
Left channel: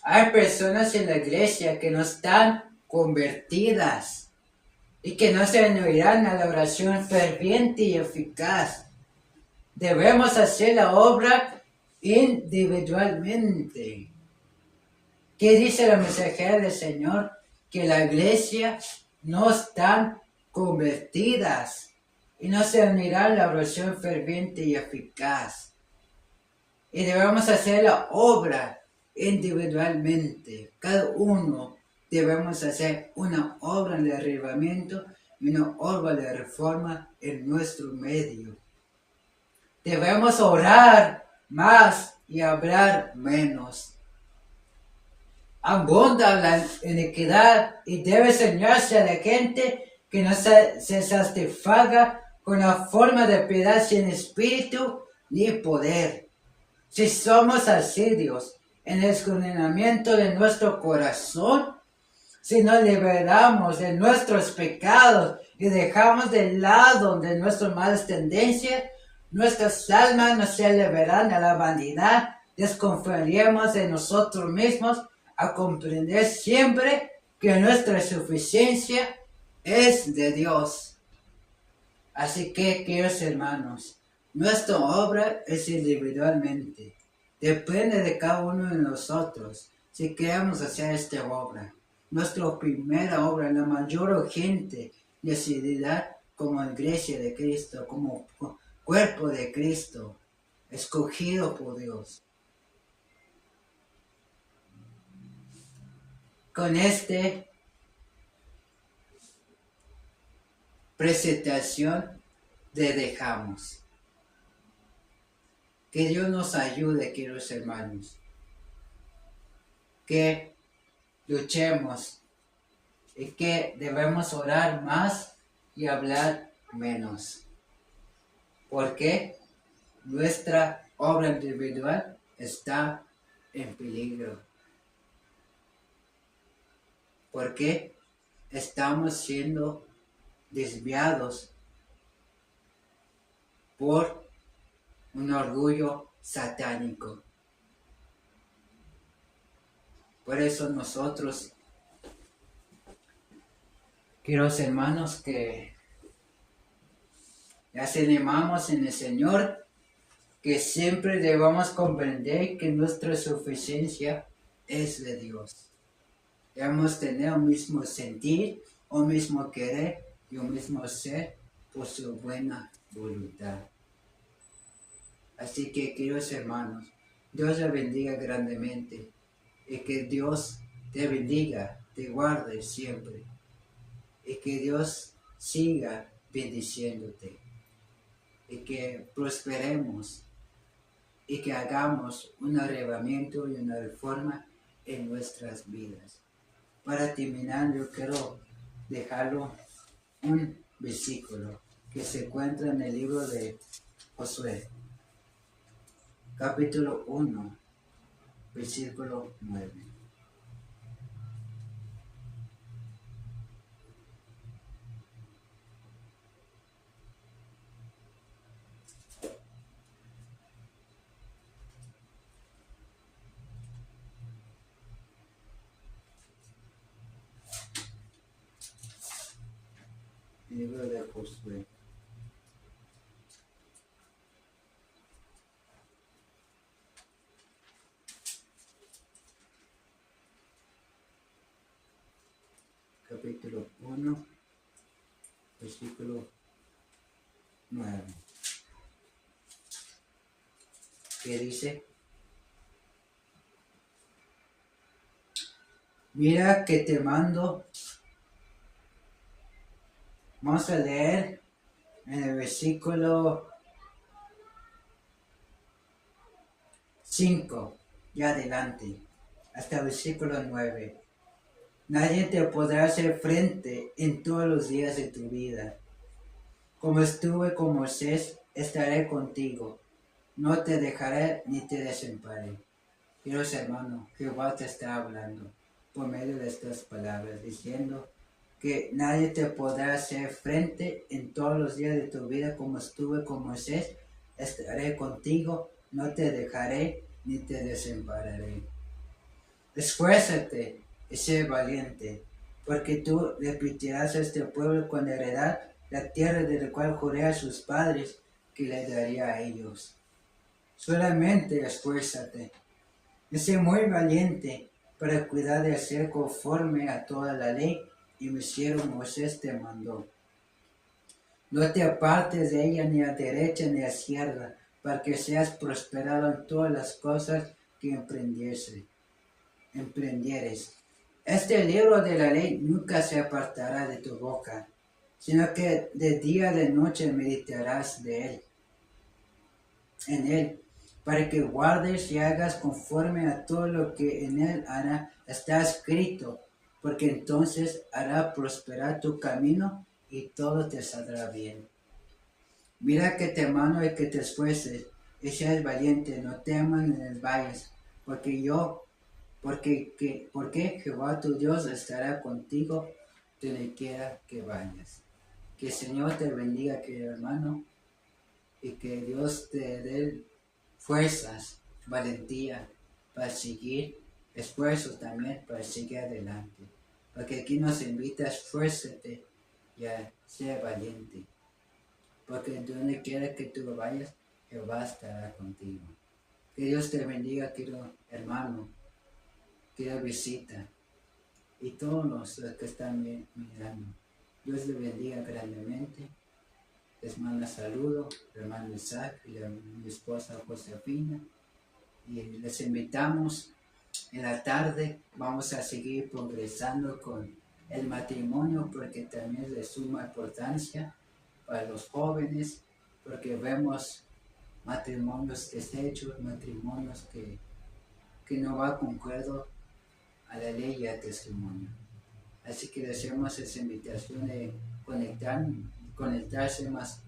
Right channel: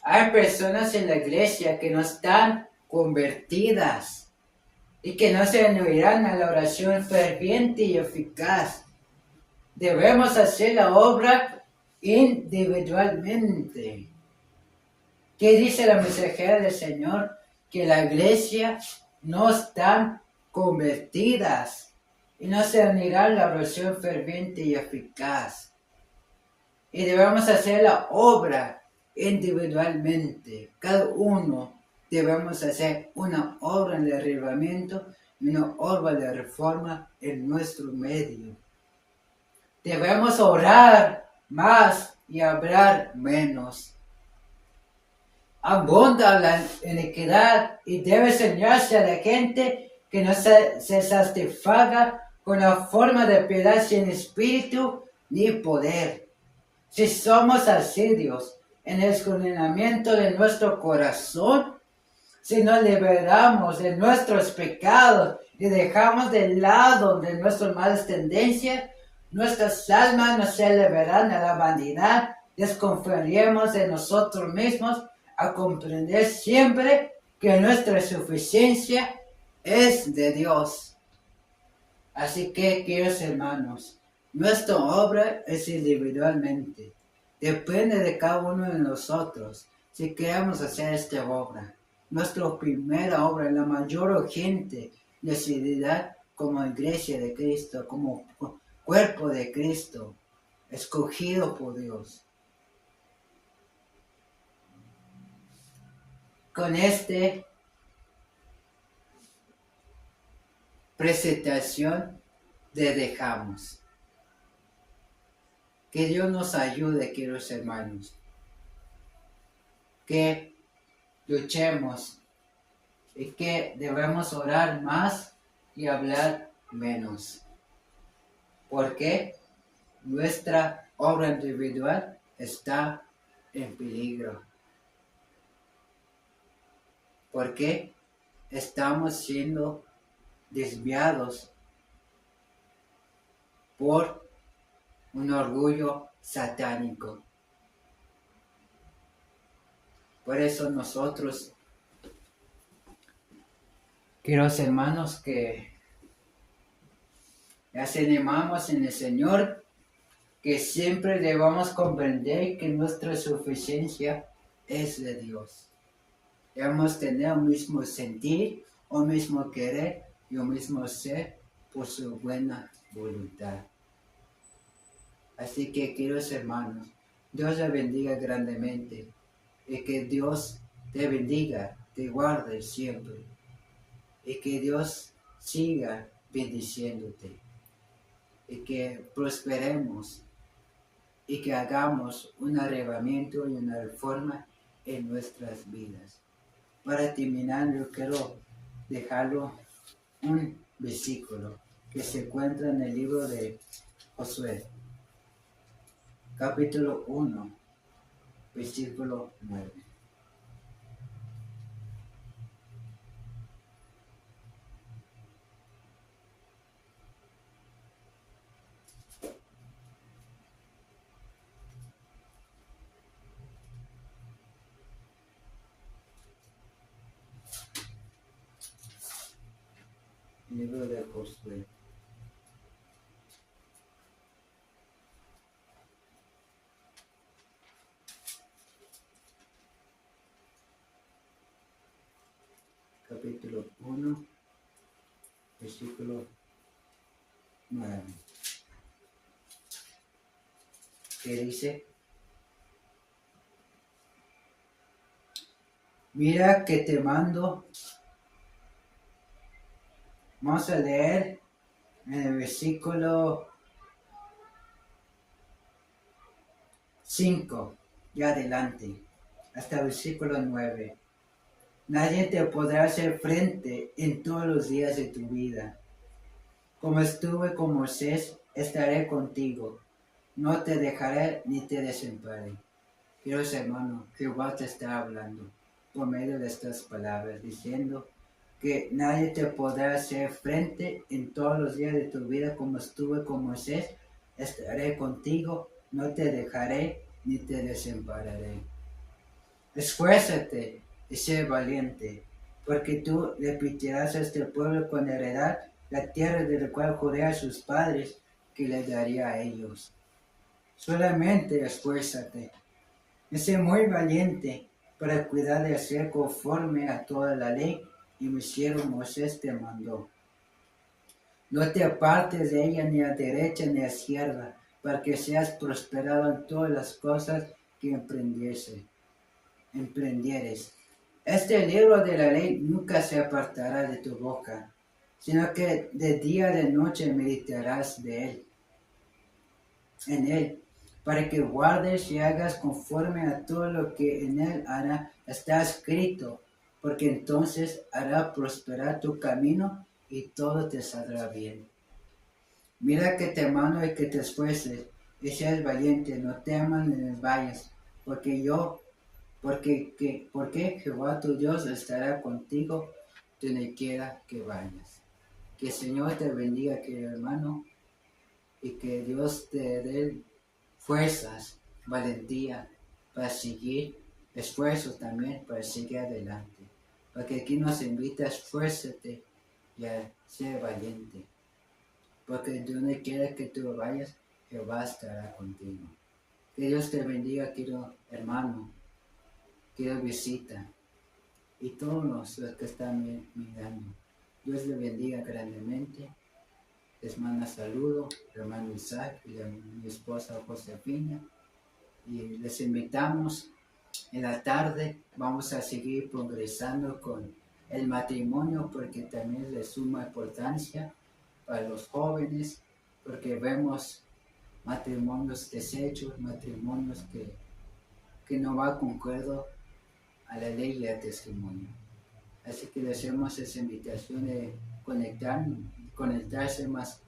hay personas en la iglesia que no están convertidas y que no se unirán a la oración ferviente y eficaz. Debemos hacer la obra individualmente. ¿Qué dice la mensajera del Señor? Que la iglesia no están convertidas y no se unirán a la oración ferviente y eficaz. Y debemos hacer la obra individualmente. Cada uno debemos hacer una obra de derribamiento y una obra de reforma en nuestro medio. Debemos orar más y hablar menos. Abunda la iniquidad y debe enseñarse a la gente que no se satisfaga con la forma de piedad sin espíritu ni poder. Si somos asiduos en el escudriñamiento de nuestro corazón, si nos liberamos de nuestros pecados y dejamos de lado de nuestras malas tendencias, nuestras almas no se liberarán a la vanidad, desconfiaremos de nosotros mismos a comprender siempre que nuestra suficiencia es de Dios. Así que, queridos hermanos, nuestra obra es individualmente. Depende de cada uno de nosotros si queremos hacer esta obra. Nuestra primera obra, la mayor urgente necesidad como iglesia de Cristo, como cuerpo de Cristo, escogido por Dios. Con esta presentación te dejamos. Que Dios nos ayude, queridos hermanos. Que luchemos y que debemos orar más y hablar menos. Porque nuestra obra individual está en peligro. Porque estamos siendo desviados por un orgullo satánico. Por eso nosotros, queridos hermanos, que las animamos en el Señor, que siempre debamos comprender que nuestra suficiencia es de Dios. Debemos tener un mismo sentir, un mismo querer y un mismo ser por su buena voluntad. Así que, queridos hermanos, Dios les bendiga grandemente y que Dios te bendiga, te guarde siempre y que Dios siga bendiciéndote y que prosperemos y que hagamos un arrebatamiento y una reforma en nuestras vidas. Para terminar, yo quiero dejarlo un versículo que se encuentra en el libro de Josué, capítulo 1, versículo 9. Libro de Josué. Capítulo 1, versículo 9. Que dice: Mira que te mando. Vamos a leer en el versículo 5 y adelante, hasta el versículo 9. Nadie te podrá hacer frente en todos los días de tu vida. Como estuve con Moisés, estaré contigo. No te dejaré ni te desampararé. Queridos hermanos, Jehová te está hablando por medio de estas palabras, diciendo que nadie te podrá hacer frente en todos los días de tu vida. Como estuve con Moisés, estaré contigo. No te dejaré ni te desampararé. Esfuérzate y sé valiente, porque tú repetirás a este pueblo con heredad la tierra de la cual juré a sus padres que le daría a ellos. Solamente esfuérzate y sé muy valiente para cuidar de hacer conforme a toda la ley y mi siervo Moisés te mandó. No te apartes de ella ni a derecha ni a izquierda, para que seas prosperado en todas las cosas que emprendieres. Este libro de la ley nunca se apartará de tu boca, sino que de día y de noche meditarás en él, para que guardes y hagas conforme a todo lo que en él está escrito, porque entonces hará prosperar tu camino y todo te saldrá bien. Mira que te mando y que te esfuerces, y seas valiente, no temas ni desmayes, porque Jehová tu Dios estará contigo donde quiera que vayas. Que el Señor te bendiga, querido hermano, y que Dios te dé fuerzas, valentía para seguir, esfuerzo también para seguir adelante. Porque aquí nos invita a esfuérzate y a ser valiente. Porque donde quiera que tú vayas, Jehová estará contigo. Que Dios te bendiga, querido hermano, querida visita, y todos los que están mirando. Dios les bendiga grandemente. Les manda saludo, hermano Isaac y mi esposa Josefina. Y les invitamos en la tarde. Vamos a seguir progresando con el matrimonio, porque también es de suma importancia para los jóvenes, porque vemos matrimonios deshechos, matrimonios que no van concuerdo a la ley y al testimonio. Así que les hacemos esa invitación de conectarse más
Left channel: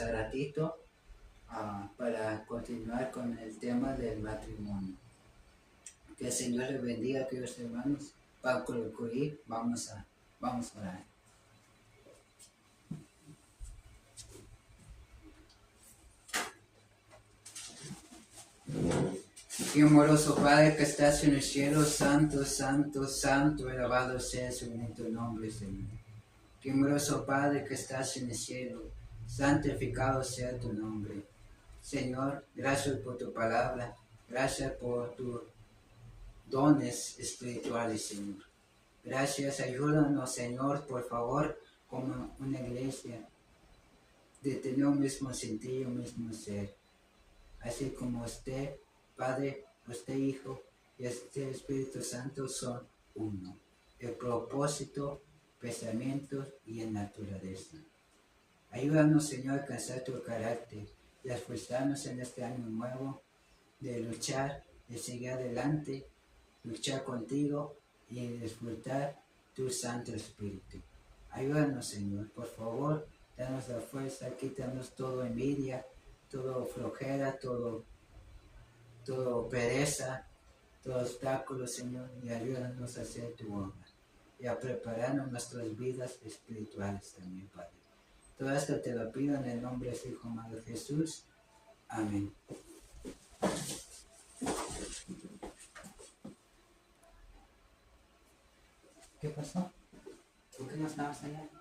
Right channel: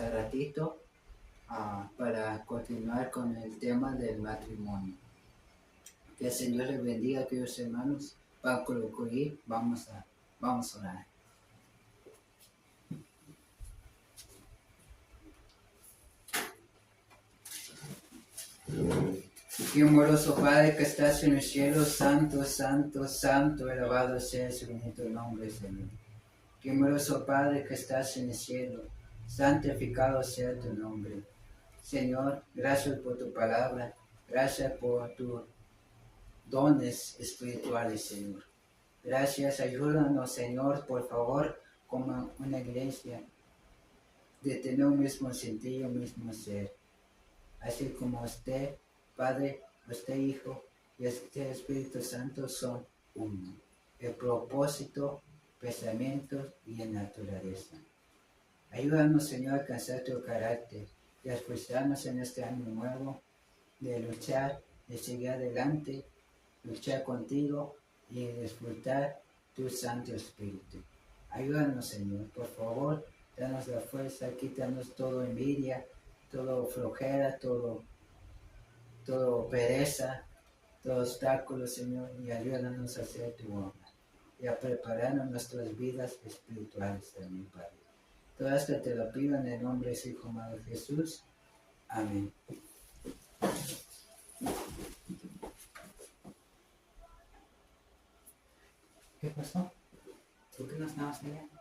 a ratito para continuar con el tema del matrimonio. Que el Señor les bendiga, queridos hermanos. Para concluir, vamos a orar. Y amoroso Padre que estás en el cielo, santo, santo, santo, alabado sea su bendito nombre, Señor. Y amoroso Padre que estás en el cielo, santificado sea tu nombre. Señor, gracias por tu palabra, gracias por tus dones espirituales, Señor. Gracias, ayúdanos, Señor, por favor, como una iglesia, de tener un mismo sentido, un mismo ser. Así como usted, Padre, usted Hijo y este Espíritu Santo son uno. El propósito, pensamientos y en naturaleza. Ayúdanos, Señor, a alcanzar tu carácter y a esforzarnos en este año nuevo de luchar, de seguir adelante, luchar contigo y disfrutar tu Santo Espíritu. Ayúdanos, Señor, por favor, danos la fuerza, quítanos todo envidia, todo flojera, todo pereza, todo obstáculo, Señor, y ayúdanos a hacer tu obra y a prepararnos nuestras vidas espirituales también, Padre. Todo esto te lo pido en el nombre de su Hijo amado Jesús. Amén. ¿Qué pasó? ¿Por qué no estabas allá?